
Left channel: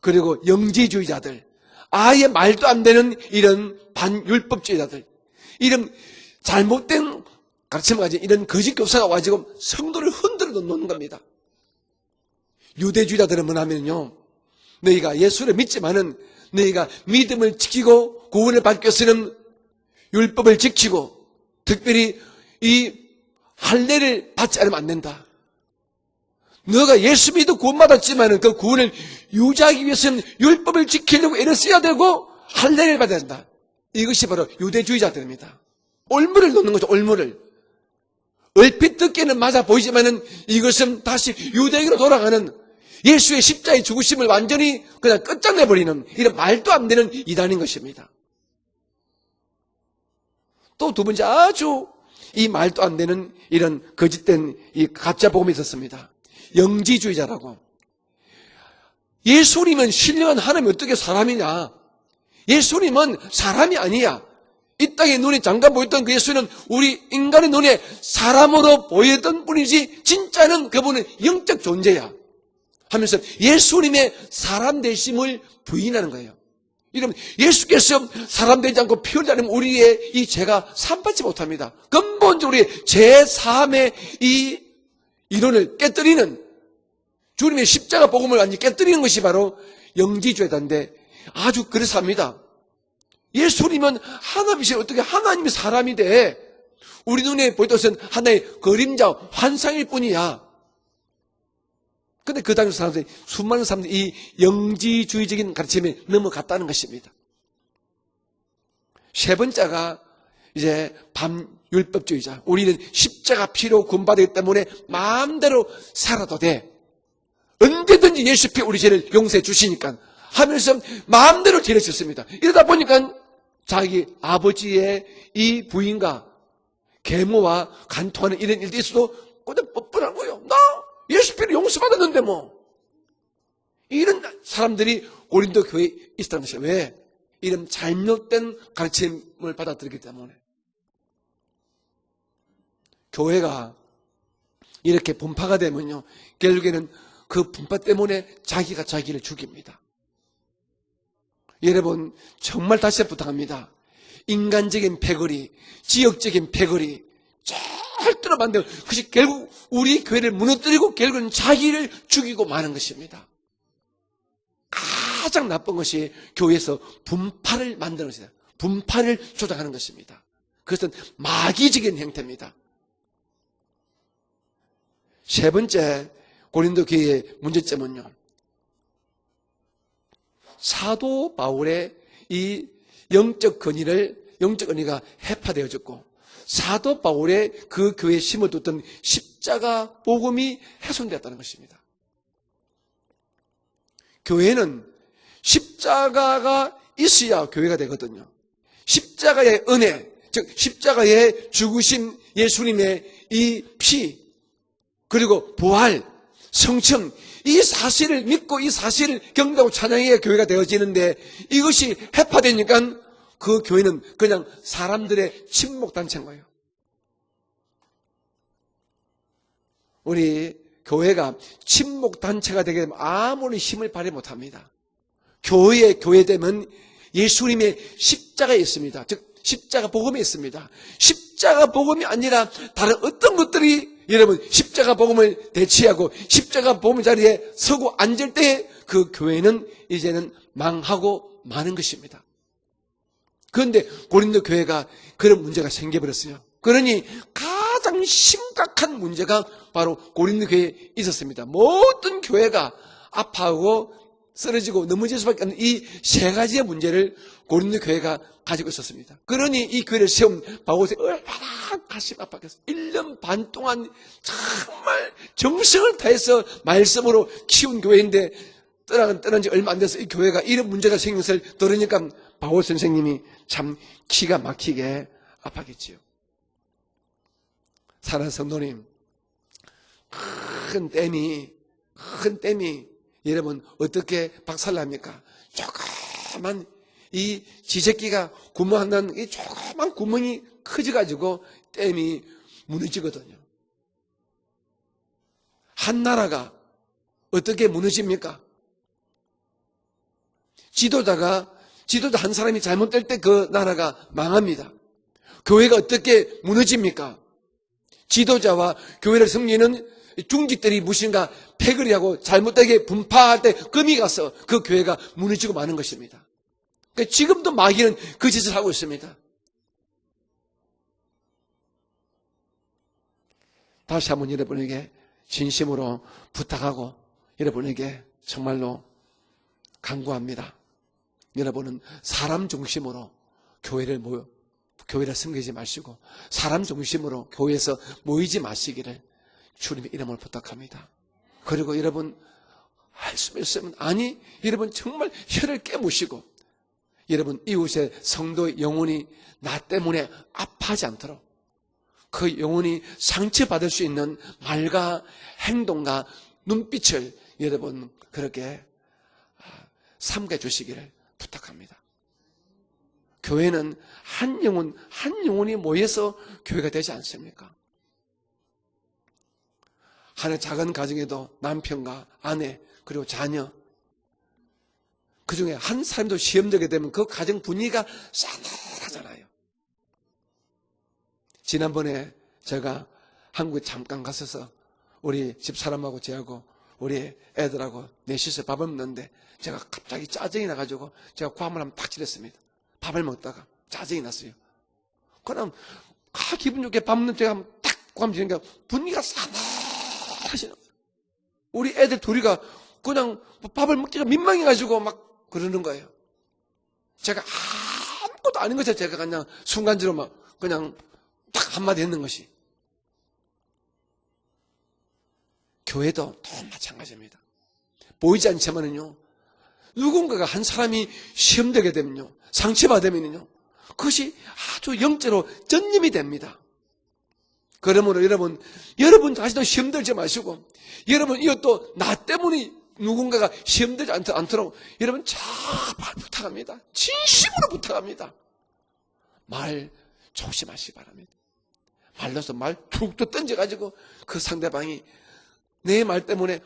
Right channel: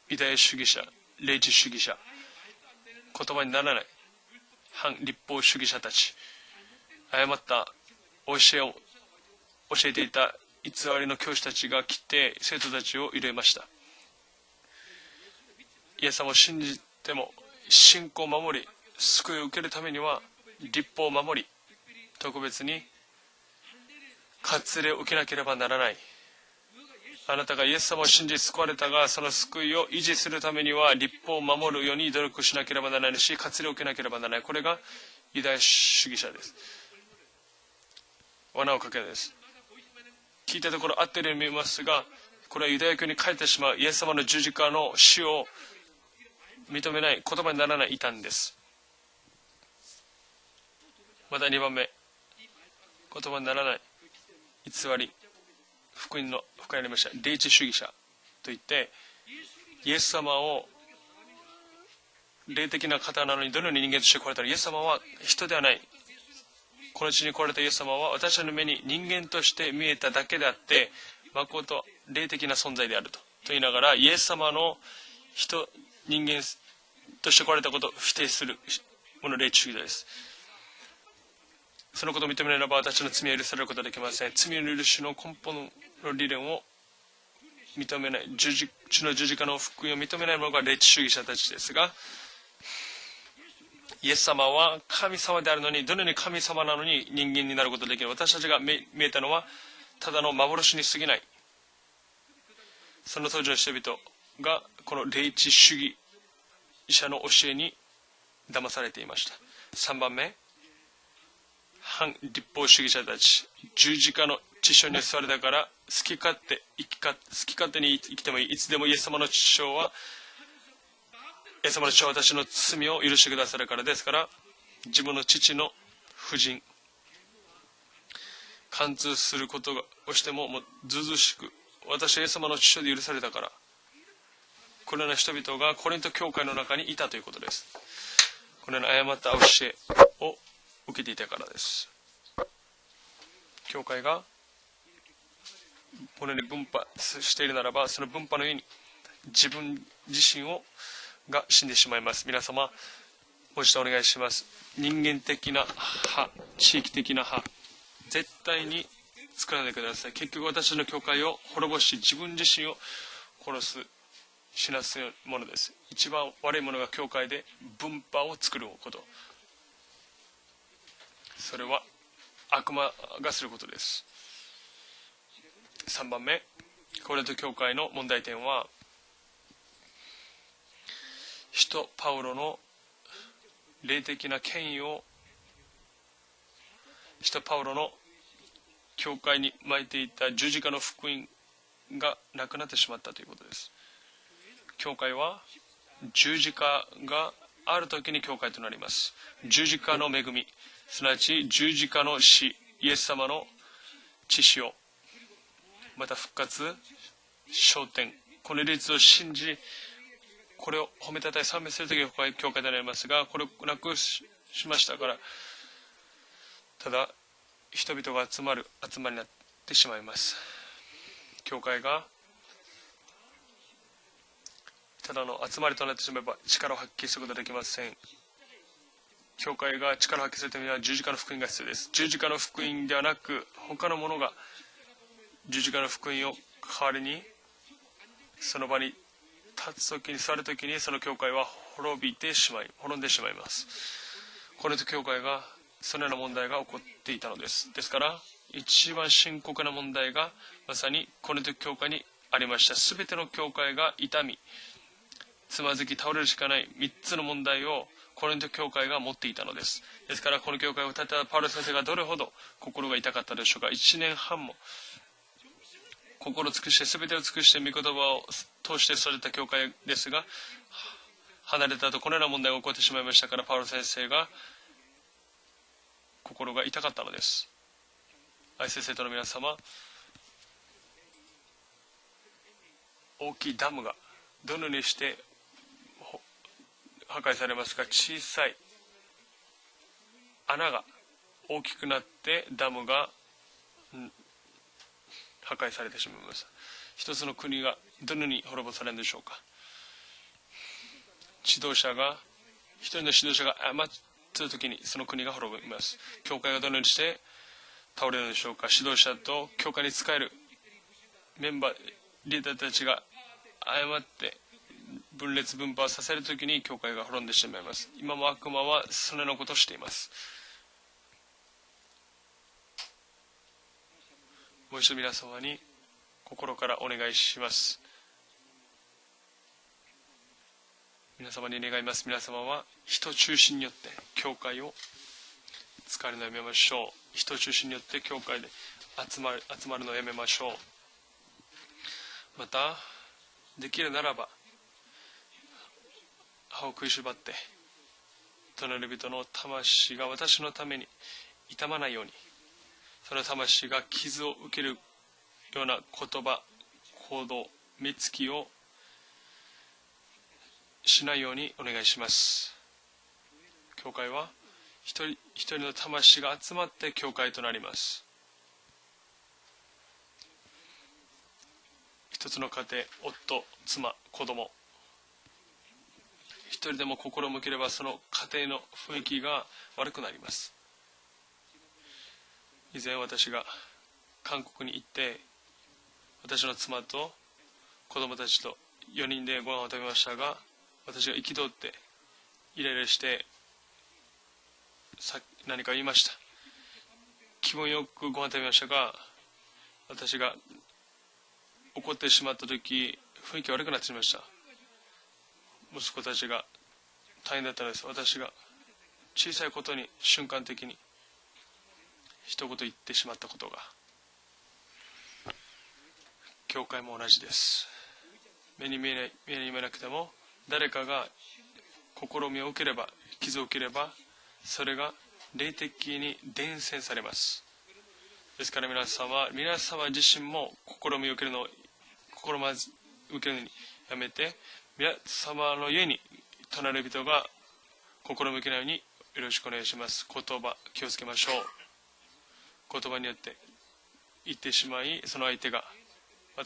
그리고 霊 영지주의자들 知主義者 아예 말도 안 되는 이런 反 반율법주의자들 立法主義者 이런 たち 잘못된 誤った 가르침을 가진 이런 오시오. 거짓 교사가 와지고 教えて 성도를 いた 흔들어 偽 놓는 り 겁니다. の教師たちが来て生徒たちを 유대주의자들은 入れました 뭐냐면요, 너희가 예수를 믿지만은 예수님을 신는 너희가 때도 믿음을 信 지키고 仰を守り 구원을 받기 위해서는 救いを受けるためには 율법을 立法 지키고 を守り 특별히 이 할례를 받지 않으면 안 割礼を受け 된다. なければならない 너가 예수 믿고 구원받았지만 그 구원을 유지하기 위해서는 율법을 지키려고 애를 써야 되고 할례를 받아야 된다. 이것이 바로 유대주의자들입니다. ユダヤ主義 올무를 놓는 거죠. 올무를. 얼핏 듣기는 맞아 보이지만은 이것은 다시 유대교로 돌아가는 예수의 십자의 죽으심을 완전히 그냥 끝장내버리는 이런 말도 안 되는 이단인 것입니다. 또 두 번째 아주 이 말도 안 되는 이런 거짓된 이 가짜 복음이 있었습니다. 福音の 영지주의자라고. 霊知主義者といって 예수님은 신령한 하나님이 어떻게 사람이냐? 예수님은 사람이 아니야. 이 땅에 눈이 잠깐 보였던 그 예수는 우리 인간의 눈에 사람으로 보였던 분이지 진짜는 그분은 영적 존재야. 霊的な存在で 하면서 예수님의 사람 되심을 부인하는 거예요. 이러면 예수께서 사람 되지 않고 피 흘리는 우리의 이 죄가 산받지 못합니다. 근본적으로 제3의 이 이론을 깨뜨리는 주님의 십자가 복음을 완전히 깨뜨리는 것이 바로 영지주의자인데 아주 그래서 합니다. 예수님은 하나님이시 어떻게 하나님이 사람이 돼? 우리 눈에 보이던 것은 하나의 그림자, 환상일 뿐이야. 근데 그 당시 사람들이 수많은 사람들이 이 영지주의적인 가르침에 넘어갔다는 것입니다. 세 번째가 이제 반율법주의자. 우리는 십자가 피로 군발이기 때문에 마음대로 살아도 돼. 언제든지 예수 피 우리 죄를 용서해 주시니까 하면서 마음대로 죄를 짓습니다. 이러다 보니까 자기 아버지의 이 부인과 계모와 간통하는 이런 일도 있어도 근데 뻔뻔하고요. 나 예수 피를 용서받았는데 뭐 이런 사람들이 고린도 교회에 있다면서 왜 이런 잘못된 가르침을 받아들이기 때문에 교회가 이렇게 분파가 되면요 결국에는 그 분파 때문에 자기가 자기를 죽입니다. 여러분 정말 다시 부탁합니다. 인간적인 패거리, 지역적인 패거리 절대로 만들어 그것이 결국 우리 교회를 무너뜨리고 결국은 자기를 죽이고 마는 것입니다. 가장 나쁜 것이 교회에서 분파를 만드는 것입니다. 분파를 조작하는 것입니다. 그것은 마귀적인 행태입니다. 세 번째 고린도 교회의 문제점은요. 사도 바울의 이 영적 권위가 해파되어졌고 사도 바울의 그 교회에 심어뒀던 십자가 복음이 훼손되었다는 것입니다. 교회는 십자가가 있어야 교회가 되거든요. 십자가의 은혜, 즉 십자가의 죽으신 예수님의 이 피, 그리고 부활, 성청, 이 사실을 믿고 이 사실을 경배하고 찬양해야 교회가 되어지는데 이것이 해파되니까 그 교회는 그냥 사람들의 친목단체인 거예요. 우리 교회가 친목단체가 되게 되면 아무리 힘을 발휘 못합니다. 교회의 교회됨은 예수님의 십자가에 있습니다. 즉 십자가 복음에 있습니다. 십자가 복음이 아니라 다른 어떤 것들이 여러분 십자가 복음을 대치하고 십자가 복음 자리에 서고 앉을 때 그 교회는 이제는 망하고 마는 것입니다. 그런데 고린도 교회가 그런 문제가 생겨버렸어요. 그러니 가장 심각한 문제가 바로 고린도 교회에 있었습니다. 모든 교회가 아파하고 쓰러지고 넘어질 수밖에 없는 이 세 가지의 문제를 고린도 교회가 가지고 있었습니다. 그러니 이 교회를 세운 바울세가 1년 반 동안 정말 정성을 다해서 말씀으로 키운 교회인데 떠난 지 얼마 안 돼서 이 교회가 이런 문제가 생긴 것을 들으니까 바울 선생님이 참 기가 막히게 아팠겠지요. 사랑하는 성도님, 큰 댐이 여러분 어떻게 박살납니까? 조그만 이 지새끼가 구멍한다는 이 조그만 구멍이 커져가지고 댐이 무너지거든요. 한 나라가 어떻게 무너집니까? 지도자 한 사람이 잘못될 때 그 나라가 망합니다. 교회가 어떻게 무너집니까? 지도자와 교회를 섬기는 중직들이 무엇인가 패거리 하고 잘못되게 분파할 때 금이 가서 그 교회가 무너지고 마는 것입니다. 지금도 마귀는 그 짓을 하고 있습니다. 다시 한번 여러분에게 진심으로 부탁하고 여러분에게 정말로 간구합니다. 여러분은 사람 중심으로 교회를 섬기지 마시고 사람 중심으로 교회에서 모이지 마시기를 주님 이름으로 부탁합니다. 그리고 여러분 할 수 있으면 아니 여러분 정말 혀를 깨무시고 여러분 이웃의 성도의 영혼이 나 때문에 아파하지 않도록 그 영혼이 상처받을 수 있는 말과 행동과 눈빛을 여러분 그렇게 삼가 주시기를 부탁합니다. 교회는 한 영혼이 모여서 교회가 되지 않습니다. 하나 작은 가정에도 남편과 아내 그리고 자녀 그 중에 한 사람도 시험되게 되면 그 가정 분위기가 싸늘하잖아요. 지난번에 제가 한국에 잠깐 갔어서 우리 집사람하고 저하고 우리 애들하고 넷이서 밥을 먹는데 제가 갑자기 짜증이 나가지고 제가 밥을 한번 팍 찔렀습니다. 밥을 먹다가 짜증이 났어요. 그럼 기분 좋게 밥 먹는 때가 탁 하면 분위기가 싸늘하시는 우리 애들 둘이가 그냥 밥을 먹기가 민망해가지고 막 그러는 거예요. 제가 아무것도 아닌 것을 제가 그냥 순간적으로 막 그냥 딱 한마디 했는 것이 교회도 보이지 않지만은요 누군가가 한 사람이 시험되게 되면요 상처받으면요 그것이 아주 영적으로 전염이 됩니다. 그러므로 여러분 자신도 시험들지 마시고 여러분 이것도 나 때문에 누군가가 시험되지 않도록 여러분 정말 부탁합니다. 진심으로 부탁합니다. 말 조심하시고 말로서 말 툭툭 던져가지고 그 상대방이 내 말 때문에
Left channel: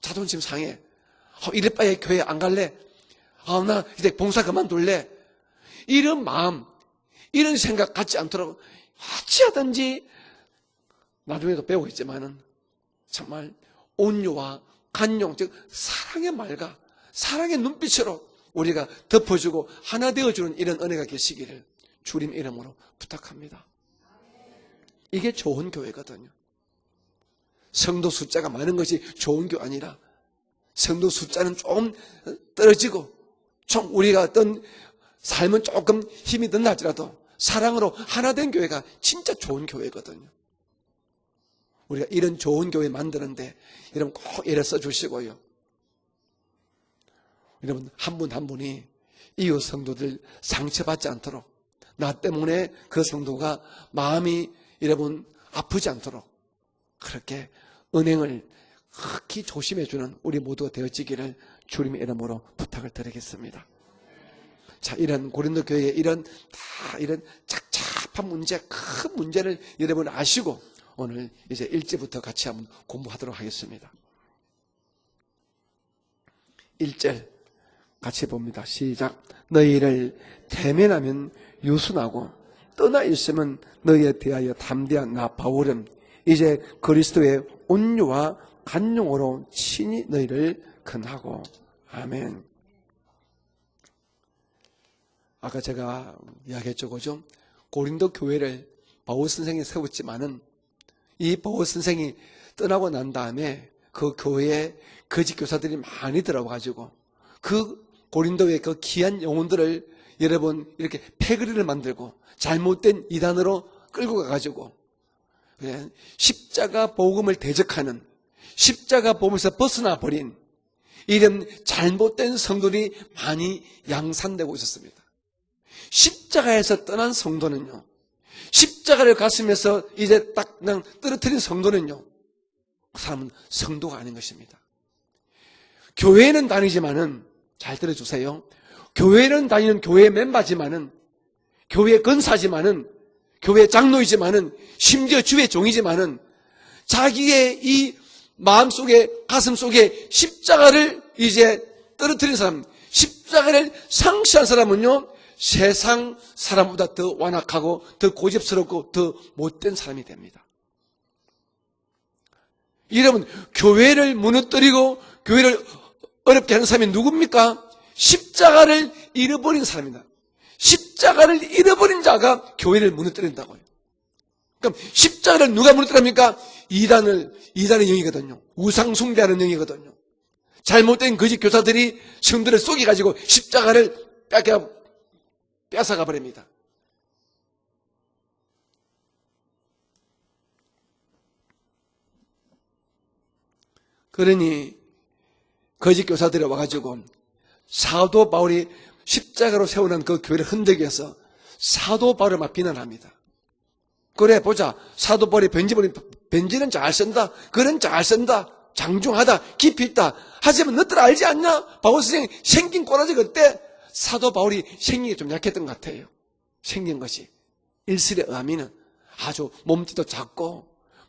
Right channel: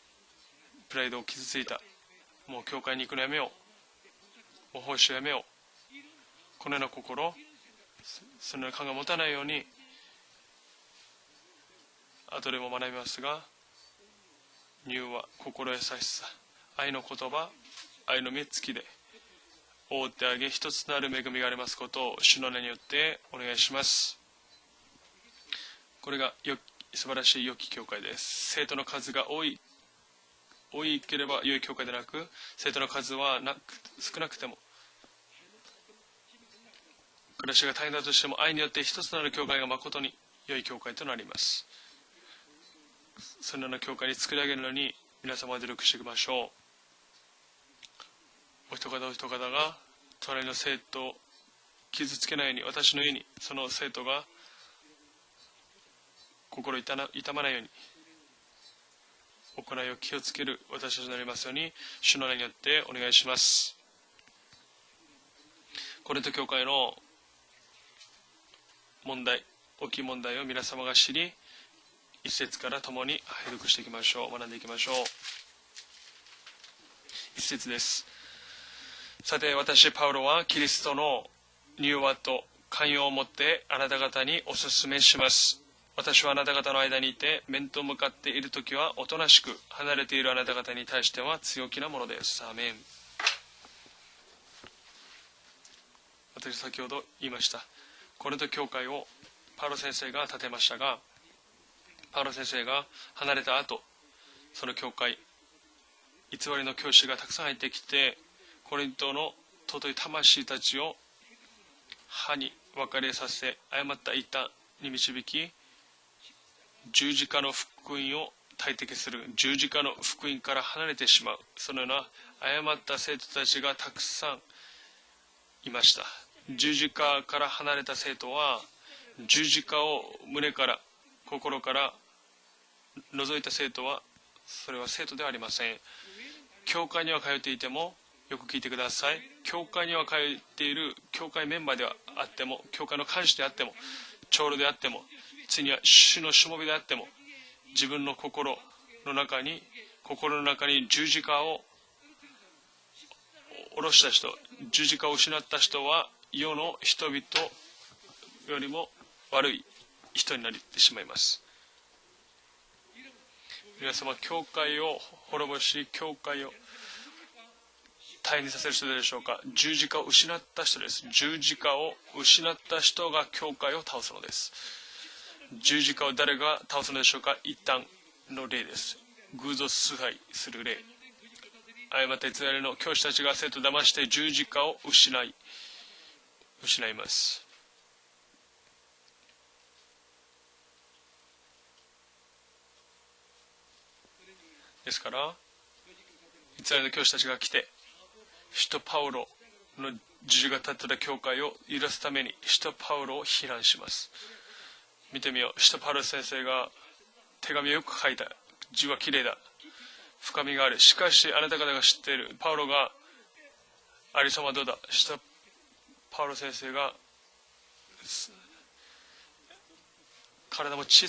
자존심 상해 이럴 바에 교회 안 갈래 나 이제 봉사 그만둘래 이런 마음 이런 생각 갖지 않도록 어찌하든지 나중에도 배우겠지만은 정말 온유와 간용 즉 사랑의 말과 사랑의 눈빛으로 우리가 덮어주고 하나 되어주는 이런 은혜가 되시기를 주님 이름으로 부탁합니다. 이게 좋은 교회거든요. 성도 숫자가 많은 것이 좋은 교회 아니라 성도 숫자는 조금 떨어지고 좀 우리가 어떤 삶은 조금 힘이 든다 할지라도 사랑으로 하나 된 교회가 진짜 좋은 교회거든요. 우리가 이런 좋은 교회 만드는데 여러분 꼭 애를 써주시고요. 여러분 한 분 한 분이 이웃 성도들 상처받지 않도록 나 때문에 그 성도가 마음이 여러분 아프지 않도록 그렇게 은행을 극히 조심해주는 우리 모두가 되어지기를 주님의 이름으로 부탁을 드리겠습니다. 자, 이런 고린도 교회의 이런 착잡한 문제, 큰 문제를 여러분 아시고 오늘 이제 1제부터 같이 한번 공부하도록 하겠습니다. 1절 一節です。 같이 봅니다. 시작. さて私 너희를 パウロはキリストの 개면하는 融和 유수하고 と 떠나 寛容をもっ 있으면 てあなた 너희에 方に 대하여 お勧め 담대한 し 나 ます。 바울은 私はあな 이제 た方の間にいて 그리스도의 面と向か 온유와 っている時はおと 간용으로 なしく離れているあなた 친애를 方に対しては 금하고 強気なものです。アーメン。 아까 제가 私先ほ 이야기했죠. ど 그죠? 言いました。 고린도 コリント 교회를 教会を 바울 선생이 パウロ先生が 세웠지만은 建てましたが、 이 바울 선생이 パウロ先生 떠나고 が 난 離れ 다음에 た後、 그 교회에 この教会 거짓 교사들이 많이 偽りの 들어가지고 教師がたくさん入っ 그 てきて、 고린도의 그 コリント 귀한 の 영혼들을 尊い魂 여러분 たちを 이렇게 패거리를 만들고 歯に 잘못된 分かれさせ 이단으로 誤った 끌고 板 가가지고 に導き、 그냥 십자가 十字 복음을 架の福 대적하는 音を 십자가 보면서 十字架の 벗어나 福音 버린 から離れてしまう 이런 잘못된 そんな 성도들이 誤った生徒た 많이 ちがたくさん 양산되고 있었습니다. いました。 십자가에서 十字架 떠난 から 성도는 離れた生徒は 십자가를 가슴에서十字架を 이제 딱 胸から 그냥 떨어뜨린 성도는요 그 사람은 除いた生徒 성도가 は 아닌 것입니다. それは生徒ではありません。 교회는 教会に 다니지만은 は通っていて 잘 も 들어주세요. よく聞いてください。 교회는 다니는 教会に 교회 は通っている 멤버지만은 教会メンバー 교회 であっても 권사지만은 教会の幹事であっても 교회 장로이지만은 長老であっても 심지어 주의 종이지만은 主のしもべであっても 자기의 自 이 分の心 마음속에 の中に 가슴 속에心の中に 십자가를 十字架を 이제 떨어뜨린 사람 십자가를 상실한 사람은요 세상 사람보다 더 완악하고 더 고집스럽고 더 못된 사람이 됩니다. 人になってしまいます。 여러분 교회를 무너뜨리고 교회를 어렵게 하는 사람이 누굽니까? 십자가를 잃어버린 사람입니다. 십자가를 잃어버린 자가 교회를 무너뜨린다. 그럼 십자가를 누가 무너뜨립니까? 이단의 영이거든요. 우상 숭배하는 영이거든요. 잘못된 거짓 교사들이 성들을 속여가지고 십자가를 이렇게 뺏어가 버립니다. 그러니 거짓 교사들이 와가지고 사도 바울이 십자가로 세우는 그 교회를 흔들기 위해서 사도 바울을 막 비난합니다. 그래 보자 사도 바울이 편지는 잘 쓴다 글은 잘 쓴다 장중하다 깊이 있다 하지만 너들 알지 않나 바울 선생이 생긴 꼬라지 그때 사도 바울이 생긴 게 좀 약했던 것 같아요. 생긴 것이 일설에 의하면 아주 몸집도 작고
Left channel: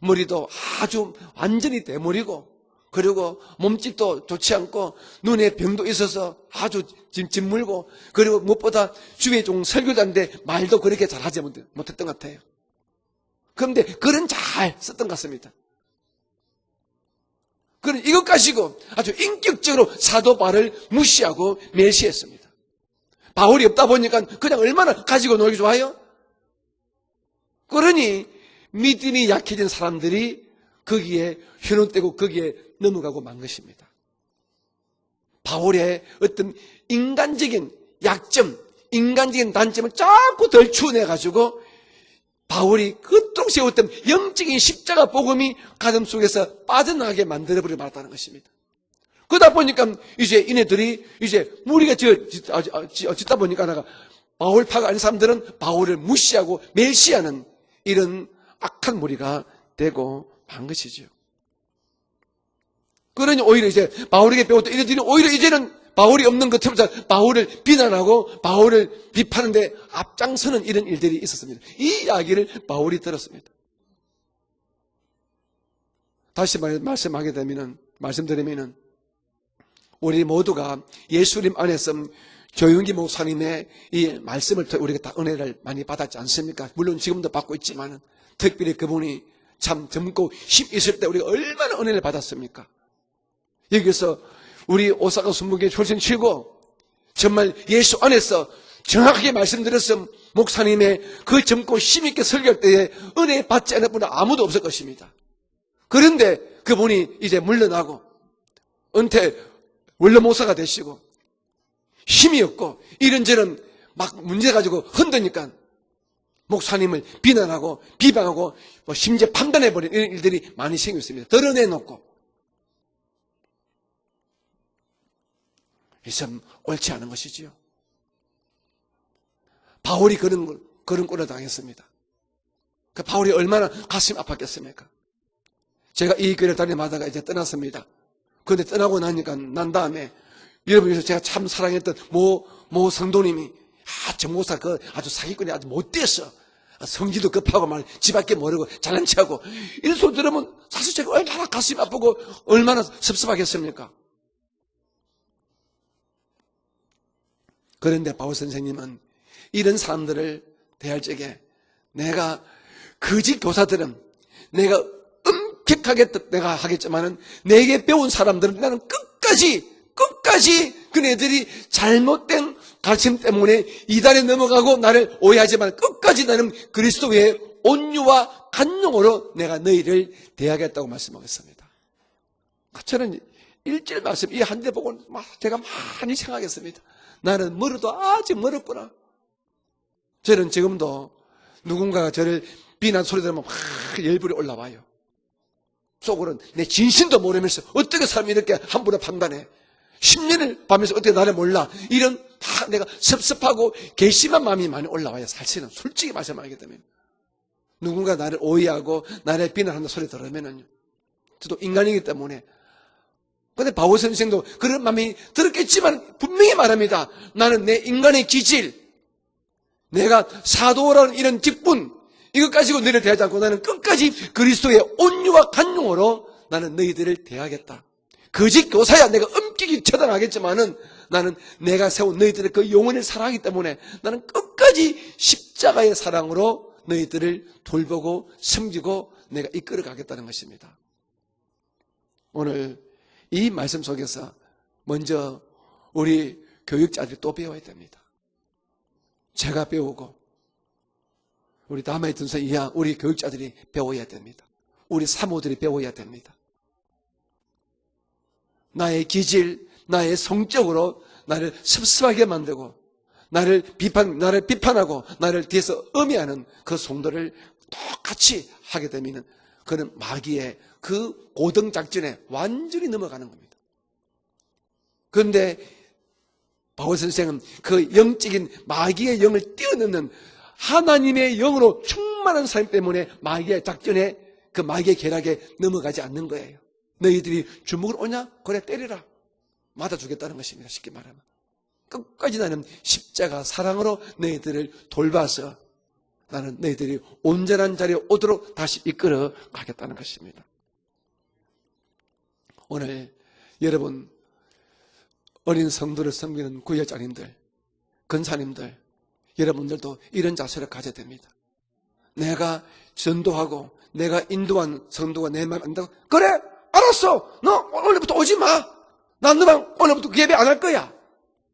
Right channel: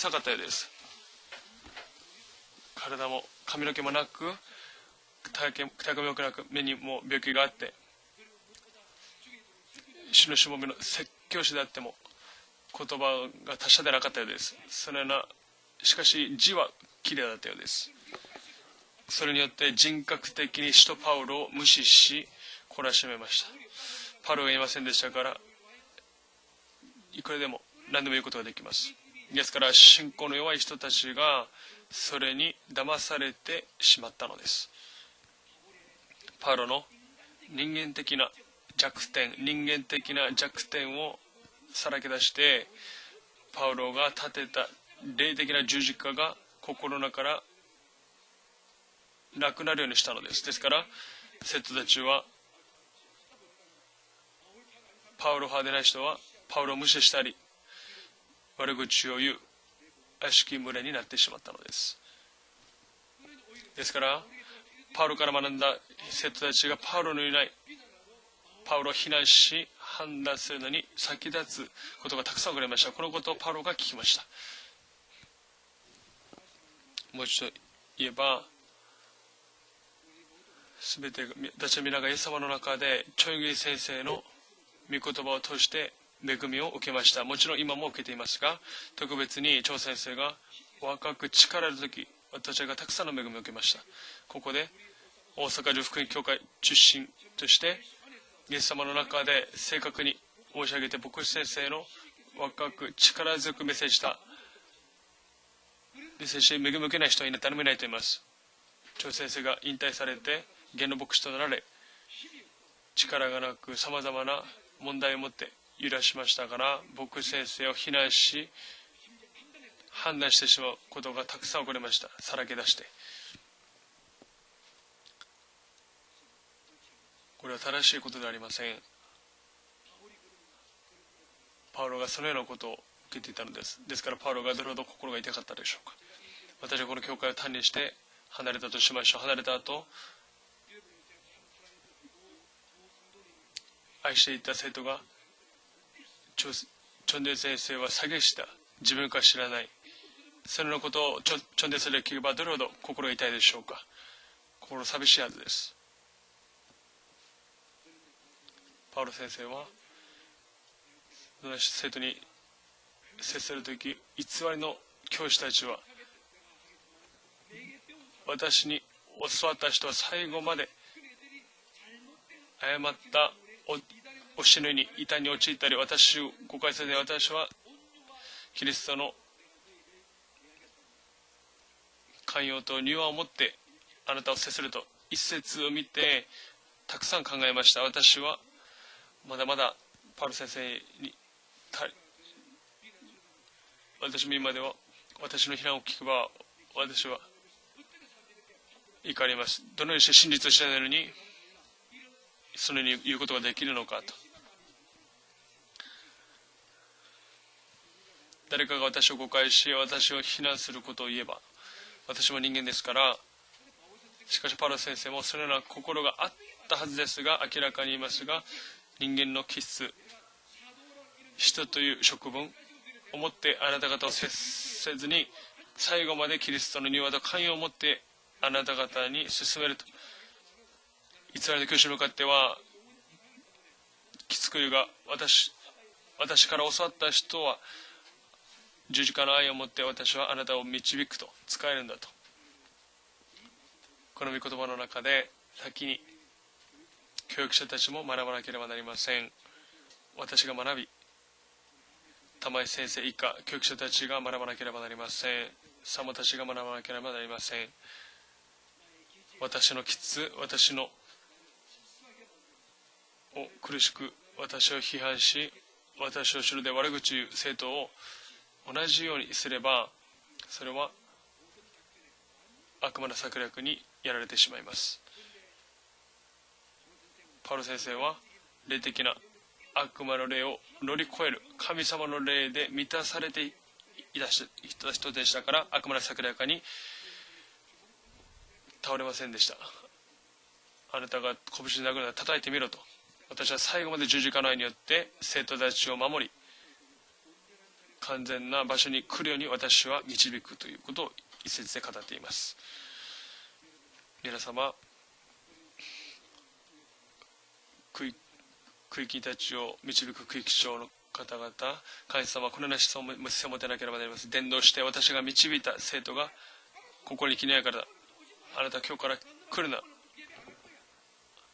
머리도 아주 완전히 대머리고 그리고 몸집도 좋지 않고 눈에 병도 있어서 아주 짓물고 그리고 무엇보다 주의 종 설교자인데 말도 그렇게 잘하지 못했던 것 같아요. 그런데 글은 잘 썼던 것 같습니다. 그럼 이것 가지고 아주 인격적으로 사도 바울을 무시하고 멸시했습니다. 바울이 없다 보니까 그냥 얼마나 가지고 놀기 좋아요? 그러니 믿음이 약해진 사람들이 거기에 현혹되고 거기에 넘어가고 만 것입니다. 바울의 어떤 인간적인 약점, 인간적인 단점을 자꾸 덜 추원해가지고 바울이 그토록 세웠던 영적인 십자가 복음이 가슴 속에서 빠져나가게 만들어버려 말았다는 것입니다. 그러다 보니까 이제 이네들이 이제 무리가 짓다 보니까 내가 바울파가 아닌 사람들은 바울을 무시하고 멸시하는 이런 악한 무리가 되고 한 것이죠. 그러니 오히려 이제 바울에게 배웠던 이들이 오히려 이제는 바울이 없는 것처럼 바울을 비난하고 바울을 비판하는데 앞장서는 이런 일들이 있었습니다. 이 이야기를 바울이 들었습니다. 다시 말씀드리면은 우리 모두가 예수님 안에서 조윤기 목사님의 이 말씀을 우리가 다 은혜를 많이 받았지 않습니까? 물론 지금도 받고 있지만 특별히 그분이 참 젊고 힘 있을 때 우리가 얼마나 은혜를 받았습니까? 여기서 우리 오사카 순복의 효신 치고 정말 예수 안에서 정확하게 말씀드려서 목사님의 그 젊고 힘 있게 설교할 때에 은혜 받지 않을 분 아무도 없을 것입니다. 그런데 그분이 이제 물러나고 은퇴 원로 목사가 되시고 힘이 없고 이런저런 막 문제 가지고 흔드니까 목사님을 비난하고 비방하고 심지어 판단해버린 이런 일들이 많이 생겼습니다. 드러내놓고 이참 옳지 않은 것이지요. 바울이 그런 꼴을 당했습니다. 그 바울이 얼마나 가슴이 아팠겠습니까? 제가 이 교회를 다니마다가 이제 떠났습니다. 그런데 떠나고 나니까 난 다음에 여러분께서 제가 참 사랑했던 모 성도님이 저 목사 아주 사기꾼이 아주 못됐어. 성기도 급하고 막 집밖에 모르고 잘난 체하고 이런 소리 들으면 사실 제가 얼마나 가슴이 아프고 얼마나 섭섭하겠습니까? 心寂しいはずです。 그런데 바울 선생님은 パウロ先生は 이런 사람들을 대할 적에 その生徒に 내가 거짓 교사들은 偽り 내가 の教師たちを 엄격하게 내가 하겠지만은 내게 배운 사람들은 나는 끝까지 그네들이 잘못된 가르침 때문에 이단에 넘어가고 나를 오해하지만 끝까지 나는 그리스도의 온유와 간용으로 내가 너희를 대하겠다고 말씀하겠습니다. 寛容と柔和を持 저는 って 일절 말씀 이 한 대 보고 막 제가 많이 생각했습니다. 나는 머리도 아직 멀었구나. まだまだ 저는 지금도 누군가가 저를 비난 소리 들으면 막 열불이 올라와요. 私の非難を聞く 속으로는 내 진실도 모르면서 어떻게 사람이 이렇게 함부로 판단해. どのように 10년을 밤에서 어떻게 나를 몰라. 이런 다 내가 섭섭하고 괘씸한 마음이 많이 올라와요. 사실은 솔직히 말씀하기 때문에. 누군가 나를 誰かが 오해하고 私を誤 나를 解して 비난하는 소리 私を非 들으면 難することを言えば 저도 인간이기 私は 때문에. 人間ですから 근데 바울 선생도 그런 마음이 들었겠지만 분명히 말합니다. 나는 내 인간의 기질, 人間の気質 내가 사도라는 이런 직분, 이것 가지고 너희를 대하지 않고 나는 끝까지 그리스도의 온유와 간용으로 나는 너희들을 대하겠다. 거짓 교사야 내가 엄격히 처단하겠지만은 나는 내가 세운 너희들의 그 영혼을 사랑하기 때문에 나는 끝까지 십자가의 사랑으로 너희들을 돌보고 섬기고 十字架の愛 내가 を持って 이끌어가겠다는 私はあなた 것입니다. を導くと使えるんだと 오늘 이 말씀 속에서 この御言葉の中で 먼저 先に 우리 교육자들이 또 教 배워야 育者 돼요. たちも学ばなければなりません。 제가 배우고 私が学び 우리 다음에 든 玉 선생이야 井先 우리 生以下 교육자들이 教育者た 배워야 ちが 됩니다. 学ばなければなり 우리 ません。 사모들이 배워야 サモ 됩니다. たちが学ばなければなりません。 나의 기질, 나의 성적으로 나를 섭섭하게 만들고 나를 비판하고 나를 뒤에서 음해하는 그 성도를 똑같이 하게 되면 그는 마귀의 그 고등 작전에 완전히 悪魔の 넘어가는 策 거예요. 略にやられてしまいます。 그런데 바울 선생은 그 영적인 마귀의 영을 悪 뛰어넘는 魔の霊を 하나님의 영으로 神様の 충만한 霊 삶 で 때문에 満たされて 마귀의 작전에 그 마귀의 계략에 넘어가지 않는 거예요. 너희들이 주먹을 오냐? 그래 倒 때리라. れませんでした。 맞아 주겠다는 것입니다. 쉽게 あな 말하면. たが拳で殴るなら 끝까지 叩いてみ 나는 ろと。 십자가 私は最後 사랑으로 まで十字架の愛によっ 너희들을 て 돌봐서 生徒たちを守り、 나는 너희들이 온전한 자리에 完 오도록 全な場 다시 所に来 이끌어 るように私 가겠다는 は 것입니다. 導くということを一節で語っています。 오늘 여러분 皆様、 어린 성도를 섬기는 구역장님들, 区域 근사님들 区域たちを 여러분들도 導く 이런 区域 자세를 長 가져야 됩니다. 方々、神様 내가 のなし様 전도하고 を持たなければなりま 내가 せん。伝道 인도한 して私が 성도가 내 導 말 いた 안다고 生徒が 그래 알았어. 너 오늘부터 오지 あ 마. なた今日から 난 来る 너랑 な。 오늘부터 예배 안 할 거야.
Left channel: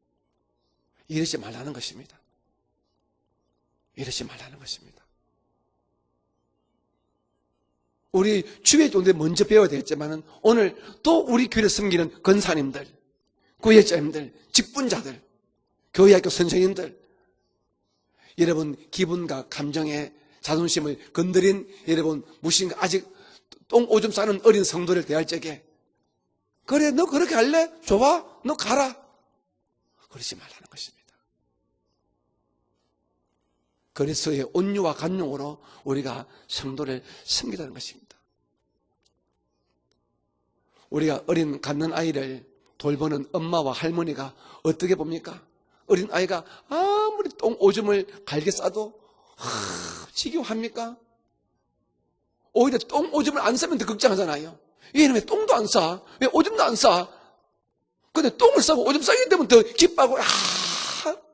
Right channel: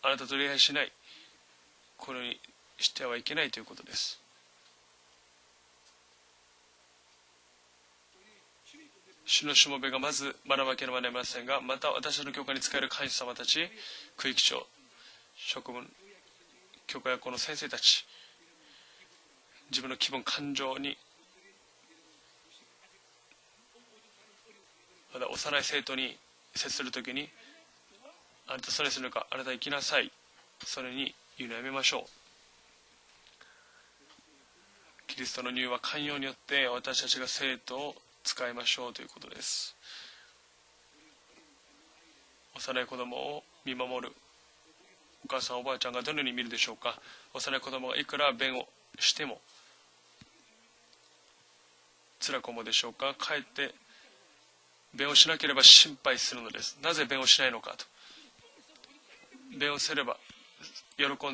あなたと礼拝しない。 이러지 말라는 것입니다. このようにしてはいけないということです。 이러지 말라는 것입니다. 우리 주의 존재 먼저 배워야 되겠지만 오늘 또 우리 교회를 섬기는 권사님들, 구역자님들, 직분자들, 職分 교회학교 선생님들 教会学校の先生たち 여러분 기분과 감정에 기분, 감정이 자존심을 건드린 여러분 무신 아직 똥 오줌 싸는 어린 성도를 대할 幼 적에 い生徒に接す 그래 る 너 時に 그렇게 할래? 좋아? 너 あなた 가라. にするかあなた行きなさい 그러지 말라는 そ 것입니다. れに言うのやめましょう 그리스도의 온유와 キリスト 간용으로 の理由は寛 우리가 容によって 성도를 私たちが生 섬기라는 徒を 것입니다. 使いましょうということです 우리가 어린 갖는 아이를 돌보는 엄마와 할머니가 어떻게 お 봅니까? 母さんおばあちゃんが 어린 どのように 아이가 見るでしょうか 아무리 幼 똥 い子供が 오줌을 いくら 갈게 弁を 싸도 しても 지겨합니까? 辛く思うで 오히려 しょうか 똥 오줌을 안 帰って 싸면 더 걱정하잖아요. 얘는 왜 しなけれ 똥도 ば 안 心 싸? 配 왜 する 오줌도 안 な 싸? ぜ弁をしないのかと 근데 똥을 싸고 오줌 싸게 되면 더 기뻐하고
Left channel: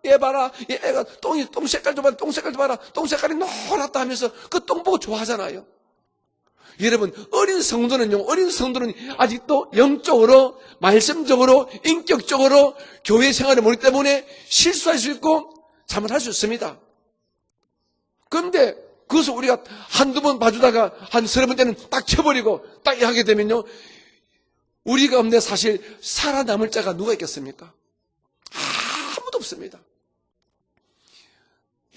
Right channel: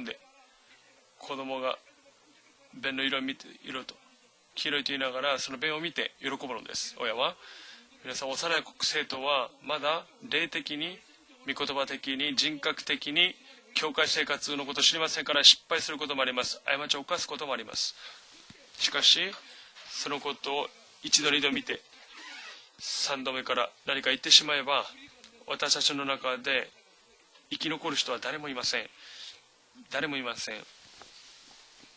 얘 봐라 얘 애가 똥 색깔 좀 봐라 똥 색깔 좀 봐라 똥 색깔이 노랗다 하면서 그 똥 보고 広いと言いながらそ 좋아하잖아요. の弁を見て喜ぶのです 여러분 親は 어린 성도는요 어린 성도는 아직도 영적으로 말씀적으로 인격적으로 교회 생활을 모르기 때문에 실수할 수 있고 잘못할 수 있습니다. 過ちを犯すこともあります 그런데 그것을 우리가 한두 번 봐주다가 한 서너 번째는 딱 쳐버리고 딱 하게 だか 되면요 ら何か言ってしまえば 우리 가운데 사실 살아남을 자가 누가 生 있겠습니까? き残る人は誰もいません 아무도 없습니다. 誰もいません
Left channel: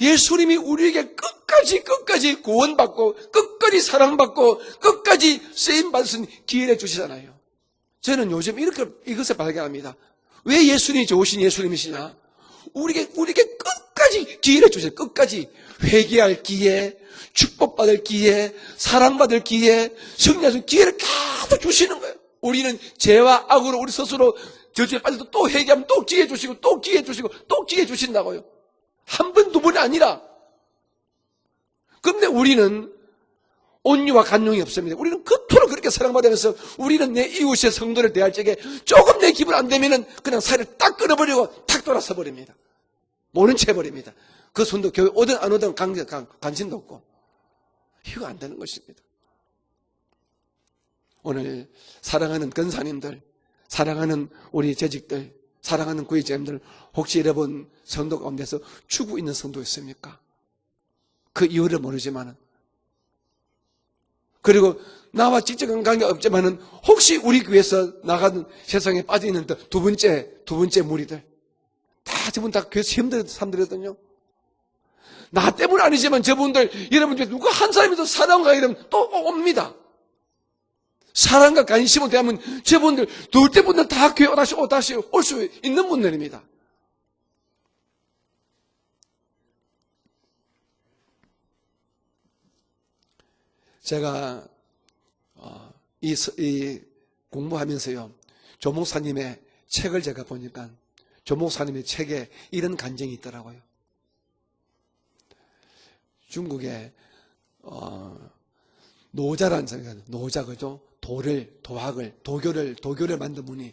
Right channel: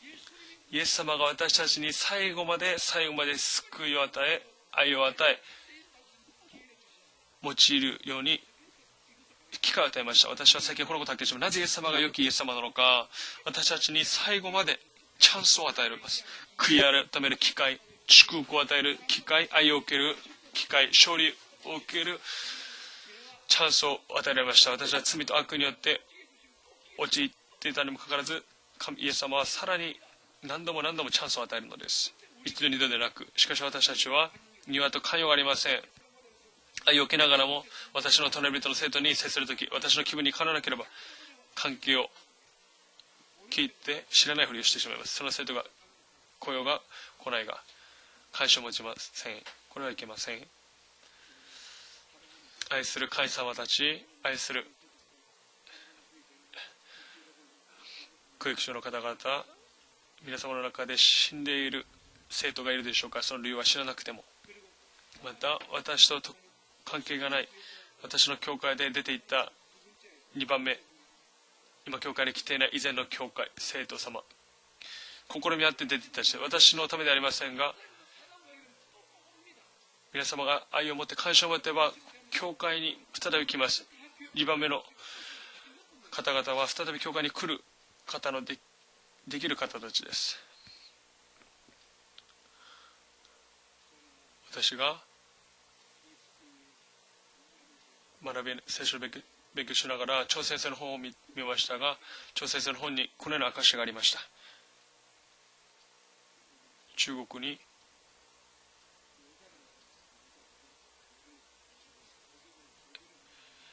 예수님이 우리에게 끝까지 구원받고 끝까지 사랑받고 끝까지 쓰임받은 기회를 주시잖아요. 用いる 저는 요즘 이렇게 이것을 機会を 발견합니다. 与えました 왜 예수님이 좋으신 イエス様 예수님이시냐? が良きイエス様なのか 우리에게 私たちに 끝까지 最後ま 기회를 で 주세요. チ 끝까지 ャンスを与える 회개할 기회, 축복받을 기회, 사랑받을 기회, 승리할 기회를 다 주시는 거예요. 우리는 죄와 악으로 우리 스스로 저주에 빠지고 또 회개하면 또 기회 주시고 또 기회 주시고 또 기회 주신다고요. 한 번, 두 번이 아니라 何度も何度もチャンスを与えるのです。 근데 二度 우리는 でなく、しかし私たち 온유와 は 간용이 庭 없습니다. と 우리는 寛容がありま 그토록 せん。 그렇게 사랑받으면서 우리는 내 이웃의 성도를 대할 적에 조금 내 기분 안 되면은 그냥 살을 딱 끊어버리고 탁 돌아서 버립니다. 모른 채 해버립니다. 그 손도 교회 오든 안 오든 관심도 없고 来ないが 이거 안 関心 되는 を持ち 것입니다. ません。これはいけません。 오늘 사랑하는 愛する 근사님들, 会様たち、 사랑하는 愛する 우리 재직들, 사랑하는 구의자님들, 혹시 여러분 성도 가운데서 그렇죠. 죽고 있는 성도 있습니까? 皆様の中で死ん 그 でいる 이유를 모르지만, 生徒がいるでしょうか。その理由は知らなくても 그리고 나와 직접한 관계가 없지만은 혹시 우리 교회에서 나가는 세상에 빠져 있는 두 번째 무리들, 今教会に来て 지금 い 다 ない 교회에서 以前の 힘든 教会 사람들이거든요. 生徒様 나 때문 아니지만 저분들 여러분들 누구 한 사람이도 사랑과 이러면 또 옵니다. 皆様が愛を持って 사랑과 関 관심을 대하면 저분들 놀 때보다 다 교회 다시 올 수 있는 方 분들입니다. 々は再び教会に来る方のできる方たちです。 제가 私が 이 공부하면서요, 学び 조 목사님의 勉強しな 책을 が 제가 ら朝鮮戦 보니까 の本を見 조 ました 목사님의 が 책에 朝鮮戦 이런 の本 감정이 にこのような 있더라고요. 証がありました。 중국에 中国に 노자라는 사람이 노자 그죠? 도교를 만든 분이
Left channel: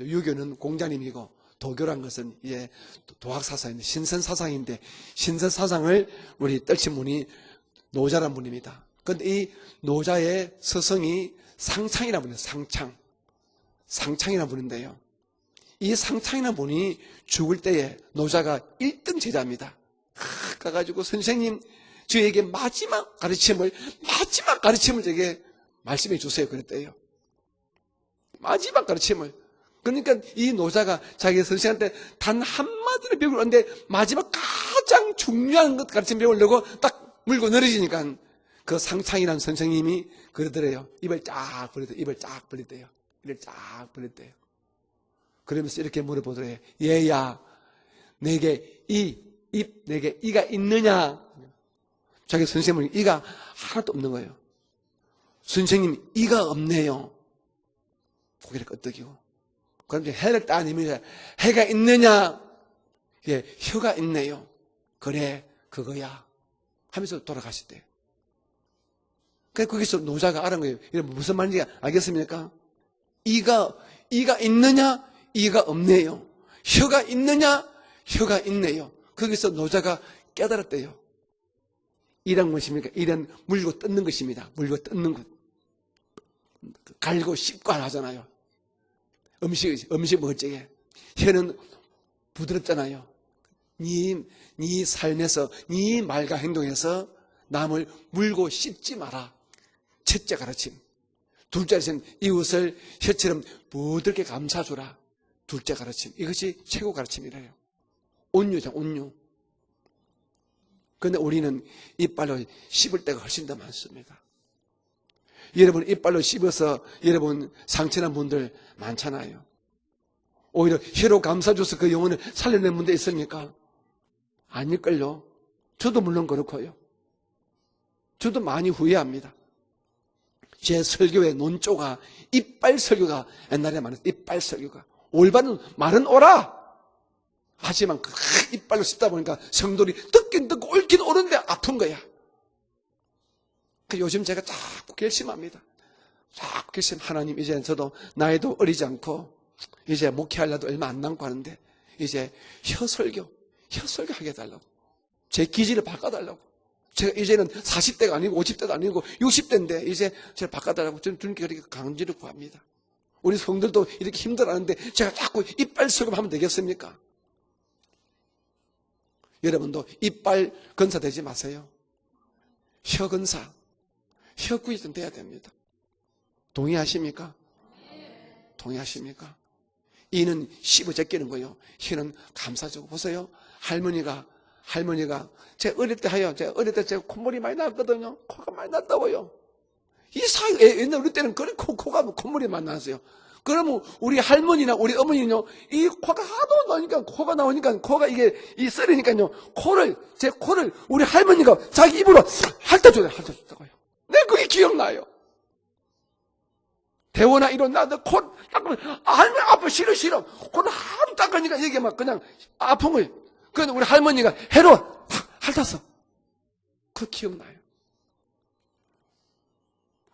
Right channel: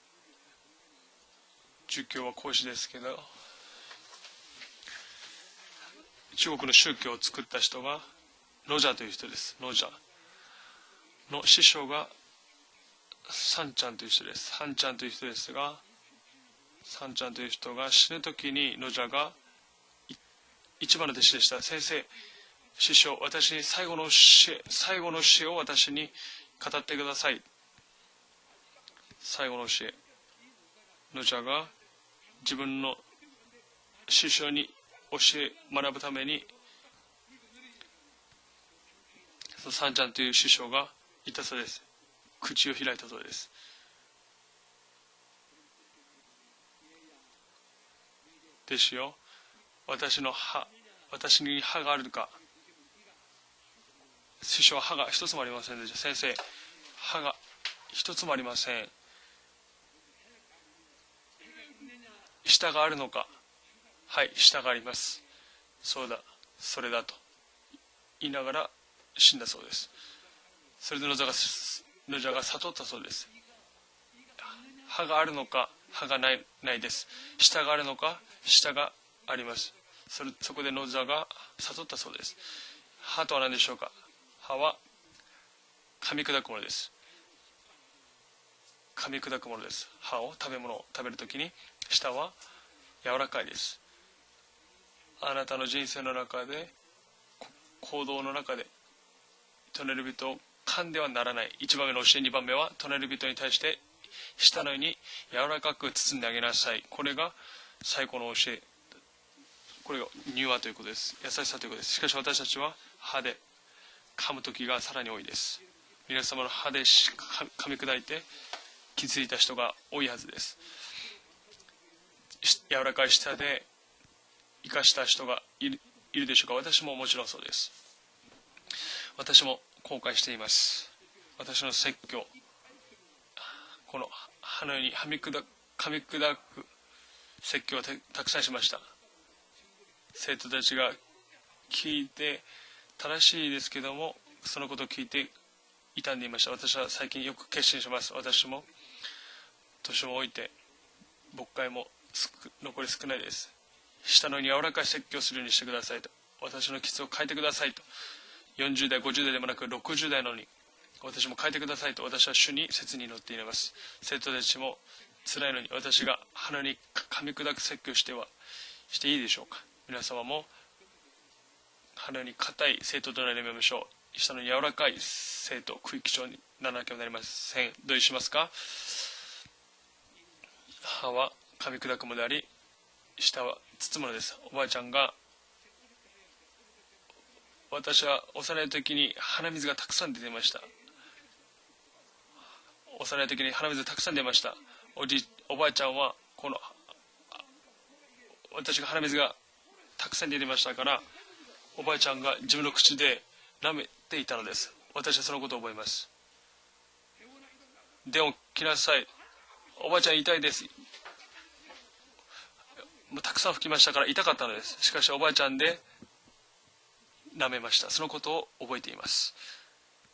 유교는 공자님이고 도교라는 儒教 것은 は孔子ですけど、 도학 사상인데 신선 사상인데 신선 사상을 우리 中国の 뜻신 宗教を 분이 作った人が 노자란 분입니다. 노자という人 그런데 이 です。노자 노자의 스승이 너 시쇼가 상창이라는 분이에요. 상창. サンちゃんという人 상창이라는 です。サン 분인데 ちゃんという人ですが、 이 상창이라는 분이 상창 죽을 때에 또 노자가 시대 1등 노자가 제자입니다. 一 가가지고 番弟子でし 선생님 た先生、 저에게 師 마지막 匠、私 가르침을 最後の 마지막 가르침을 最後の 되게 詩を私に 말씀해 주세요. 語っ 그랬대요. てください。 마지막 가르침을. 最後の詩。 그러니까 이 노자가 자기 선생한테 단 한마디를 배우는데 마지막 가장 중요한 것 가르침 배우려고 딱 물고 늘어지니까 그 상창이라는 선생님이 상창という師匠が 그러더래요. 입을 쫙 벌렸대. 입을 쫙 口を 벌렸대. 開いたそうで 입을 す。 쫙 벌렸대. 그러면서 이렇게 물어보더래요. 얘야, 내게 되시오. 내게 私の 이가 歯 있느냐? 私に歯があるのか。 자기 선생님은 이가 하나도 없는 거예요. 師匠は歯が一つもありません。 선생님 先生 이가 없네요. 歯が一つもありません。 이렇게 끄덕이고. 그런데 해를 따님이 해가 있느냐? 舌があるのか。 예, 혀가 は 있네요. い、舌があります。 그래, そう 그거야. だ、それだ。 하면서 돌아가셨대요. 言いながら死んだそう 그 です。 거기서 노자가 알은 거예요. それ 이게 で 무슨 말인지 ノジャ 알겠습니까? が悟ったそうです。 이가 있느냐? 歯があるのか、 이가 歯 없네요. がない。 혀가 舌 있느냐? があるのか、 혀가 舌 있네요. があ 거기서 ります。 노자가 それそこで 깨달았대요. ノジャが悟ったそうです。 이란 것입니까? 이런 하도 안 물고 하시오까? 뜯는 것입니다. 하와? 물고 뜯는 것. 噛み砕くものです。 갈고 씹고 안 하잖아요. 噛み砕くものです 음식 歯を 먹을 食べ 적에 物を食べるとき 혀는 に舌は 부드럽잖아요. 柔らかいです。 네 삶에서 아나타노 네 진사를 말과 하는데 행동에서 남을 고도 물고 나가네. 씹지 마라. 隣人 첫째 가르침. 噛んではならない。 둘째 一番 가르침. の教え、二番目は 이웃을 隣人に 혀처럼 対して 부드럽게 舌のよう 감싸주라. に柔ら 둘째 かく包 가르침. んであげ 이것이 なさい。 최고 これが 가르침이래요. 最高の教え。 온유죠, 온유. これが柔和ということです。 근데 優し 우리는 さということです。しかし 이빨을 私たちは 씹을 때가 歯で 훨씬 더 많습니다. 噛む時がさらに多いです。 여러분 이빨을 그래서 씹어서 하대 씹- 여러분 감- 상처난 감사할 분들 気づ 많잖아요. いた人が多いはずです。 오히려 혀로 감싸줘서 그 영혼을 살려낸 柔 분도 らかい舌 있습니까? で生かした 아닐걸요. 人がいる 저도 물론 いるでしょうか。 그렇고요. 私ももちろんそうです。 저도 많이 후회합니다. 私も後悔しています。 제 설교의 논조가 이빨 설교가 옛날에 많은 이빨 설교. 올바른 말은 오라. 説教で 하지만 그 しました 이빨로 씹다 보니까 성도들이 듣긴 듣고 옳긴 옳은데 아픈 聞 거예요. いて正しいですけども、 그 요즘 제가 そのことを聞いて 결심합니다. 傷んでいました。私は 그래서 最近よ 하나님 く 이제 決心し 저도 ます。 나이도 私も 어리지 않고 이제 저 목회할 나도 얼마 안 남고 하는데 国会も 이제 残 혀 り少ない 설교 です。 혀 설교 下の柔 하겠다. らかい説教す 제 るようにして 기질을 ください。 바꿔달라고. 私の基礎を 제가 変えてく 이제는 ださい。 40대가 아니고 50대가 아니고 60대인데 이제 40代の 제가 바꿔달라고 좀 私も変えてくださいと 강제로 私は主 구합니다. に切に祈ってい 우리 ます 성도도 이렇게 生徒たちも 힘들어하는데 제가 자꾸 辛いのに 이빨 私 설교를 が 하면 되겠습니까? 噛み砕く説教していいでしょうか。 여러분도 皆様も 이빨 건사되지 마세요. 鼻に硬い生徒となりましょう。下の柔らかい生徒、区域長にならなきゃなりません。同意しますか？ 동의하십니까? 이는 씹어 제끼는 거예요. 가위 혀는 끄덕끄덕 감싸주고 보세요.舌は 할머니가 おばあちゃんが 할머니가 제가 어릴 때 하여 제가 어릴 때 제가 콧물이 많이 私 났거든요. は 코가 幼い 많이 時に 났다고요. 鼻水がたくさん出てきまし 이상 옛날 우리 때는 그래 코가 콧물이 많이 났어요. た。幼い時に鼻 그러면 水たくさん 우리 出ました。 할머니나 우리 어머니는요, 이 어바짱은 코가 하도 나니까 코가 나오니까 코가 이게 이 어떤 썰으니까요, 할머니가 코를 제 탁 코를 썰리는 우리 할머니가 자기 입으로 おばあちゃんが自分の 핥아줘요. 口で 핥아줬다고. 舐め 네, 그게 기억나요. 私はそのことを覚えます。 대원아 일어나 너 코 대원, 일어나세요. 할머니 아파 싫어 어제 싫어 이따이 됐어. 곧 하루 닦으니까 이게 막 그냥 아픈 거예요. 뭐 탁상 그래서 우리 마시고 할머니가 있다가 해로 시카시 오바아짱 핥았어. 그 기억나. 舐めました。そのことを覚えています。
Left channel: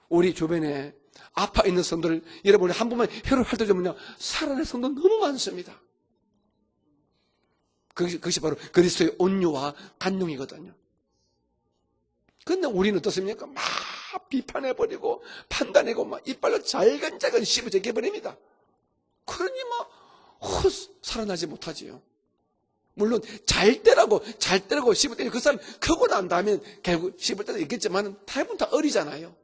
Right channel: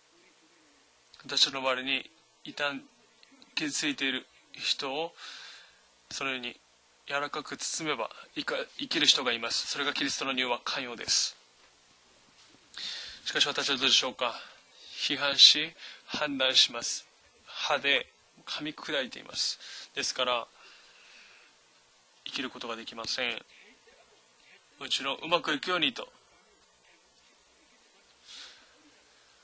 우리 주변에私の 아파 周り 있는 に 손들 여러분이 한 번만 혀를 핥을 때면傷ついている 살아날 손들人を 너무 많습니다. そのように柔らかく包めば 그것이 바로 生きる 그리스도의 人がいます。 온유와 それがキリストの乳は 간용이거든요. 寛容です。 근데 우리는 しかし 어떻습니까? 私たちはどうでしょうか。 비판해버리고批判し 판단하고 막 이빨을 判断します 잘근잘근 씹어 歯で 제껴버립니다. 噛み砕いています。 그러니 뭐 ですから 살아나지 못하지요. 生きることができませ 물론 ん。 잘 때라고 뭐 씹을 때 음악 그 사람 교환이 크고 난 다음에 결국 씹을 때도 있겠지만 대부분 다 어리잖아요.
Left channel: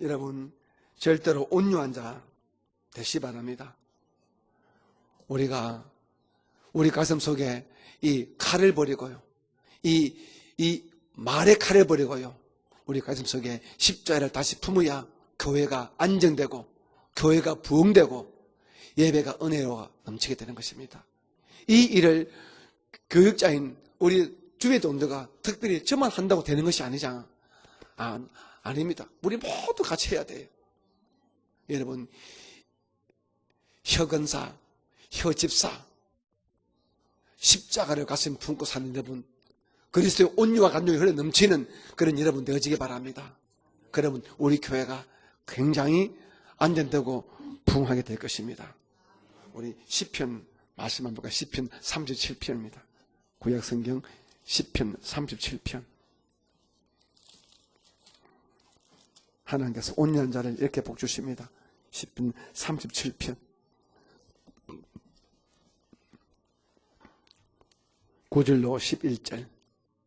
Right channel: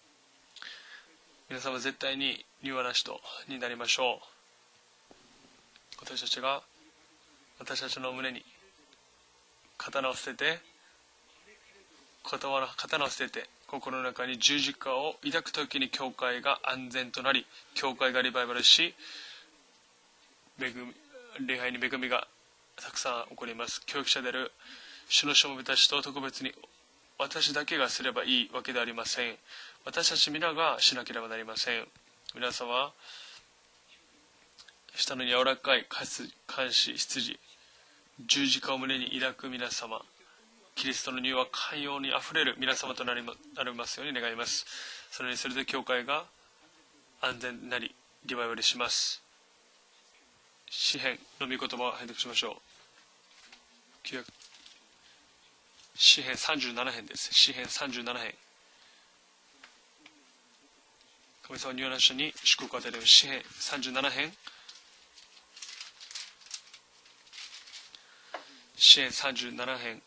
여러분 절대로 皆さんは 온유한 絶 자 対に柔和な人 되시 바랍니다. になりましょ 우리가 う。私たちが 우리 가슴 속에 私たちの 이 胸に 칼을 버리고요. 刀を捨てて 이 말의 칼을 버리고요. 刀 우리 を 가슴 捨てて 속에 心の中 십자가를 に 다시 十字架 품어야 を抱く時 교회가 に教会 안정되고 が安全となり 교회가 教 부흥되고 会がリバイバルし 예배가 은혜로 넘치게 되는 恵む 것입니다. 礼拝 이 の恵みが 일을 たくさん 교육자인 あります教育 우리 者である 주의 동도가 主の証明 특별히 たちと 저만 特 한다고 別 되는 に 것이 아니잖아. 私だけがすればいいわけではありません。 우리 모두 私 같이 た 해야 ち 돼요. 皆がしなければなりません。 여러분 皆様、 혀근사 下の柔ら 혀집사 かい監視、羊、 십자가를 가슴에 十字 품고 架を 사는 胸に 여러분 抱く皆様、 그리스도의 온유와 キリ 감정이 スト 흘러 の乳 넘치는 は寛容 그런 にあふ 여러분 れる皆 되시기 様となり 바랍니다. ますように 그럼 願いま 우리 す。 교회가 それにすると教 굉장히 会が 안전되고 安全に 부흥하게 될 リバイバ 것입니다. ルします。 우리 시편 아시는 분과 시편 詩篇の御言葉を 37편입니다. 구약 성경 旧約 시편 37편. 詩編37編です。詩編37編。 하나님께서 온유한 자를 이렇게 복 주십니다. 神様は入蘭者に祝福が出る詩編37編。 9절로 詩編 11절 37編。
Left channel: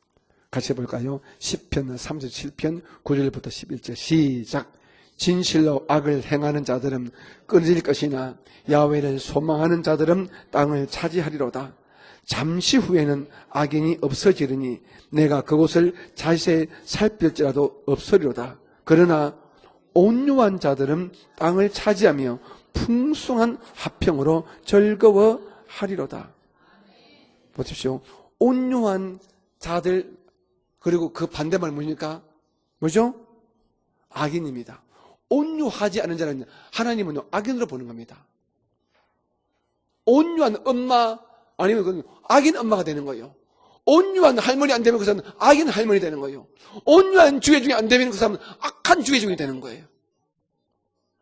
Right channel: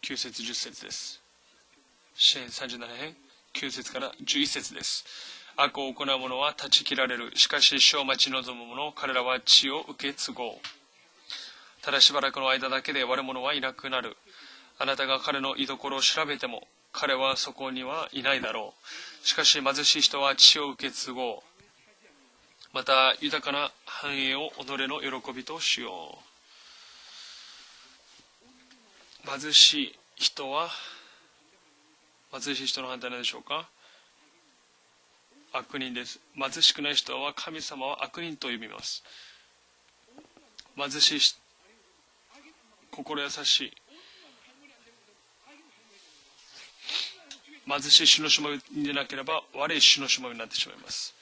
9節10 같이 節です。 볼까요? 시편 37편 37편 9절부터 9節から 11절 11 시작. 節です。 진실로 악을 행하는 자들은 끊을 것이냐 야훼를 소망하는 자들은 땅을 차지하리로다. ただしばらくの間 잠시 だけで悪 후에는 者はいなく 악인이 なる。 없어지리니 あなたが 내가 彼の 그곳을 居所を調べても 자세히 彼はそ 살필지라도 こにはいないだ 없으리로다. ろう。 그러나 しかし貧しい人は 온유한 地を 자들은 結合 땅을 차지하며 また豊か 풍성한 な 합평으로 繁栄を己の喜びとしよう。 즐거워하리로다. 보십시오. 온유한 貧しい 자들 人は 그리고 그 반대말 뭡니까? 貧しい人の反対なんでしょうか。 악인입니다. 온유하지 않은 자는 貧しくない人 하나님은 は 악인으로 神様は 보는 겁니다. 悪人と呼びます。 온유한 엄마 貧しい 아니면 그건 악인 엄마가 되는 心 거예요. 優しい。 온유한 할머니 안 되면 그 사람은 악인 할머니 되는 거예요. 온유한 주의 중에 안 貧 되면 し 그 い主の 사람은 しもべに 악한 な 주의 け 중에 れ 되는 ば悪 거예요. い主のしもべになってしまいます。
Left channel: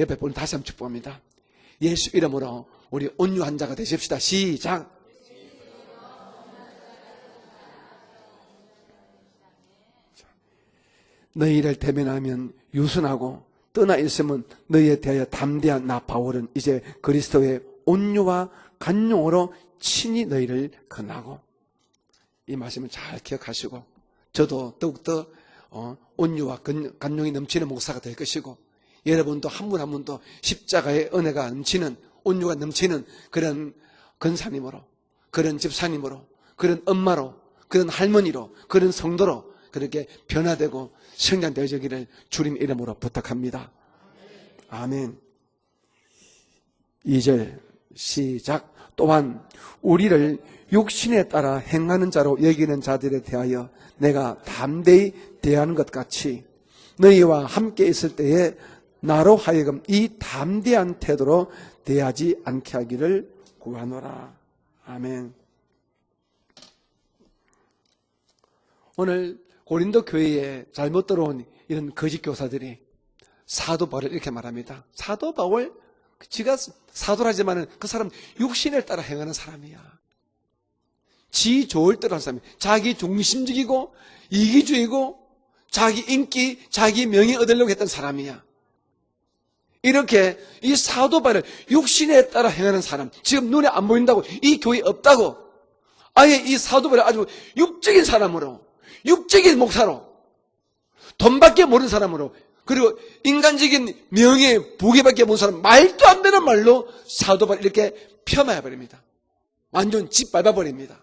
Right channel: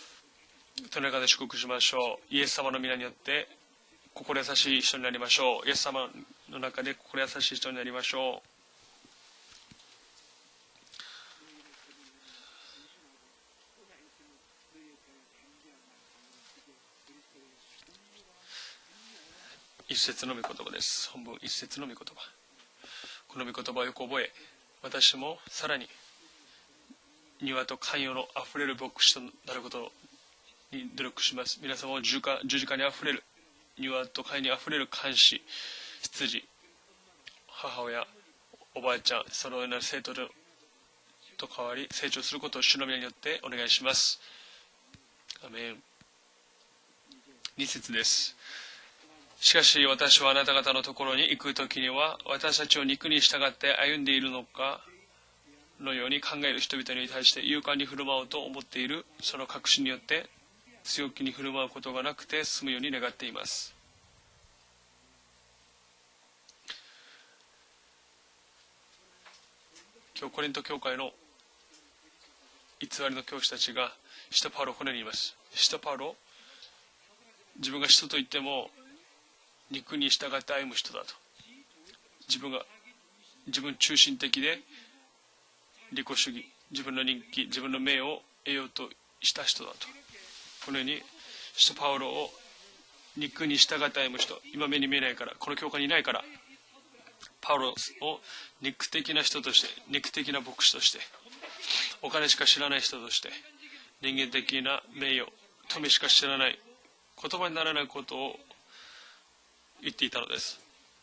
옆에 보는 다시 한번 その 축복합니다. 中で祝福しましょ 예수 う。イ 이름으로 エス様の皆に 우리 よって 온유한 자가 되십시다. 心優し 시작. い人になりましょう。イエス様の中で心優しい人になりましょ 너희를 대면하면 유순하고 떠나 있으면 너희에 대하여 담대한 나 바울은 이제 그리스도의 온유와 간용으로 う。 친히 一節の 너희를 言葉です。 권하고 一節の御言葉。 이 말씀을 잘 この御言 기억하시고 葉をよく覚え、 저도 私 더욱더 もさらに 온유와 간용이 넘치는 庭と 목사가 寛 될 容のあ 것이고 ふれる牧師と 여러분도 한 분 한 분도 십자가의 은혜가 넘치는 온유가 넘치는 그런 庭と寛容にあふれ 근사님으로 る監視、 그런 집사님으로 羊、 그런 엄마로 그런 할머니로 그런 와이장, 성도로 서로의 그렇게 생도를 변화되고 こう 성장되어지기를 成長する 주님 ことを主の 이름으로 名によってお 부탁합니다. 願いします。 아멘. アメン。 2절 二節です。 시작. 또한 しかし私はあな 우리를 た方のところに 욕심에 行く 따라 時に 행하는 は 자로 私たち 여기는 を肉 자들에 に従っ 대하여 て歩んでいる 내가 のか 담대히 대하는 것 のように 같이 考える人々に 너희와 対して 함께 勇 있을 敢に 때에 振る舞おうと思っている 나로 その 하여금 確信によ 이 って 담대한 強気に 태도로 振る舞うことがなく 대하지 て済むように願ってい 않게 ます。 하기를 구하노라. 아멘. 오늘 고린도 교회에 고린도 교회로 잘못 들어온 이런 거짓 교사들이 偽りの教師たち 사도 が 바울을 이렇게 使徒パウロを 말합니다. このように言います。 사도 바울 使徒パウロ 지가 사도라지만은 지금 그 사람 사도 이때모 육신에 따라 행하는 사람이에요. 肉に従って歩む人だと。 지 좋을 대로 하는 지금 사람. 자기 중심적이고 지금 중심적이게 이기주의고 자기 인기, 자기 명예 얻으려고 했던 名を 사람이야. 得ようとした人だと。 이렇게 이 사도 바울을 육신에 따라 행하는 사람. 지금 눈에 안 보인다고 이 교회 없다고. この教会にいないから。 아예 이 사도 바울을 아주 육적인 사람으로 肉的な人として 육적인 목사로 肉的な牧師として。 돈밖에 모르는 사람으로 그리고 인간적인 명예, 부귀밖에 모르는 사람 말도 안 되는 말로 사도 바울 이렇게 폄하해 버립니다. 완전 짓 받아 버립니다.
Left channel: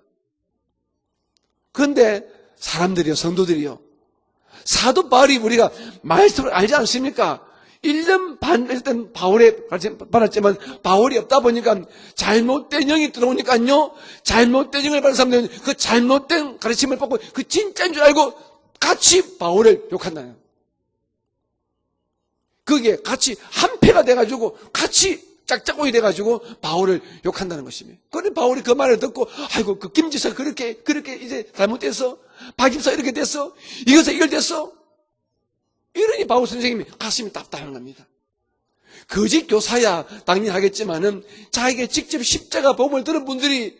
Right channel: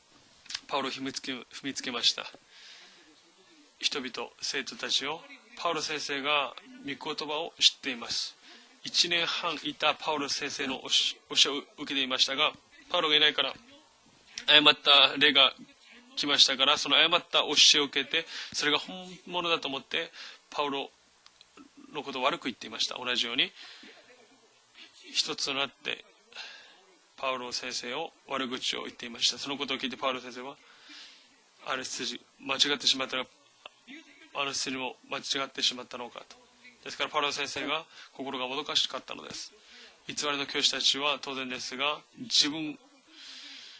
パウロを踏みつけまし 그런데 た。 사람들이요, 성도들이요. 人々生徒たち 사도 を 바울이 우리가 パウロ先生が 말씀을 알지 않습니까? 1년 반 했던 바울의 받았지만 바울이 없다 보니까 잘못된 영이 들어오니까요, 잘못된 영을 받은 사람들은 그 잘못된 가르침을 받고 그 진짜인 줄 알고 같이 바울을 욕한다는, パウロのことを悪く言っている 그게 人と同じよう 같이 に 한패가 돼가지고 같이 짝짝꿍이 돼가지고 바울을 욕한다는 것이에요. 그런데 바울이 그 말을 듣고 아이고 그 김지서 그렇게 이제 잘못됐어, 박임서 이렇게 됐어, 이것에 이결됐어, それも間違ってしまった 이러니 바울 선생님이 パウ 가슴이 ロ先生 딱딱한 が 겁니다. 心がもどかしかった 거짓 교사야 당연히 하겠지만은 자기가 직접 십자가 복음을 들은 분들이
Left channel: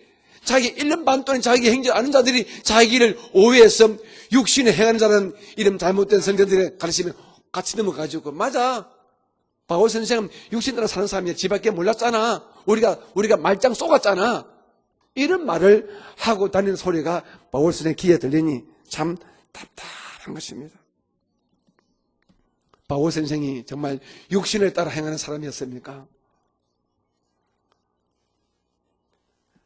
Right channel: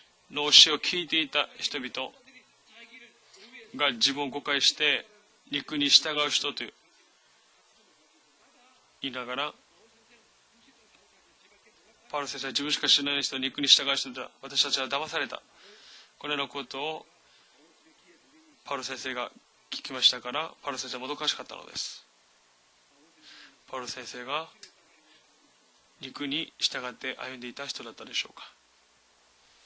자기 1년 반 동안 자기 행전 아는 자들이 자기를 오해해서 육신에 행하는 자는 이런 잘못된 선생들의 가르침에 같이 넘어가지고 맞아. 言いながら 바울 선생은 육신 따라 사는 사람이야. 지밖에 몰랐잖아. 우리가 말짱 속았잖아. 私たちは騙された 이런 말을 하고 다니는 소리가 바울 선생 귀에 들리니 パウロ先 참 生が聞きましたから、パウロ先生はもどかしかったのです。 바울 선생이 정말 육신을 따라 행하는 사람이었습니까? 陸に従って歩んでいた人だったでしょうか。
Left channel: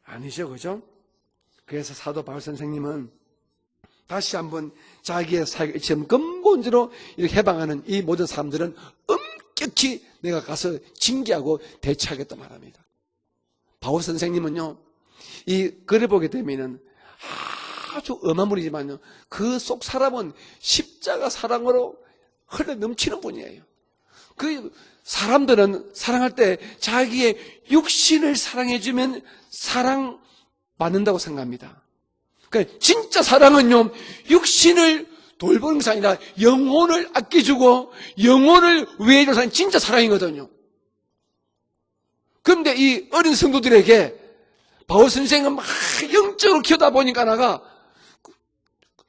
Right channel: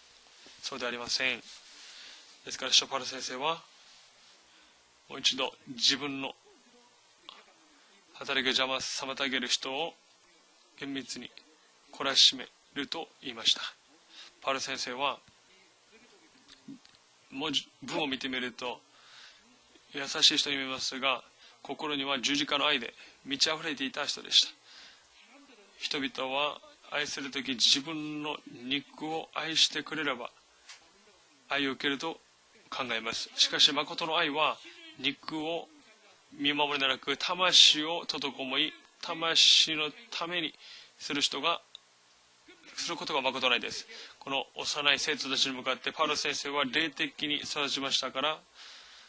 아니죠, そ 그죠? うではありません。 그래서 사도 바울 ですからパウ 선생님은 ロ先生は 다시 한번 자기의 사역을 지금 근본적으로 이렇게 해방하는 이 모든 誰か 사람들은 邪魔妨げる人を 엄격히 내가 가서 징계하고 懲ら 대처하겠다 しめ 말합니다. ると言いました。 바울 パウロ 선생님은요, 先生は 이 글을 보게 되면은 この文を 아주 見てみると 엄한 분이지만요, 그 속 사람은 십자가 사랑으로 心には十字架の愛 그렇게 で 넘치는 満ち 분이에요. 溢れていた人でした。 그 사람들은 사랑할 때 자기의 육신을 사랑해주면 愛してくれれ 사랑 ば 받는다고 愛を 생각합니다. 受けると 그러니까 진짜 사랑은요, 육신을 돌보는 것이 아니라 영혼을 아껴주고 영혼을 위해서 사는 진짜 ため 사랑이거든요. にする人が 그런데 이 어린 성도들에게 この幼 바울 い生徒たち 선생은 を 막 パウロ先生 영적으로 は 키우다 보니까 霊的に 나가 育ちましたから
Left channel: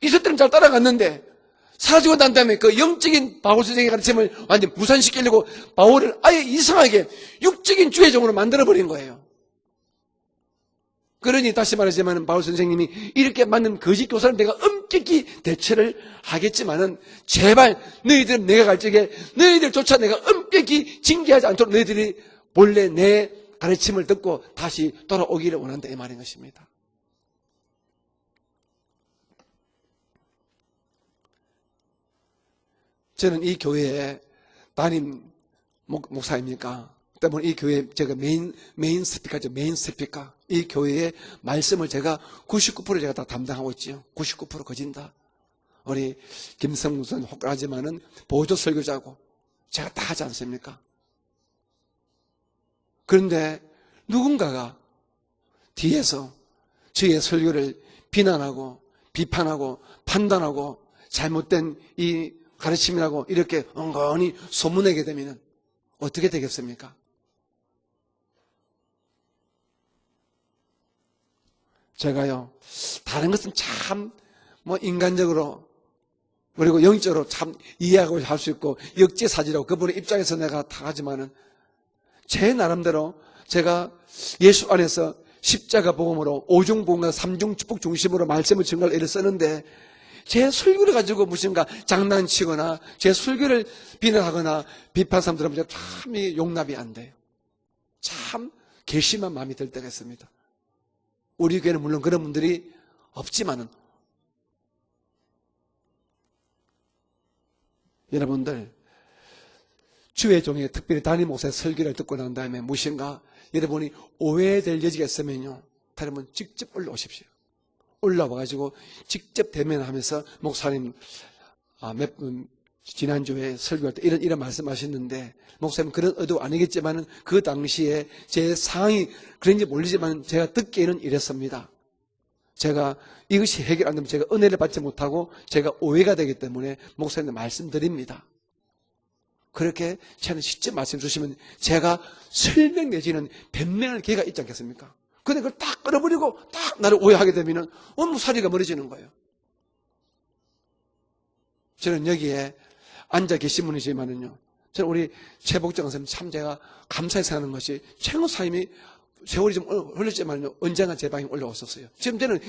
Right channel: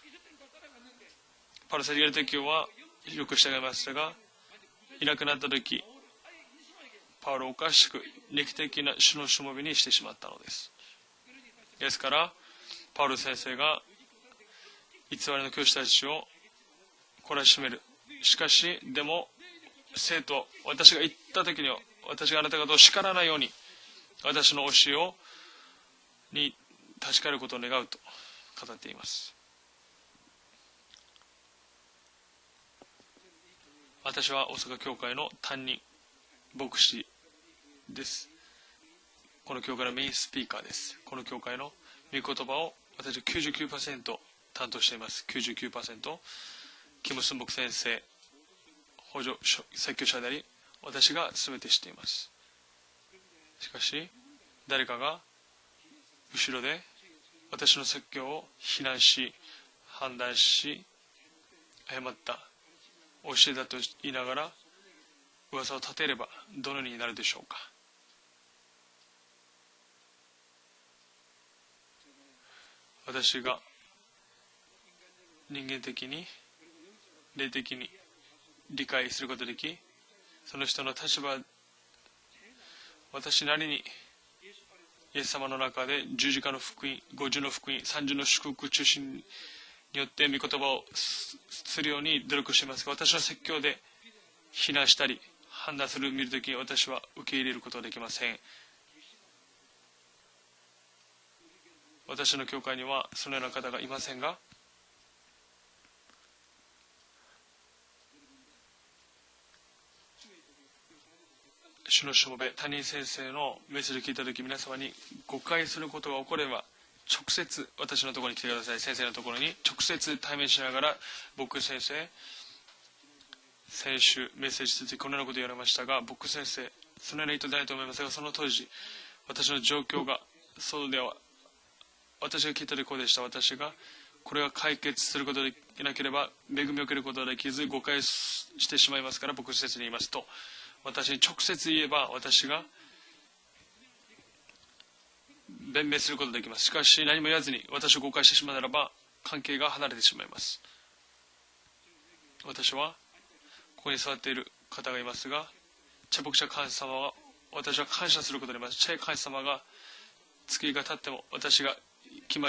이것들은 잘 따라갔는데 パウロ先 사주가 生 난 다음에 は 그 영적인 바울 선생의 가르침을 완전 무산시키려고 바울을 아예 이상하게 육적인 주의종으로 만들어버린 肉 거예요. 的なしもべにしてしまったのです。 그러니 다시 말하자면 바울 선생님이 이렇게 맞는 거짓 교사를 내가 엄격히 대처를 하겠지만은 제발 너희들은 내가 갈 적에 너희들조차 내가 엄격히 징계하지 않도록 너희들이 원래 내 가르침을 듣고 다시 돌아오기를 원한다 이 말인 に 것입니다. 立ち返ることを願うと語っています。 저는 이 교회에 私は大阪教 담임 会の担任 목사입니까? 목시. 때문에 이 교회 제가 메인 스피커죠. 메인 스피커. 이 교회의 말씀을 제가 99% 제가 다 담당하고 있죠. 99% 担当してい 거짓니다. ます 우리 99% 김성무 교수까지만은 보조 설교자고 補助 제가 다 하지 않습니까? 私が全て知っています。 그런데 しかし 누군가가 誰かが 뒤에서 後ろで 저의 설교를 私の説教を 비난하고 非難し 비판하고 판단시, 판단하고 잘못된 이 가르침이라고 이렇게 엉거니 소문내게 되면 噂を立てれば 어떻게 되겠습니까? どのようになるでしょうか。 제가요 다른 것은 참 뭐 인간적으로 人間的に 그리고 영적으로 참 이해하고 할 수 있고 역지사지라고 그분의 입장에서 내가 その人の私 잘하지만 は 제 나름대로 私なりに 제가 예수 안에서 예수 십자가 만나가네, 복음으로 주지가 오중복음과 복음, 삼중축복 오중복음, 중심으로 삼중축복 말씀을 증거를 중심. 애를 쓰는데 によって 제 御言葉を 설교를 가지고 무슨가 수련이 장난치거나 들어가시면서 제私は 설교를 それで 비난하거나 非難したり 비판 사람들은 判断する 참 용납이 私は 안 돼. 受け入れることができません。 참 괘씸한 마음이 들 때가 있습니다. 우리 교회는 물론 그런 私の 분들이 教会にはそのような方がいませんが、 여러분들 주의 종의 특별히 담임 목사의 설교를 듣고 난 다음에 무엇인가 여러분이 오해될 여지가 있으면요 誤解することが 여러분 起これば 직접 올라오십시오. 直接私のところに来てく 올라와가지고 ださい。先生のところ 직접 に 대면하면서 直接対面しながら僕先生 몇 분 지난주에 설교할 때 이런 말씀하셨는데 목사님 그런 의도 아니겠지만 그 당시에 제 상황이 그런지 모르지만 제가 듣기에는 이랬습니다. 私が聞いたと 제가 ころでした。 이것이 해결 안 되면 제가 은혜를 받지 못하고 제가 오해가 되기 때문에 목사님 恵みを受けることができず誤解 말씀드립니다. してしまいますから僕先生に言い 그렇게 ますと 저는 직접 말씀 주시면 直接 제가 私が 설명 내지는 변명할 기회가 있지 않겠습니까? 근데 그걸 딱 弁明すること 끊어버리고 ができます。し 딱 か 나를 し 오해하게 やらずに 되면 私を誤 너무 解してし 사리가 まうなら 멀어지는 ば 거예요. 関係が離れてしまいます。 저는 여기에 私は 앉아 계신 上に座ってい 분이지만 る저 우리 최복정 선생님 참 제가 감사히 생각하는 것이 최고 사인이 세월이 좀 흘렀지만 언젠가 제 방에 올라오셨어요. 지금 저는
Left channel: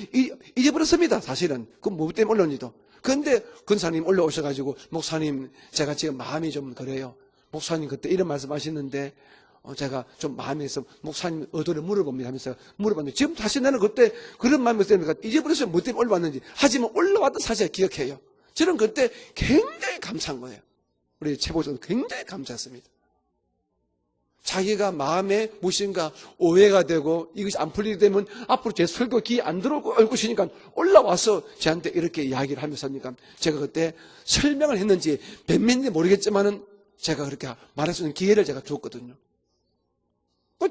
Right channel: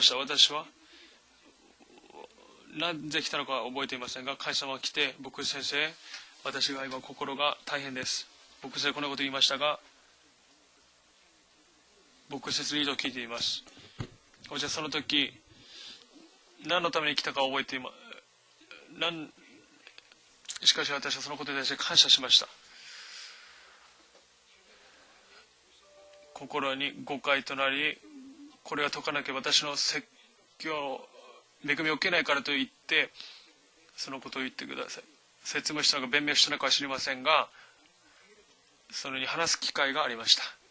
잊어버렸습니다. 사실은 그 뭐 때문에 올라온지도. 그런데 근사님 올라오셔가지고 목사님 제가 지금 마음이 좀 그래요. 목사님 그때 이런 말씀하시는데 제가 좀 마음에서 목사님 의도를 물어봅니다. 하면서 물어봤는데 지금 다시 나는 그때 그런 마음을 때문에 잊어버렸어요. 뭐 때문에 올라왔는지. 하지만 올라왔다 사실 기억해요. 저는 그때 굉장히 감사한 거예요. 우리 최고들 굉장히 감사했습니다. 자기가 마음에 무엇인가 오해가 되고 이것이 안 풀리게 되면 앞으로 제 설도 귀에 안 들어오고 얼굴 쉬니까 올라와서 저한테 이렇게 이야기를 하면서 하니까 제가 그때 설명을 했는지 몇 모르겠지만은 제가 그렇게 말할 수 있는 기회를 제가 줬거든요.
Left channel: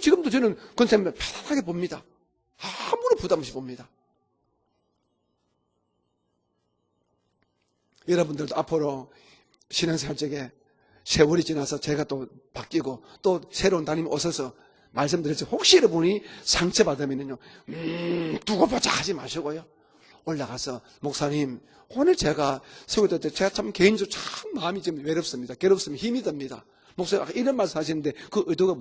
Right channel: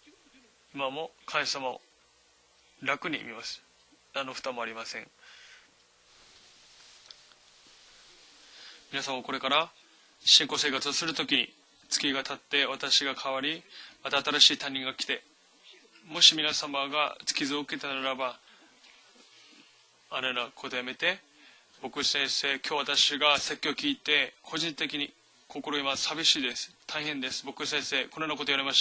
지금도 저는 권사님을 편하게 봅니다. 아무런 부담 없이 봅니다. 여러분들도 앞으로 신앙생활 중에 세월이 지나서 제가 또 바뀌고 또 새로운 담임이 오셔서 말씀드렸죠. 혹시 여러분이 상처받으면요 두고 보자 하지 마시고요. 올라가서 목사님 오늘 제가 세울 때도 제가 참 개인적으로 참 마음이 좀 외롭습니다. 괴롭습니다. 힘이 듭니다. 목사님 이런 말씀 하시는데 그 의도가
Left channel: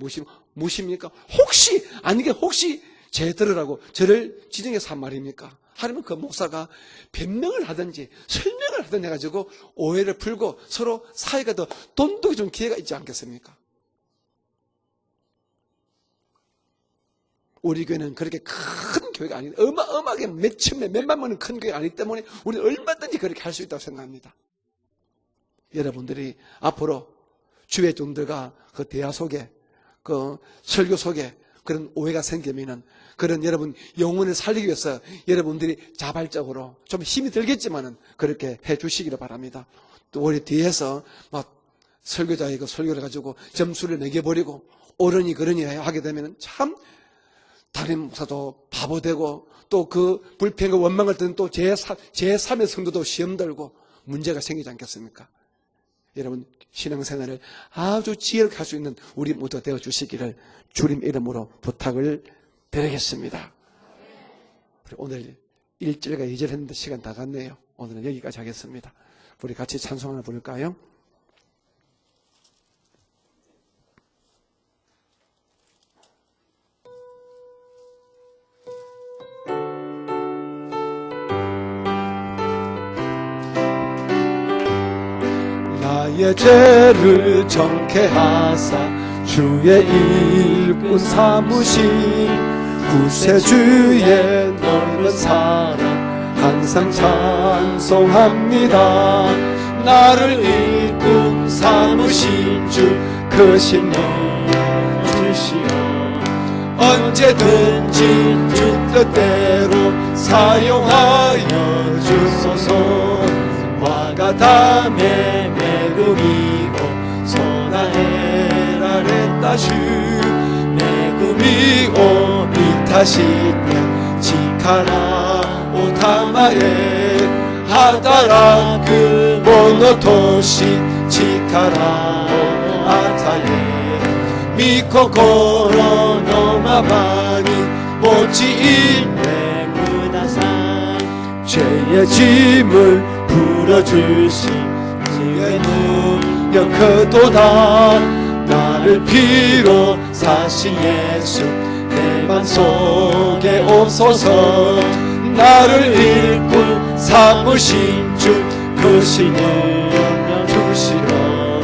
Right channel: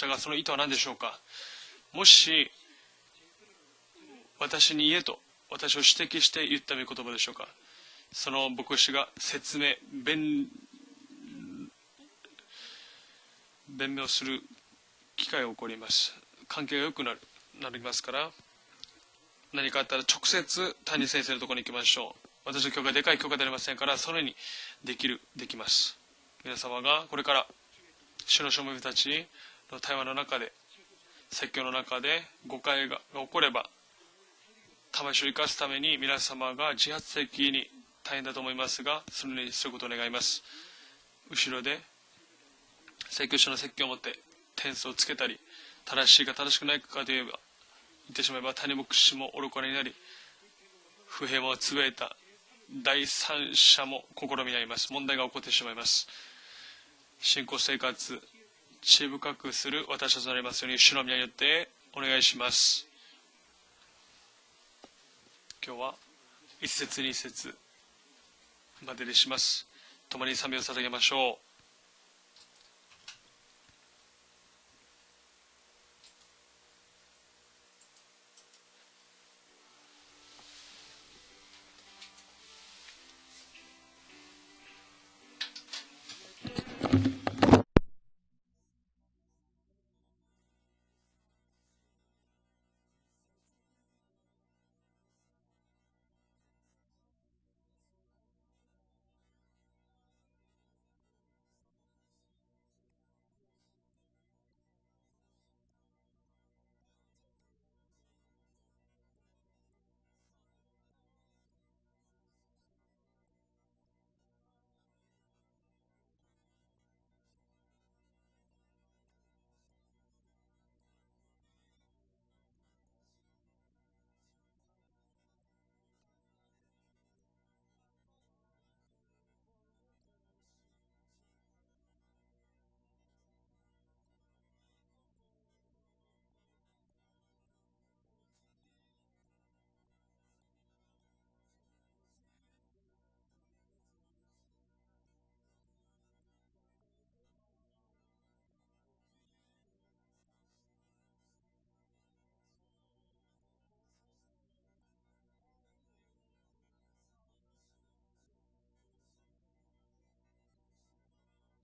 무엇입니까? 혹시 아니게 혹시 제 들으라고 저를 지정해서 한 말입니까? 하루는 그 목사가 변명을 하든지 설명을 하든지 해가지고 오해를 풀고 서로 사이가 더 돈독이 좀 기회가 있지 않겠습니까? 우리 교회는 그렇게 큰 교회가 아니고 어마어마하게 몇만 명이 큰 교회가 아니기 때문에 우리는 얼마든지 그렇게 할 수 있다고 생각합니다. 여러분들이 앞으로 주의 종들가 그 대화 속에 그 설교 속에 그런 오해가 생기면 그런 여러분 영혼을 살리기 위해서 여러분들이 자발적으로 좀 힘이 들겠지만은 그렇게 해 주시기를 바랍니다. 우리 뒤에서 막 설교자의 그 설교를 가지고 점수를 매겨버리고 옳으니 그러니 하게 되면 참 다른 목사도 바보 되고 또 그 불평과 원망을 듣는 또 제3의 성도도 시험 들고 문제가 생기지 않겠습니까? 여러분 신앙생활을 아주 지혜롭게 할 수 있는 우리 모두 되어주시기를 주님 이름으로 부탁을 드리겠습니다. 오늘 1절과 2절 했는데 시간 다 갔네요. 오늘은 여기까지 하겠습니다. 우리 같이 찬송을 드릴까요? 나의 죄를 정케하사 주의 일꾼 삼으신 구세주의 넓은 사랑 항상 찬송합니다. 나를 일꾼 삼으신 주 그 신령 주시오 언제든지 주 뜻대로 사용하여 주소서. 화가 담에 매금이고 소나해라를 따슈 매금이오 미타시냐 지카라 오타마에 하다라 그 모노토시 지카라 아타에 미코코로 노마바니 모치일레 무다사 죄의 짐을 풀어주신 주의 능력 크도다. 나를 피로 사신 예수 내 맘속에 오소서. 나를 일꾼 삼으신 주 그 신을 주시어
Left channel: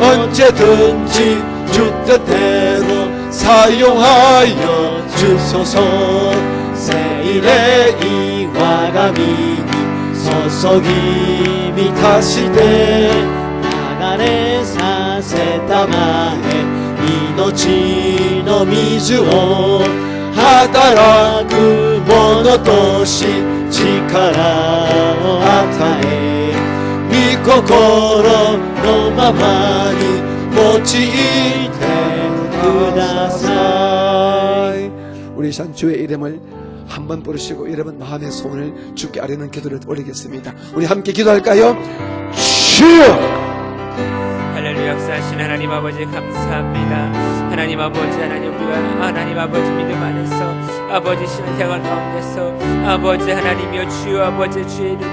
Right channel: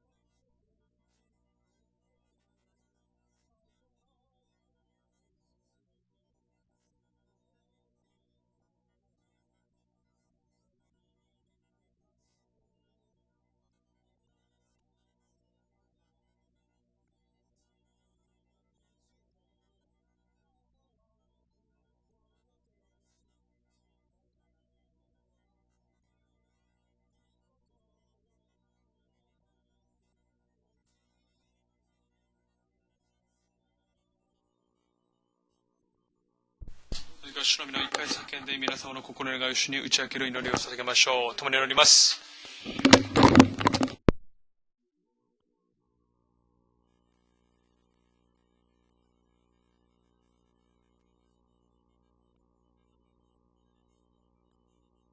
언제든지 주 뜻대로 사용하여 주소서. 세일의 이와 가미니 소속이 미타시되 나가레 사세타마에 이노치 노 미즈오 하다라 그 모노토시 지카라 아타에 미코코로 노마마니 모치이테 그다사이. 우리 산 주의 이름을 한번 부르시고 여러분 마음의 손을 주께 아뢰는 기도를 올리겠습니다. 우리 함께 기도할까요? 주여! 할렐루야. 역사하신 하나님 아버지 감사합니다. 하나님 아버지 우리가 하나님 아버지 믿음 안에서 아버지 신앙생활 가운데서 아버지 하나님이여 주여 아버지 주의 이름에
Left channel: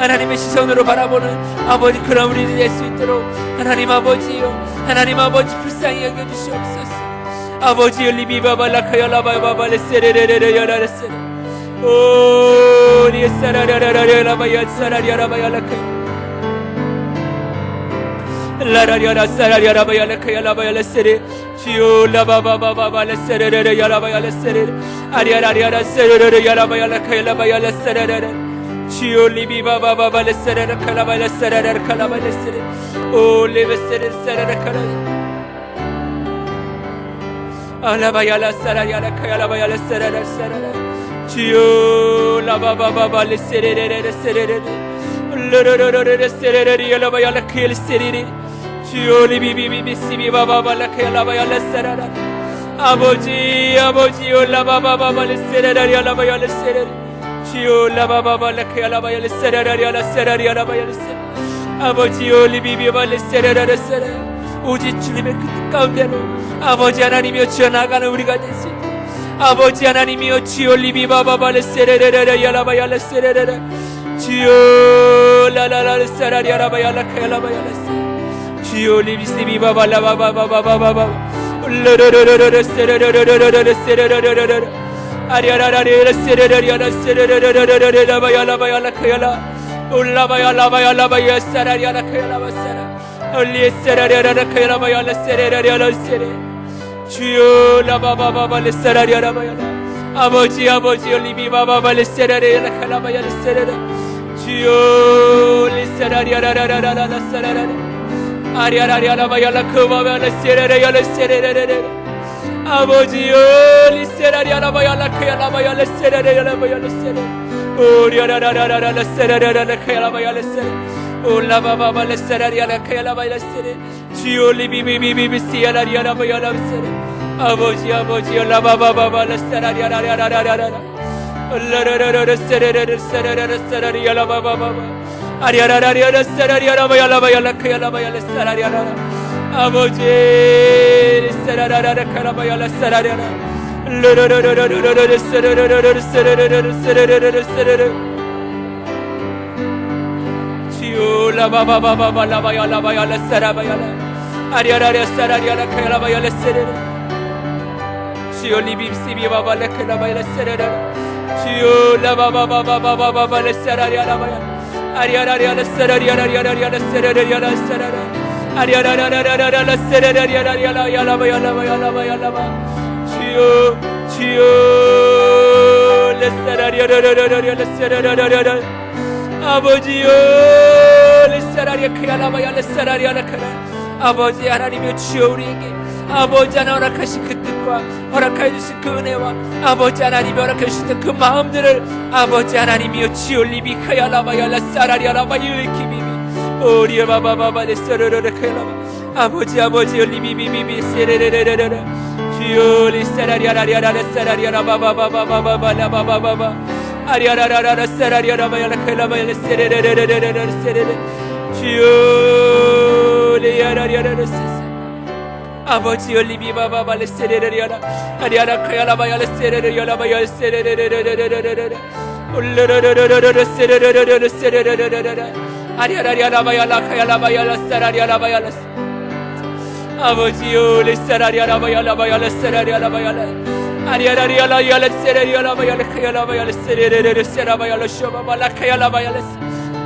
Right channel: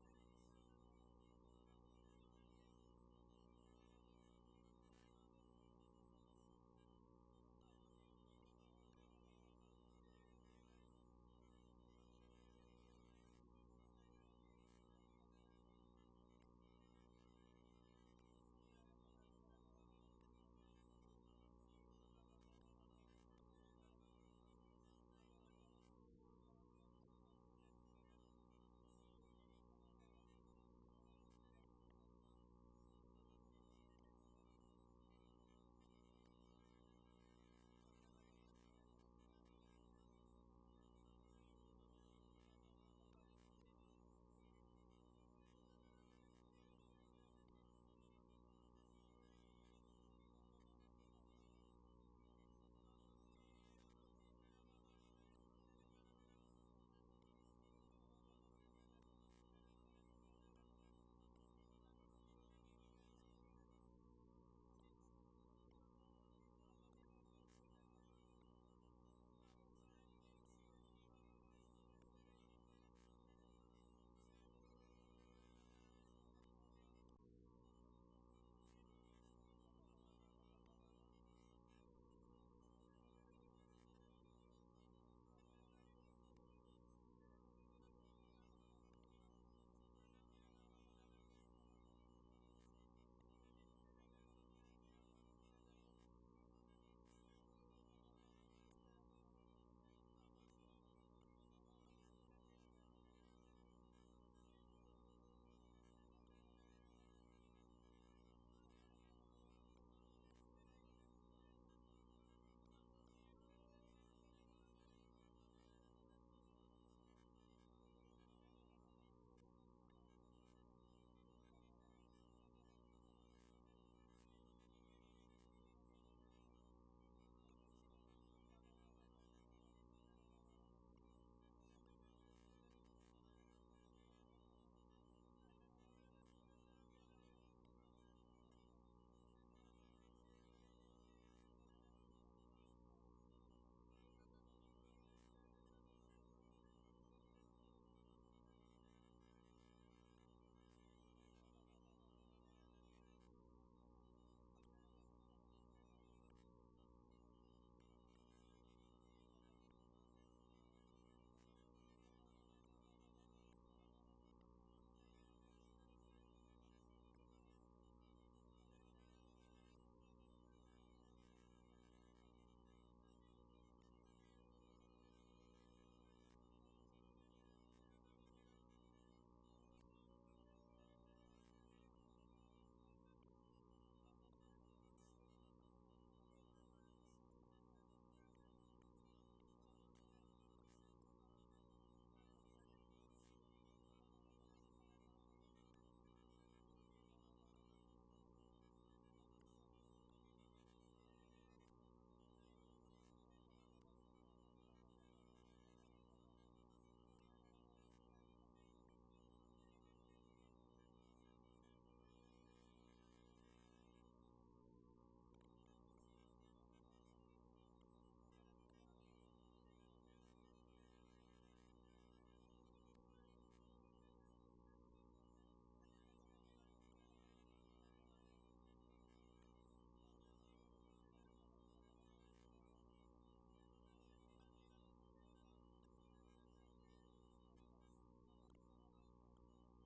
하나님의 시선으로 바라보는 아버지 그런 우리들이 될 수 있도록 하나님 아버지요, 하나님 아버지 불쌍히 여겨주시옵소서. 아버지요, 리비바발라카야라바바발레 세레레레레야라레세 오 리에사라라라라라바야 사라리아라바야라카 라라리아라 사라리아라바야라카야라바야레 세레 주요 라바바바바발레 세레레레야라바야레 세레 아리아라리아라 세레레레야라바야라카야라바야레 세레레레 주요 리비바바바발레 세레레카라바야레 세레레카라바야레 세레 오 리베세레 세레레카라 알라바야라 사라리아라 카야라바야레 세레레 세레레 주요 라바바바발레 세레레레 세레레 르르르르르 세레레 야라바야라 카야레 세레레 주요 리비비비비 시비바바발레 카야라바야레 세레레 아버지 아버지요 라바바바발레 세레레 야라바야레 세레레 주요 라바바발레 카야라바야레 세레레 야라 세레레 야라바야레 세레 아버지요 리비비발레 세레레 세레 오직 주님의 그 뜻 가운데로 아버지 하나님이여 주여 나가는 우리가 될 수 있도록 아버지 하나님이여 주여 리비바바발레 세레레레 야라바야레 세레레레 주여 라라라레 세라리 야라바야라 카야라바야레 주여 리비시비바발라바바바바바바 르르르르르 세레레레레레 세레레레레 아리아라라레 세레레레레 세레레레레레 라바야라바야라 카야라 올라바야라바야라바야 세라리야라 카야라바사라 올리에세라리아라 카야라바야라 세레레레레 세레 주여 라바바바발레 세라리아라바야라 아버지 아버지 올리비바바발레 세라리아라 카야라바야라 세레레 주여 리세라리아라라라라라 세라라라 아리아라리아라바야라 크바바라 세레레레레 세레레레레 아버지요 리세라리아라바야라 카야라바야라 세레레레라바야라 세레 오리아라라라라라 세레레레레 카야라바야라 세레 올라바바발레 세라리아라 카야라바야라 세레 주요 리비비비비비 시야라리아라바야라 세레 아버지 아버지 올라바바바발레 세라리아라라라라라 올라라라라 세레레레 세레레레 세라리아라바바바 아리아라라리아라 세라리아라바야라바야라 카야라바야라 세라리아라라 아버지 세라라라라 카라바야라 세라리아라 르르르르르르르 세레레레레 세레레레레 세레레레레 세레레 주요 라바바바바바 라바야라바야라 세라바야라 아리아라리아 세라리아라 카야라바야라 세레레 주요 리비시비바발레 카라바야라 세레레 주요 라바바바바바바발레 세라리아라바야라 아리아라리아라 세라리아라리아라리아라 세레레리아라 세라라 아리아라라라라라 세레레리아라리아라 야라바야라바야라바야라바 주요 주요 레세라리아라라라라 레세라라라라 아버지요 레세라리아 크야라바야 레세라리아라 크라 아버지 하나님이여 주여 우리에게 아버지 하나 허락하신 그 뜻과 허락해 주신 그 은혜와 아버지 하나님이 허락해 주신 그 마음들을 아버지 하나님이여 주여 리비 크야라바야 레세라리아라바 유이키비비 오리아바바바바 레세라라라 크야라바 아버지 아버지요 리비비비비 세레레레레레 주요 리세라리아라리아라 세라리아라바바바바바바바바바바 아리아라라라 세라리아라바야라 클라바야라 세레레레레레레 세레레 주요 리아라리아라 세세 아버지요 리비바바발레 세레레리아라 아리아라 카야라바야라 세레레리아라바야 세레레레레레레레레 올르르르르르르 세레레레레레 세레레레레레 아리아라리아라바야라 카야라바야라 세라리아라바야라 아버지요 리세라리아라바야라바야라 세라리아라바야라 아리아라리아라야라 세라리아라바야라 카야라바야라 세레레레레 세라바야라 쇼바발라 카야라바야라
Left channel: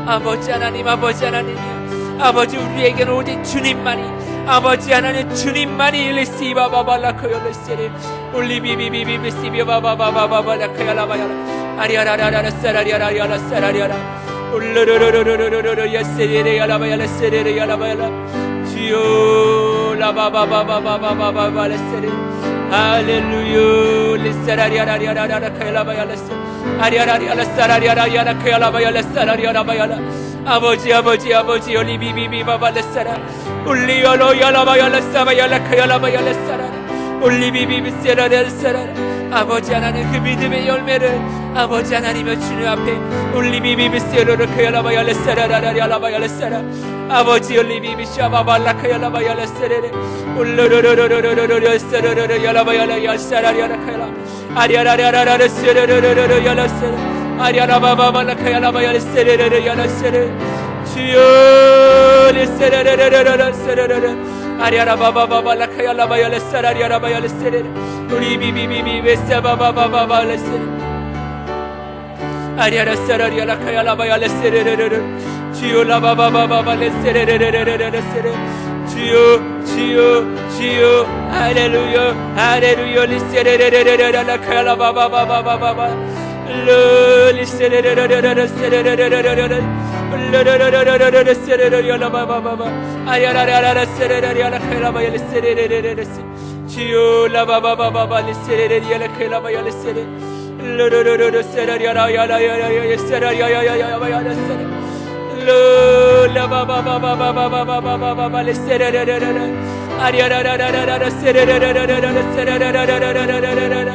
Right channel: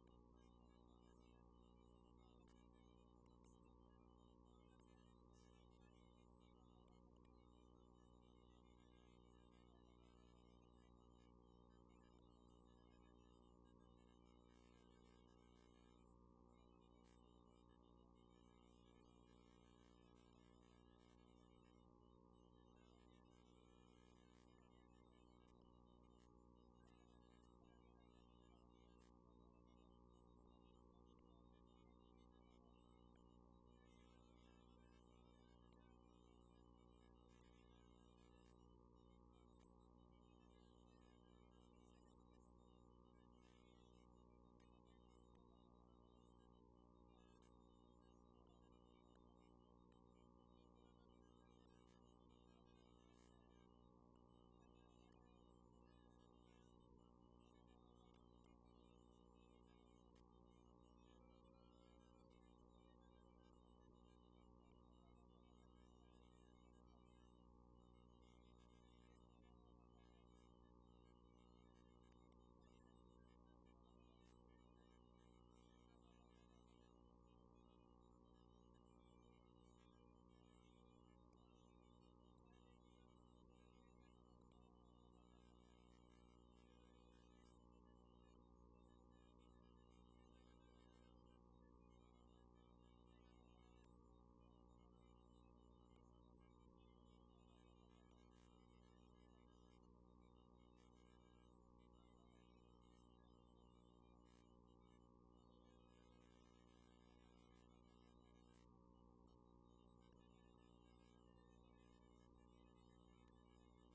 아버지 하나님 아버지 하나님이요 아버지 우리에게는 오직 주님만이 아버지 하나님 주님만이 리시바바발라 카야라 세레 올리비비비비비 시비바바바바바발라 카야라바야라 아리아라라라 세라리아라야라 세라리아라 올르르르르르르르 야세레레야라바야라 세레레야라바야라 주요 라바바바바바바바바 레세레 할렐루야 리세라리아라리아라라 카야라바야라 아리아라리아라 사라리아라야라 카야라바야라 사라리아라바야라 아버지 아버지 아버지 올리비비비바바 레세라 올리야로야라바야라 사바야라 카야라바야라 사라 올리비비비 세라레 세라 아버지 하나님 그 믿음의 열매를 아버지 하나님의 주님 앞에 올리비비비 세로를 카야라바야라 세라라라라바야라 세라 아버지 올리비비 샤바발라 카야라바야라 세레레 올르르르르르르르 세르르르 야라바야라 야사라리아라 카야라 아리아라라라라 세르르르르 야라 세라 아리아라바바발라카야라바야레세레레레야라세레 주여 레세레레레레레세레레레 아리아라바바바발라카야라바야레사라리아라바야레세레 우리비비비비 베사바바바바발레세레 아리아라사라리아라카야라바야레세레레레 주여 라바바바바발레세레레레레레세레 주여 주여 주여 할렐루야 할렐루야 리세레레레레라카야라바바바바바바 리세레레레레레세레레레레레 리세레레레레레세레레레레라바바바 아리아라라라세레레레라카야라바야레세레레레레 주여 라바바바바바 리세레레레라카야라바야레세레 루루루루루세라리아라야라야야야세라리아야야야야야세레 루라바바바바바바바바바바 리세레레레레 아리아라라라라라세레레레레레세레레레레레레레레레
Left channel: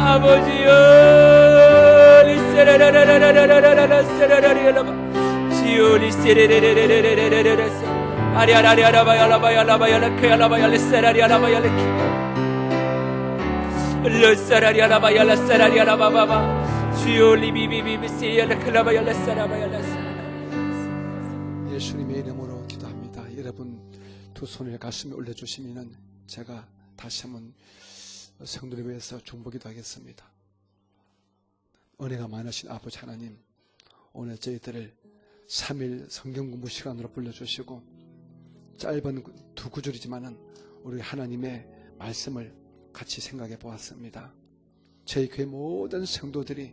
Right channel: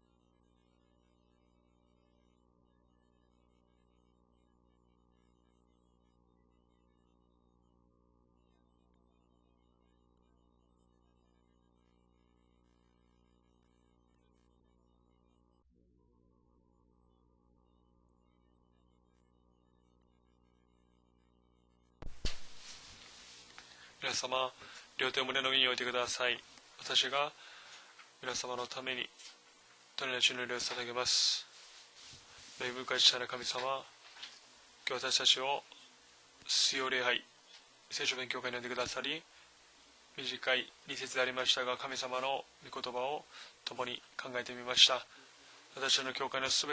아버지여 리세레레레레레레레레레레레레레레 주여 리세레레레레레레레레레 아리아라리아라바야라바야라바야라카야라바야레세라리아라바야레 루사라리아라바야라사라리아라바바바 주여 리비비비비시야라클라바야라사라바야라사 예수님의 이름으로 기도합니다. 여러분 두 손을 가슴에 올려주시면 제가 가슴은 성도를 위해서 중보기도 하겠습니다. 은혜가 많으신 아버지 하나님, 오늘 저희들을 3일 성경공부 시간에 불러주시고 짧은 두 구절이지만 우리 하나님의 말씀을 같이 생각해 보았습니다. 저희 교회 모든 성도들이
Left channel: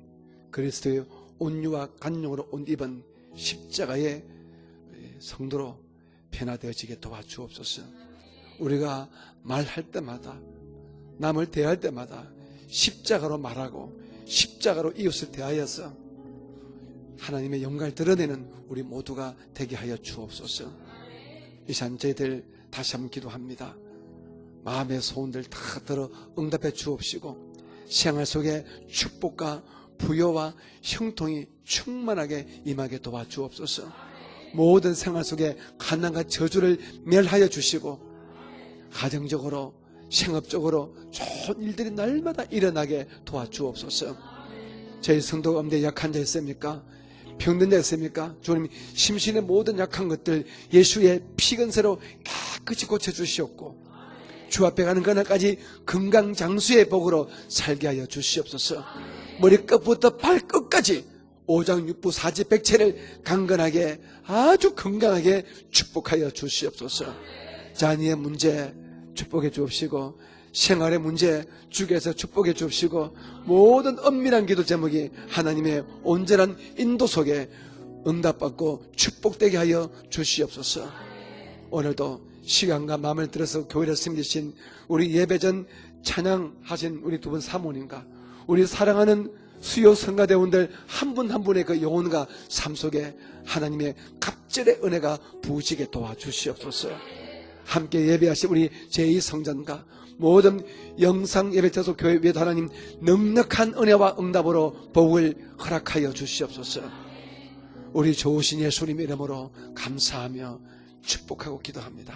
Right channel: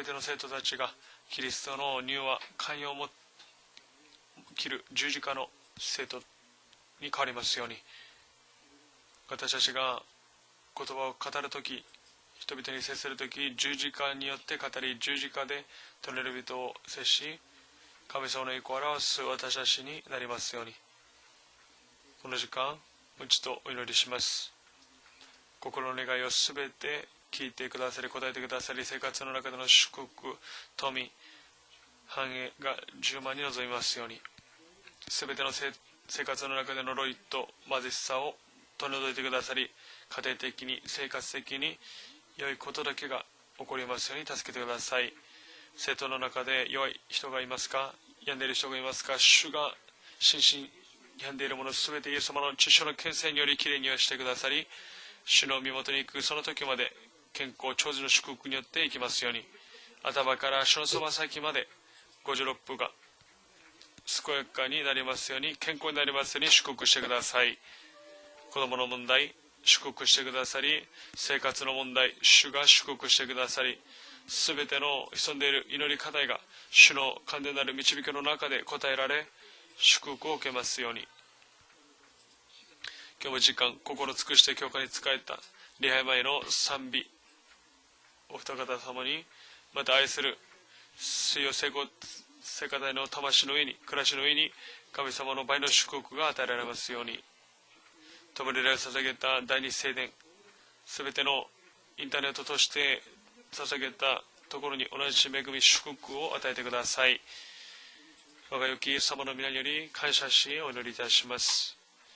그리스도의 온유와 강력으로 온 입은 십자가의 성도로 변화되어지게 도와주옵소서. 우리가 말할 때마다 남을 대할 때마다 십자가로 말하고 십자가로 이웃을 대하여서 하나님의 영광을 드러내는 우리 모두가 되게 하여 주옵소서. 이 시간 저희들 다시 한번 기도합니다. 마음의 소원들 다 들어 응답해 주옵시고 생활 속에 축복과 부여와 형통이 충만하게 임하게 도와주옵소서. 모든 생활 속에 가난과 저주를 멸하여 주시고 가정적으로 생업적으로 좋은 일들이 날마다 일어나게 도와주옵소서. 저희 성도 가운데 약한 자 있습니까? 병든 자 있습니까? 주님 심신의 모든 약한 것들 예수의 피근세로 깨끗이 고쳐주시옵고 주 앞에 가는 그날까지 금강장수의 복으로 살게 하여 주시옵소서. 머리끝부터 발끝까지 오장육부 사지백체를 강건하게 아주 건강하게 축복하여 주시옵소서. 자녀의 문제 축복해 주옵시고 생활의 문제 주께서 축복해 주시고 모든 엄밀한 기도 제목이 하나님의 온전한 인도 속에 응답받고 축복되게 하여 주시옵소서. 오늘도 시간과 마음을 들여서 교회를 섬기신 우리 예배전 찬양하신 우리 두 분 사모님과 우리 사랑하는 수요 성가대원들 한 분 한 분의 그 영혼과 삶 속에 하나님의 갑절의 은혜가 부으시게 도와주시옵소서. 함께 예배하신 우리 제2성장과 모든 영상 예배 접속 교회 예배 하나님 넉넉한 은혜와 응답으로 복을 허락하여 주시옵소서. 우리 좋으신 예수님 이름으로 감사하며 축복하고 기도합니다.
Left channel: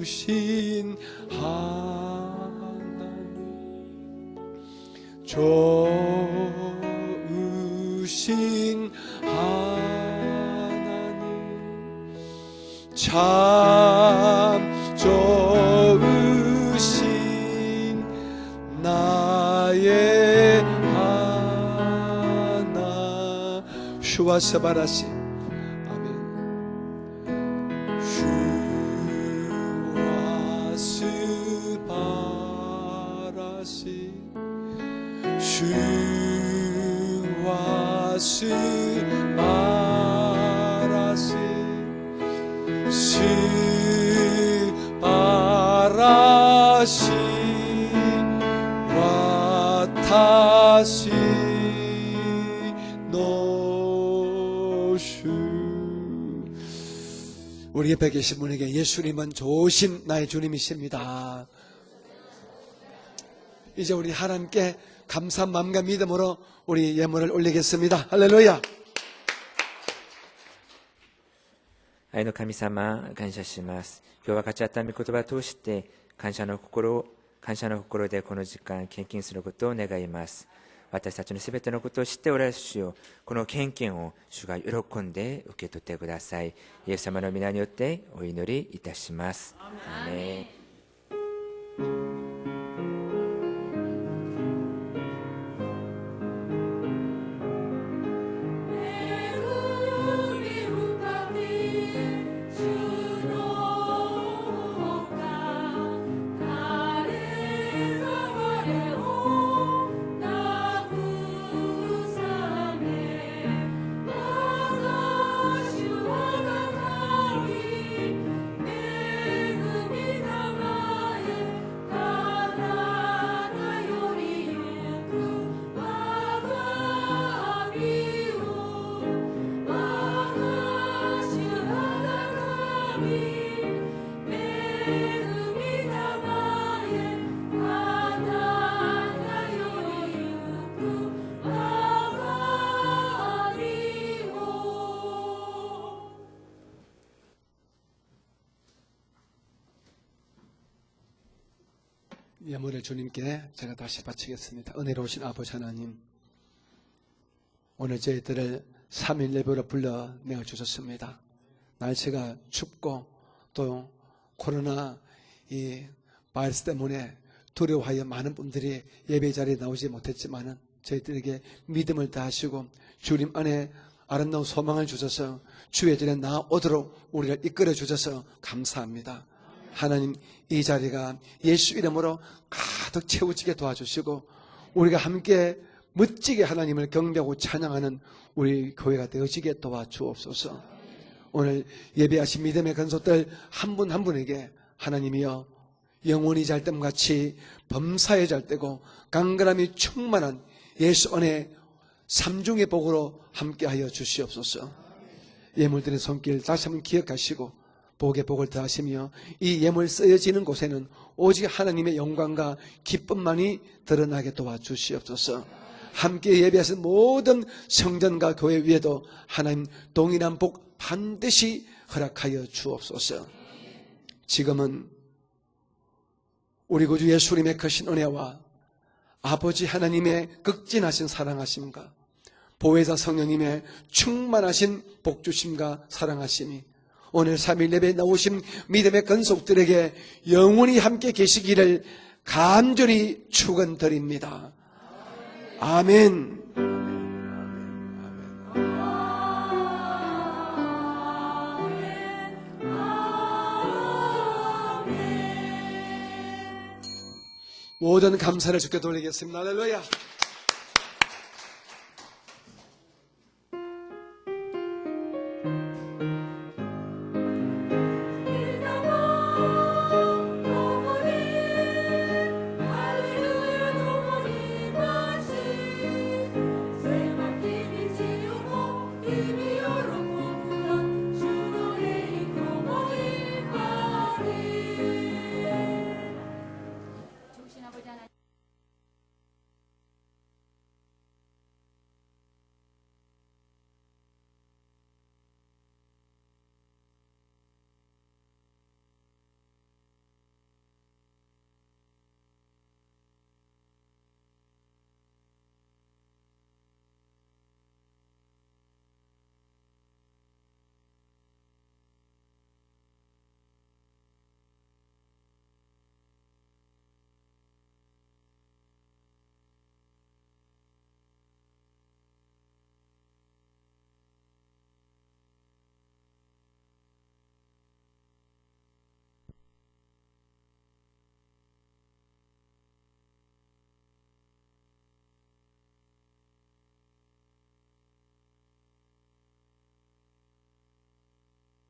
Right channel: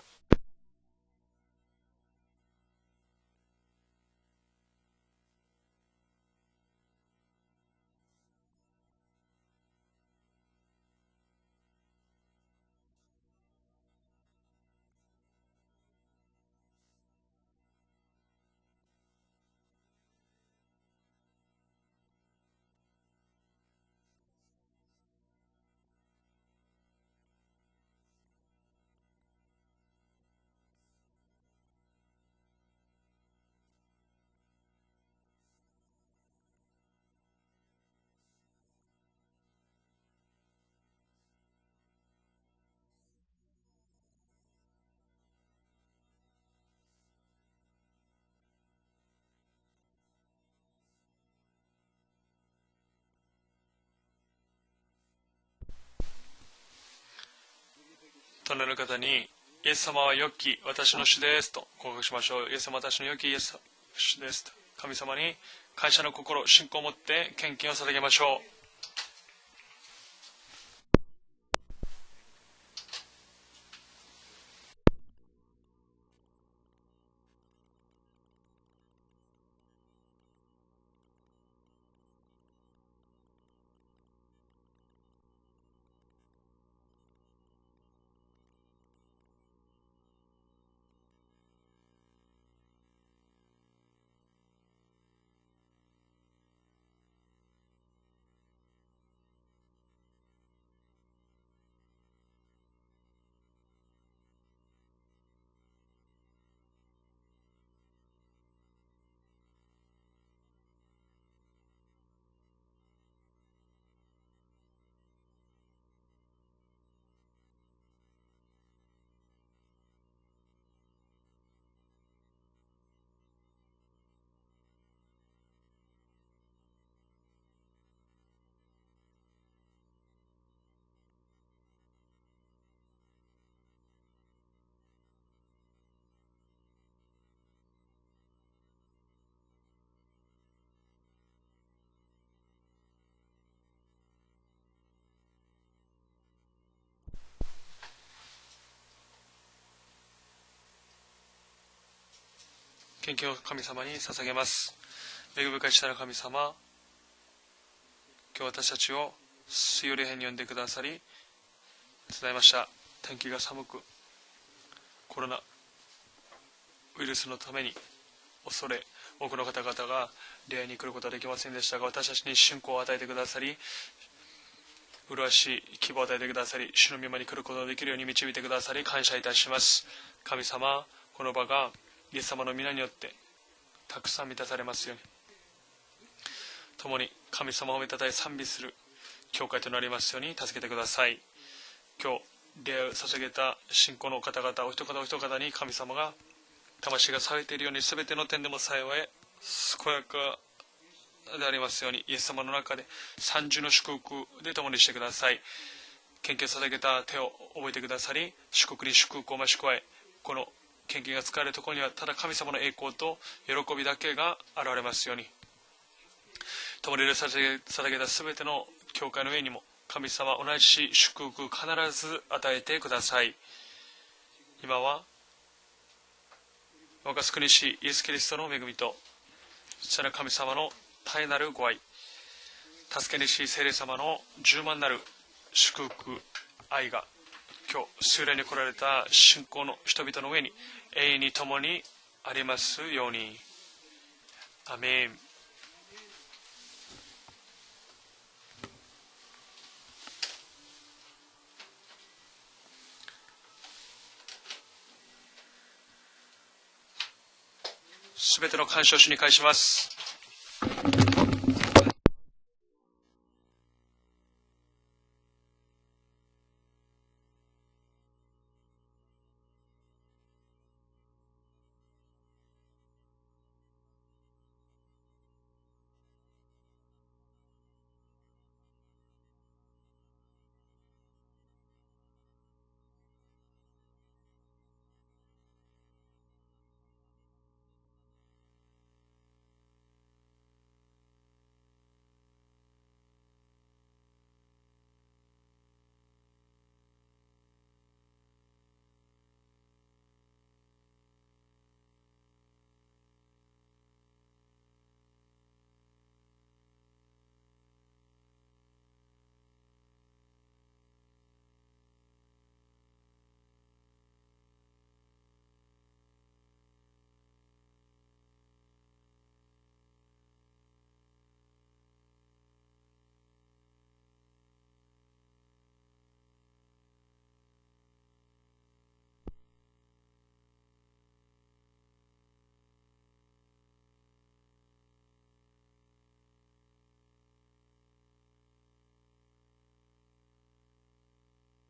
좋으신 하나님, 좋으신 하나님, 참 좋으신 나의 하나. 슈와스바라시 아멘. 슈와스바라시 슈와스바라시 스바라시 와타시 노슈. 우리 옆에 계신 분에게 예수님은 좋으신 나의 주님이십니다. 이제 우리 하나님께 감사한 마음과 믿음으로 우리 예물을 올리겠습니다. 할렐루야. 愛の神様、感謝します。今日は勝ち合った御言葉を通して感謝の心を感謝の心でこの時間献金することを願います。私たちのすべてのことを知っておられる主よ、この献金を主が喜んで受け取ってください。イエス様の皆によってお祈りいたします。アーメン。献金を神様に捧げます。恵深い主なる神様、 오늘 저희들을 私たちを 3일 예배로 水曜 불러 礼拝に呼んでくださり 주셨습니다. ござい 날씨가 ました。 춥고 天気が寒く 또 코로나 コロナ 이 바이러스 ウ 때문에 イルスのために 두려워하여 많은 恐 분들이 れ 예배 多くの 자리에 方 나오지 々が 못했지만 礼拝に来ることができ 저희들에게 ませんでしたが 믿음을 私たちに信 다하시고 仰を与えてくだ 주님 さり 안에 아름다운 소망을 주셔서 麗しい 주의 希望を与 자리에 えてくださり 나오도록 主の御間に来 우리가 ることが 이끌어 できるように 주셔서 導いてくださり感謝い 감사합니다. たします 하나님神 이 様 자리가 この場が 예수 이름으로 イエス様の皆によっ 가득 て 채워지게 た 도와주시고 くさん満たされます 우리가 함께 멋지게 하나님을共に 경배하고 神様を 찬양하는 たたえ賛美す 우리 る 교회가 教 되어지게 会となりますように 도와주옵소서. 助けてください 오늘 예배하신 믿음의 礼を捧げ 건속들 た 한 분 信 한 仰の 분에게 方々お一方お一方 하나님이여 に神様が 영혼이 잘 뜸같이 범사에 잘 뜨고 강건함이 충만한 예수 안에 なりますようにイエス様の 삼중의 中に 복으로 三重の 함께하여 祝福を 주시옵소서. 共にしてください 예물들의 손길 献金捧 다시 げた 기억하시고 手を覚えてくださ 복의 り 복을 祝福 더하시며 に祝福を増 이 し加え 예물 쓰여지는 곳에는 献金が 오직 使われる 하나님의 ここにはただ神様 영광과 の栄光と 기쁨만이 喜びだけ 드러나게 が現れますように 도와주시옵소서. 함께 예배하신 모든 성전과 교회 위에도 하나님 동일한 복 반드시 허락하여 주옵소서. 지금은 今は 우리 구주 我が 예수님의 救い主 크신 イエスキリ 은혜와 ストの恵みと 아버지 하나님의 극진하신 사랑하심과 보혜사 성령님의 충만하신 복주심과 사랑하심이 오늘 3일 예배에 나오신 믿음의 건속들에게 영원히 함께 계시기를 간절히 축원드립니다. アメン 아멘. 모든 감사를 全ての感謝を主に返します 주께